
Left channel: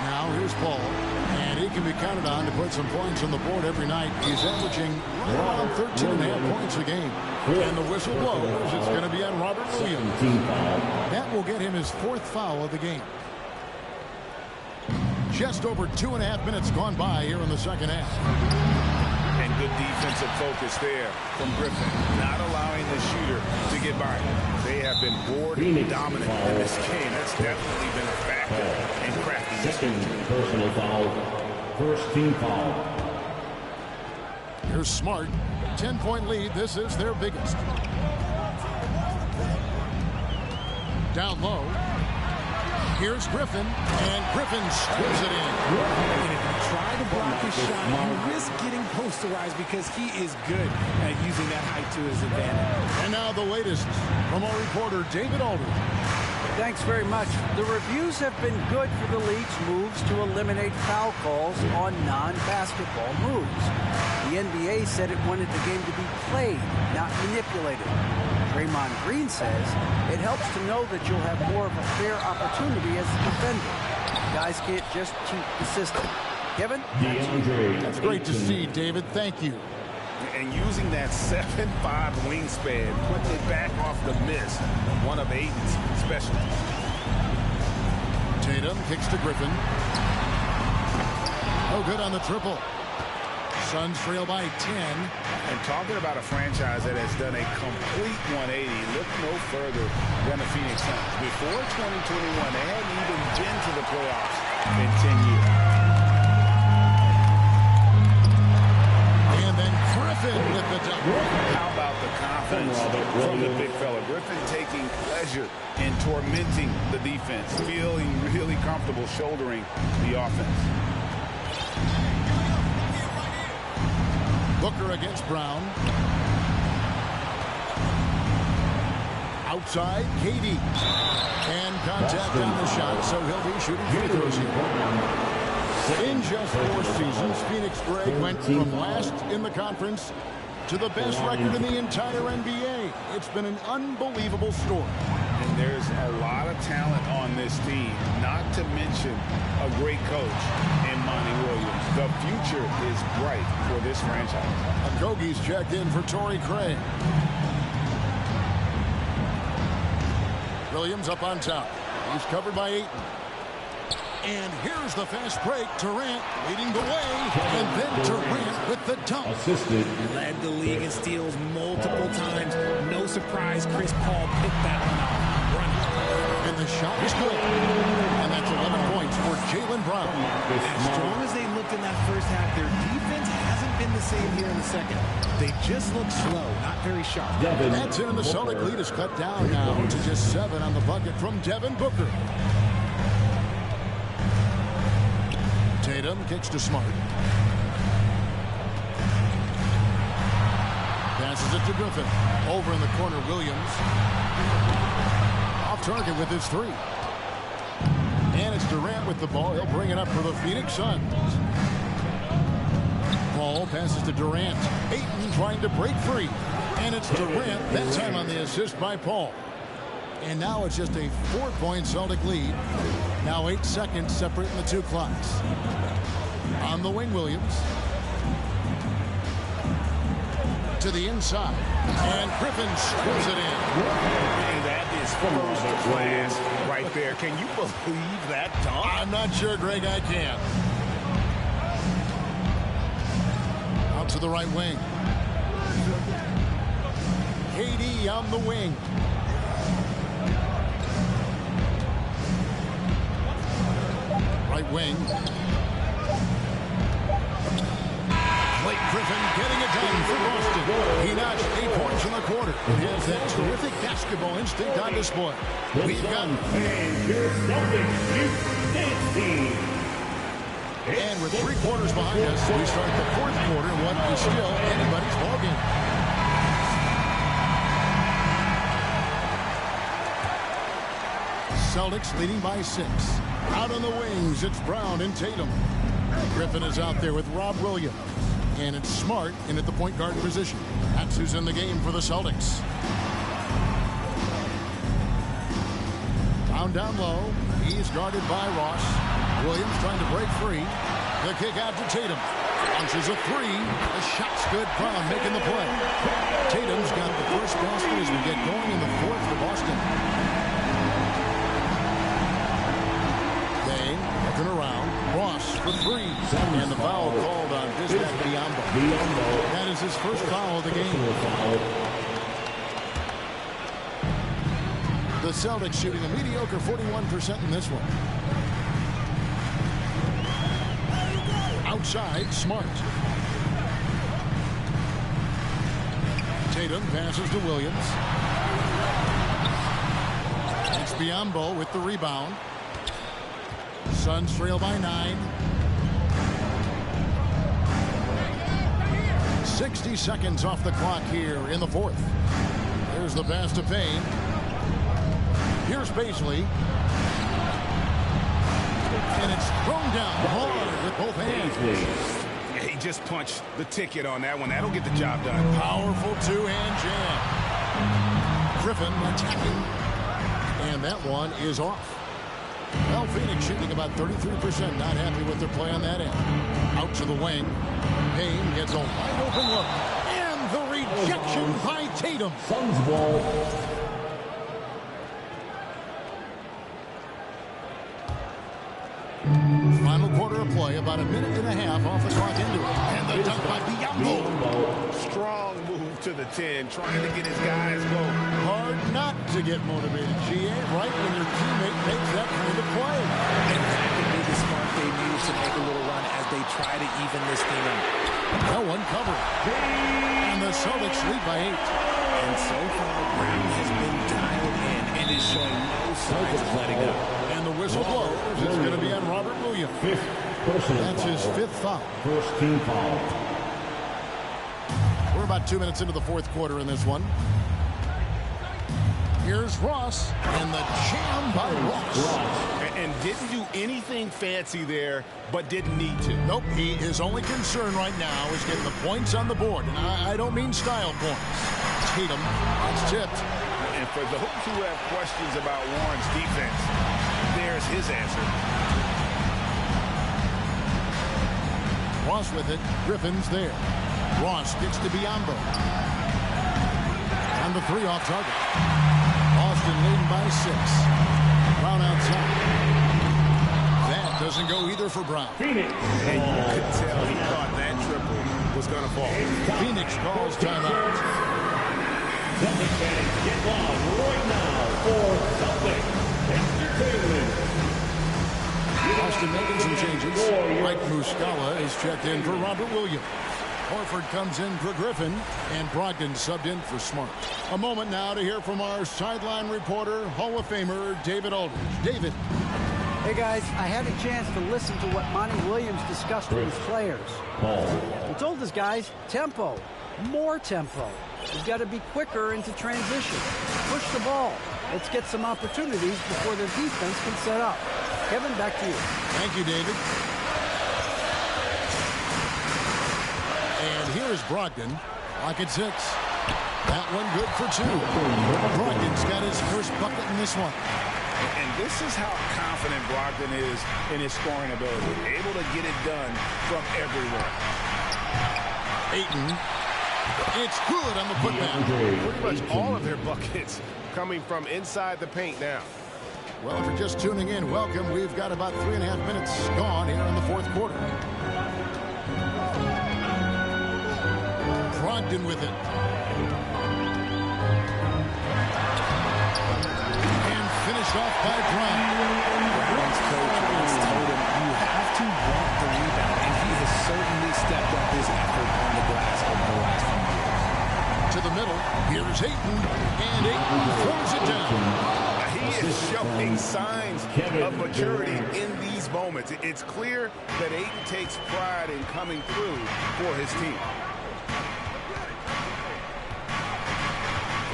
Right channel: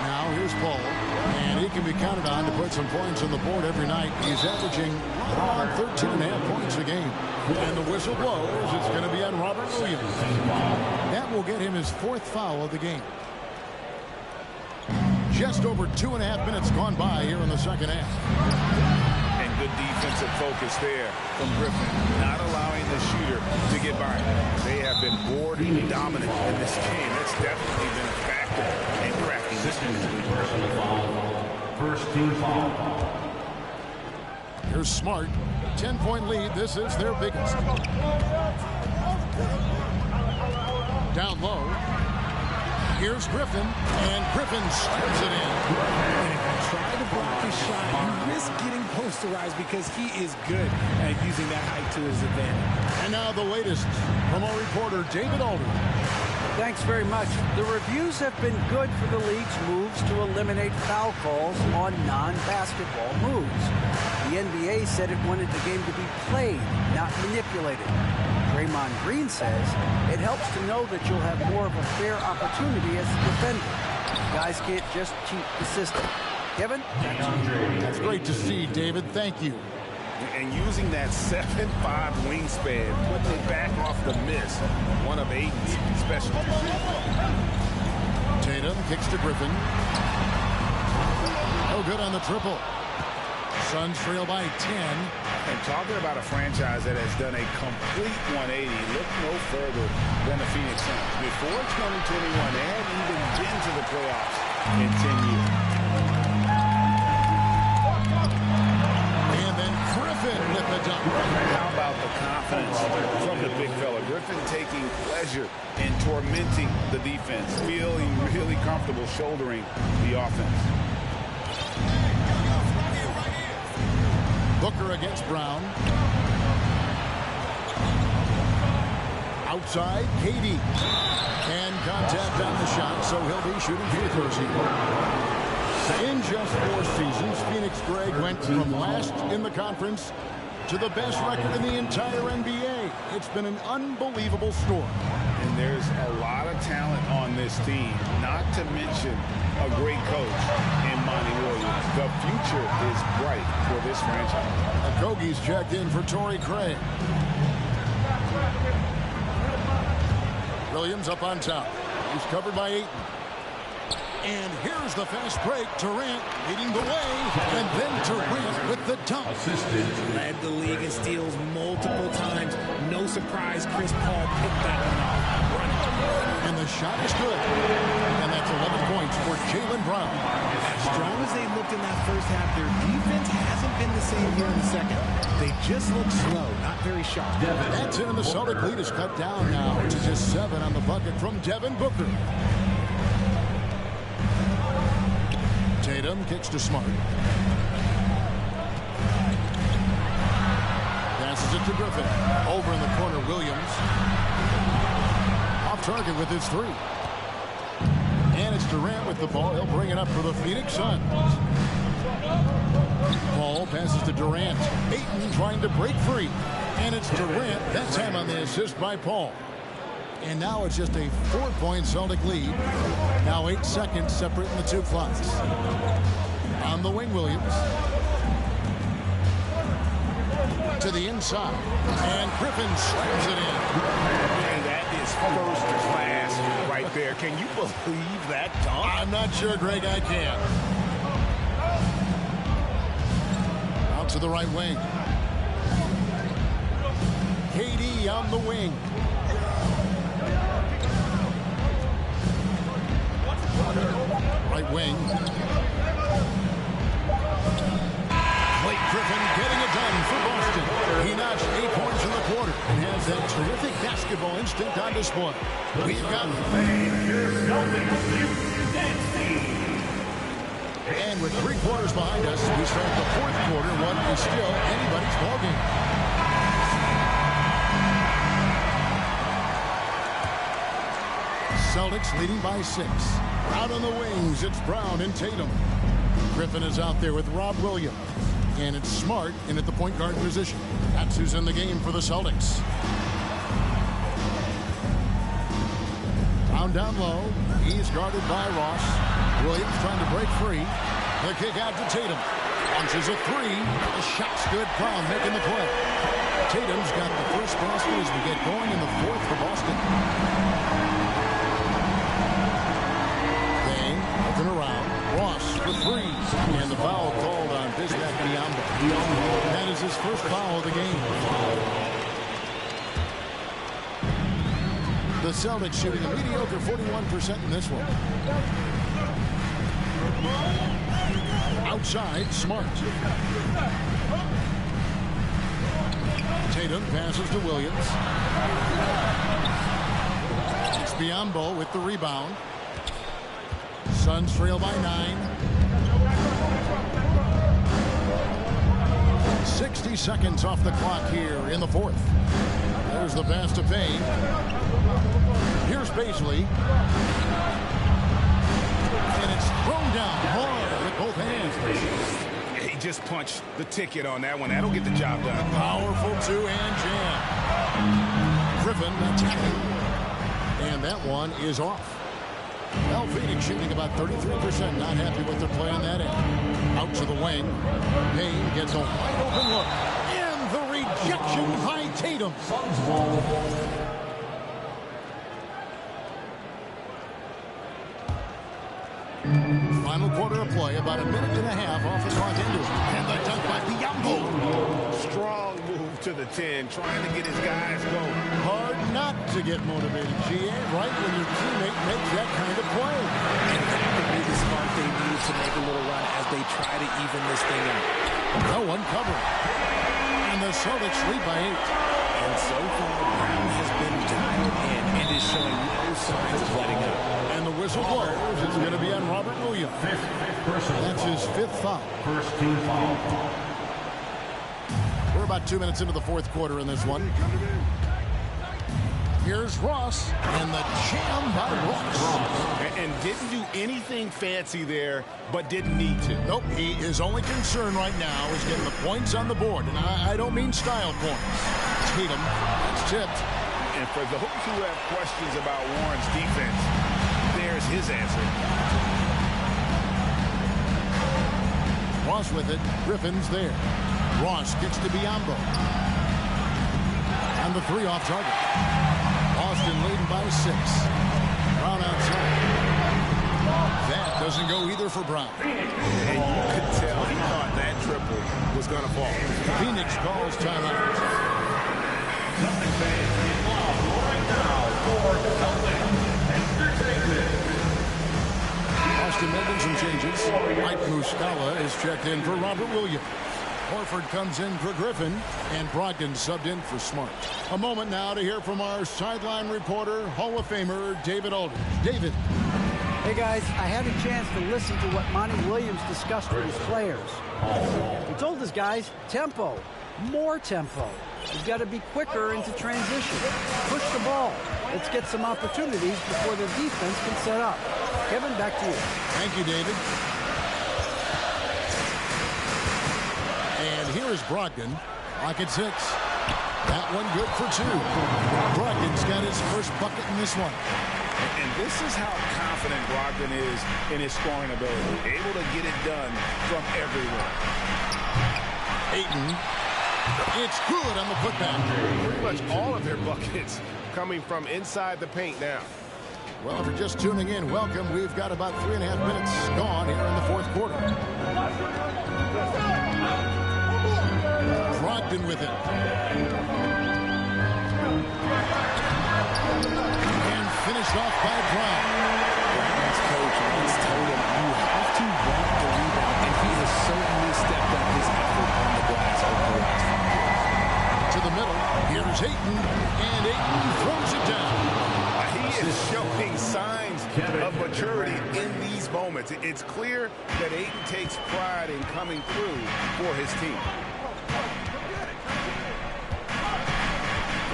Now here's Paul, and he can be counted on to put some points on the board every night. He's averaging right around 13.5 points a game. And the whistle blows. It's going to be on Robert Williams. That will get him his 4th foul of the game. Just over 2.5 minutes gone by here in the second half. And good defensive focus there from Griffin, not allowing the shooter to get by. They have been board dominant in this game. That's definitely been a factor in cracking this game. Personal foul. First team foul. Here's Smart. 10-point lead. This is their biggest. Down low. Here's Griffin, and Griffin slams it in. And if you try to block his shot, you risk getting posterized because he is good at using that height to his advantage. And now the latest from our reporter, David Aldridge. Thanks very much. The reviews have been good for the league's moves to eliminate foul calls on non-basketball moves. The NBA said it wanted the game to be played, not manipulated. Draymond Green says it helps to know that you'll have more of a fair opportunity as a defender. Guys can't just cheat the system. Kevin, back to you. That's great to see, David. Thank you. And using that 7'5" wingspan, putting it back off the miss, one of Ayton's specialties. Tatum kicks to Griffin. Oh, good on the triple. Suns trail by 10. And talking about a franchise that has done a complete 180, look no further than the Phoenix Suns. Before 2021, they hadn't even been to the playoffs in 10 years. And then Griffin with the dunk. How about the confidence from the big fella? Griffin taking pleasure in tormenting the defense, feeling really comfortable shouldering the offense. Booker against Brown. Outside, KD. And contact on the shot, so he'll be shooting free throws here. In just 4 seasons, Phoenix Greg went from last in the conference to the best record in the entire NBA. It's been an unbelievable story. And there's a lot of talent on this team, not to mention a great coach in Monty Williams. The future is bright for this franchise. Okogie's checked in for Torrey Craig. Williams up on top. He's covered by Ayton. And here's the fast break. Durant leading the way. And then Durant with the dunk. Assisted. Led the league in steals multiple times. No surprise Chris Paul picked that one off. Running. And the shot is good. And that's 11 points for Jaylen Brown. As strong as they looked in that first half, their defense hasn't been the same here in the second. They just look slow, not very sharp. That's it, and the Celtic lead is cut down now to just 7 on the bucket from Devin Booker. Tatum kicks to Smart. Passes it to Griffin. Over in the corner, Williams. Off target with his three. And it's Durant with the ball. He'll bring it up for the Phoenix Suns. Ball passes to Durant. Ayton trying to break free. And it's Durant, that time on the assist by Paul. And now it's just a 4-point Celtic lead. Now 8 seconds separating the two clocks. On the wing, Williams. To the inside. And Griffin slams it in. And that is first class right there. Can you believe that dunk? I'm not sure, Greg, I can. Out to the right wing. KD on the wing. Right wing. Blake Griffin getting it done for Boston. He notched 8 points in the quarter and has that terrific basketball instinct on display. We've got... And with 3 quarters behind us, we start the 4th quarter in what is still anybody's ballgame. Celtics leading by 6. Out on the wings, it's Brown and Tatum. Griffin is out there with Rob Williams. And it's Smart in at the point guard position. That's who's in the game for the Celtics. Down low. He's guarded by Ross. Williams trying to break free. The kick out to Tatum. Launches a 3. The shot's good. Brown making the play. Tatum's got the first basket as we get going in the 4th for Boston. Dang, looking around. Ross for 3. And the foul called on Bismack Biyombo. That is his first foul of the game. The Celtics shooting a mediocre 41% in this one. Outside, Smart. Tatum passes to Williams. It's Biyombo with the rebound. Suns trail by 9. 60 seconds off the clock here in the 4th. There's the pass to Payne. Here's Paisley. And it's thrown down hard with both hands. He just punched the ticket on that one. That'll get the job done. Powerful 2-hand jam. Griffin attacking. And that one is off. Well, Phoenix shooting about 33%. Not happy with their play on that end. Out to the wing. Payne gets a wide open look. And the rejection by Tatum. Suns ball. Final quarter of play, about a minute and a half off the clock into it. And the dunk by Biyombo. Strong move to the 10, trying to get his guys going. Hard not to get motivated, GA, right when your teammate makes that kind of play. And that could be the spark they needed to make a little run as they try to even this thing up. No one covering. And the Celtics lead by 8. And so far, Brown has been dialed in and is showing no signs of letting up. And the whistle blows. It's going to be on Robert Williams. That's his 5th foul. First team foul. We're about 2 minutes into the 4th quarter in this one. Here's Ross, and the jam by Ross. And didn't do anything fancy there, but didn't need to. Nope, his only concern right now is getting the points on the board. And I don't mean style points. Tatum, that's tipped. And for those who have questions about Warren's defense, there's his answer. Ross with it. Griffin's there. Ross gets to Biyombo. And the 3 off target. Boston leading by 6. Brown outside. That doesn't go either for Brown. And you could tell he thought that triple was going to fall. Phoenix calls timeout. Get loud right now for Celtic Entertainment. Boston making some changes. Mike Muscala is checked in for Robert Williams. Horford comes in for Griffin, and Brogdon subbed in for Smart. A moment now to hear from our sideline reporter, Hall of Famer David Aldridge. David. Hey guys, I had a chance to listen to what Monty Williams discussed with his players. He told his guys, tempo, more tempo. You've got to be quicker into transition. Push the ball. Let's get some opportunities before the defense can set up. Kevin, back to you. Thank you, David. And here is Brogdon. Clock at 6. That one good for 2. Brogdon's got his first bucket in this one. And this is how confident Brogdon is in his scoring ability. Able to get it done from everywhere. Ayton. It's good on the putback. Pretty much all of their buckets coming from inside the paint now. Well, if you're just tuning in, welcome. We've got about 3.5 minutes gone here in the fourth quarter. Brogdon with it. And finished off by Brown. Brown's coach once told him, you have to want the rebound, and he has certainly stepped up his effort on the glass over the last few years. To the middle, here's Ayton, and Ayton throws it down. He is showing signs of maturity in these moments. It's clear that Ayton takes pride in coming through for his team.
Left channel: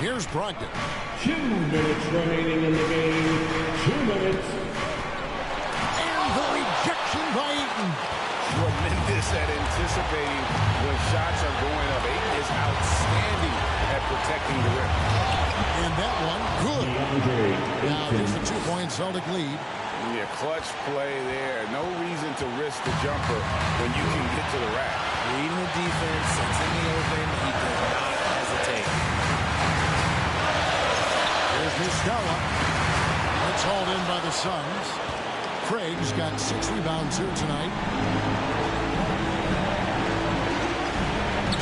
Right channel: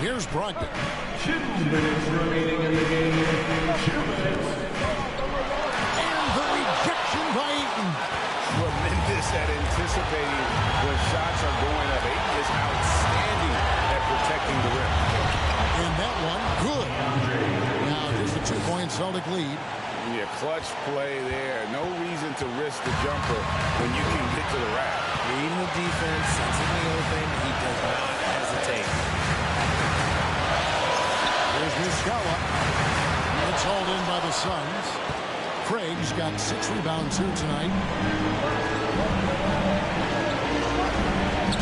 Here's Brogdon. 2 minutes remaining in the game. 2 minutes. And the rejection by Ayton. Tremendous at anticipating when shots are going up. Ayton is outstanding at protecting the rim. And that one, good. Now just a 2-point Celtic lead. Yeah, clutch play there. No reason to risk the jumper when you can get to the rack. Reading the defense, sensing the open, he does not hesitate. There's Muscala. It's hauled in by the Suns. Craig's got 6 rebounds here tonight.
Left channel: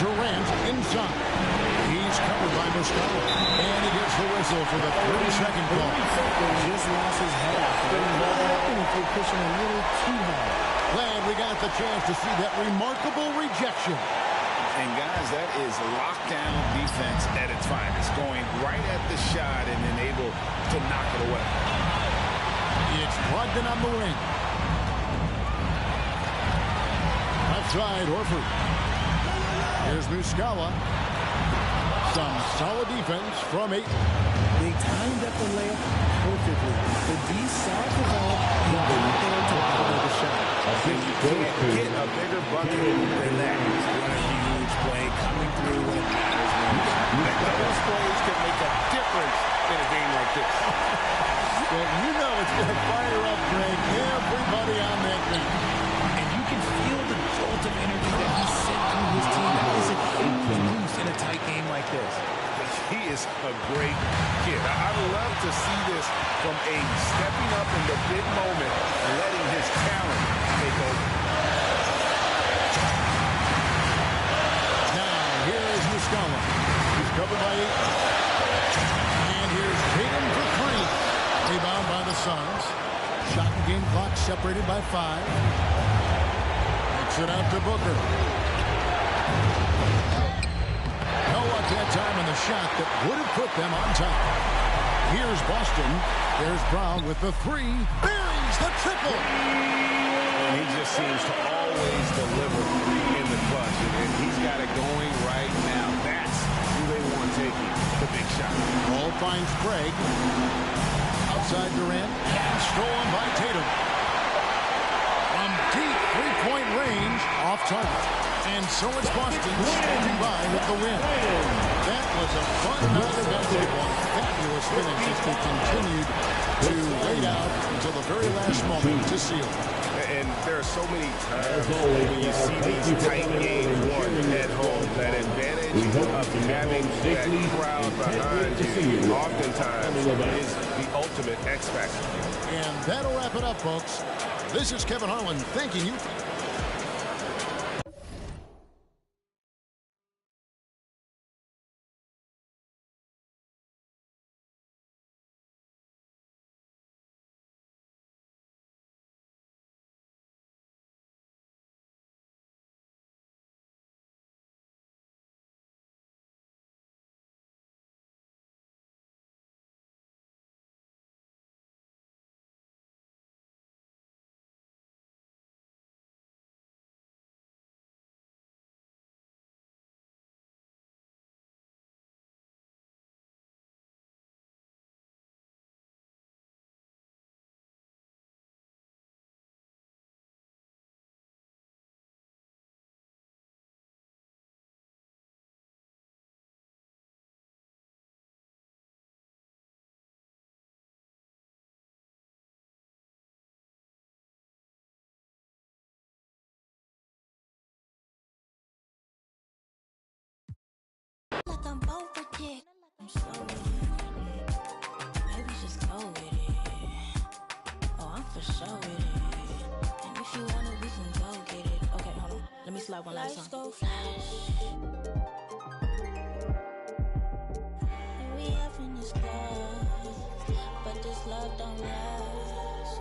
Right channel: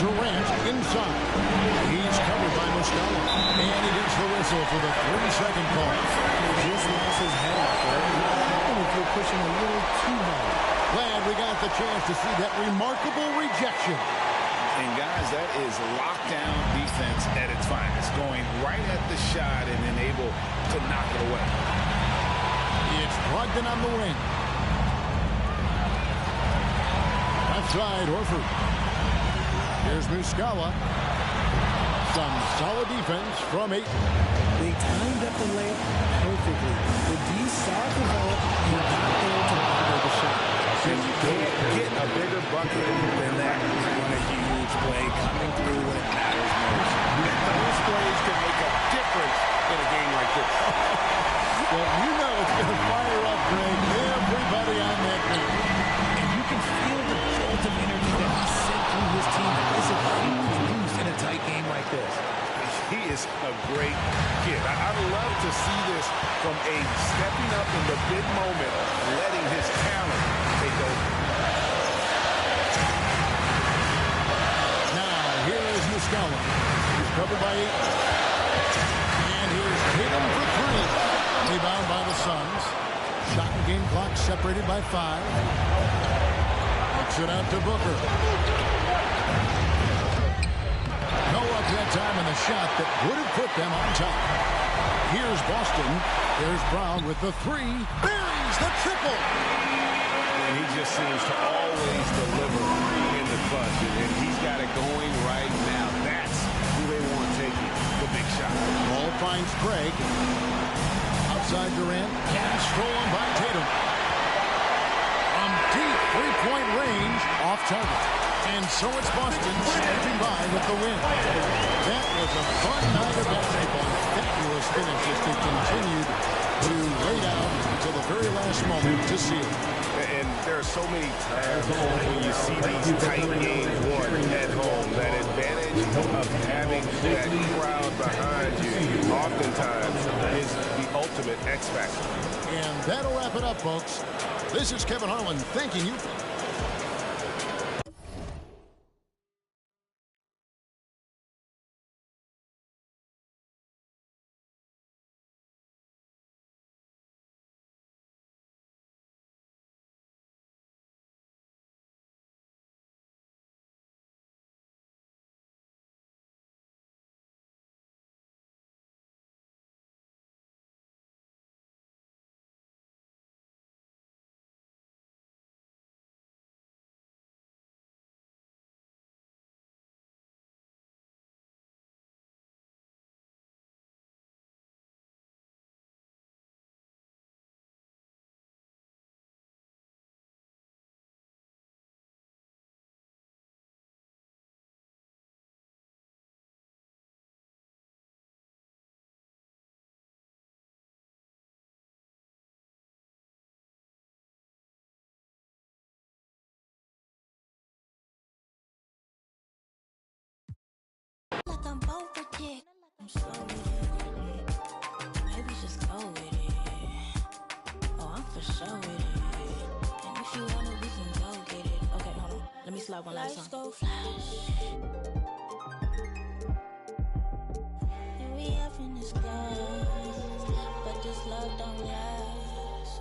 Durant inside. He's covered by Muscala. And he gets the whistle for the 3-second call. Just lost his head out there. What happened if you're pushing a little too hard? Glad we got the chance to see that remarkable rejection. And guys, that is lockdown defense at its finest. Going right at the shot and then able to knock it away. It's Brogdon on the wing. Left side, Horford. Here's Muscala. Some solid defense from Ayton. They timed up the layup perfectly. The D saw it develop and got there to bother the shot. And you can't get a bigger bucket than that. What a huge play coming through when it matters most. Those plays can make a difference in a game like this. Well, you know it's going to fire up, Greg, everybody on that bench. And you can feel the jolt of energy that he sent through his team. That is a huge boost in a tight game like this. He is a great kid. I love to see this from Ayton, stepping up in the big moment, letting his talent take over. Now, here is Muscala. He's covered by Ayton. And here's Tatum for 3. Rebound by the Suns. Shot and game clock separated by 5. Kicks it out to Booker. No luck that time in the shot that would have put them on top. Here's Boston. There's Brown with the 3. Buries the triple. And he just seems to always deliver in the clutch. And he's got it going right now. That's who they want taking the big shot. Ball finds Craig. Outside Durant. And stolen by Tatum. From deep 3-point range, off target. And so it's Boston scraping by with the win. That was a fun night of basketball. Fabulous finish as they continued to wait out until the very last moment to seal. And there are so many times when you see these tight games won at home, that advantage of having that crowd behind you oftentimes is the ultimate X factor. And that'll wrap it up, folks. This is Kevin Harlan thanking you. like I'm both with it. I'm slow with it. Maybe just go with it. Oh, I'm for sure with it. And if you want it, we can go get it. Okay, hold on. Let me slide one last time. Let's go flash. And we having this class, but this love don't last.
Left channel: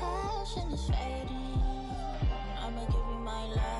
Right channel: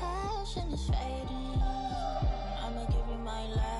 Passion is fading. I'ma give you my last.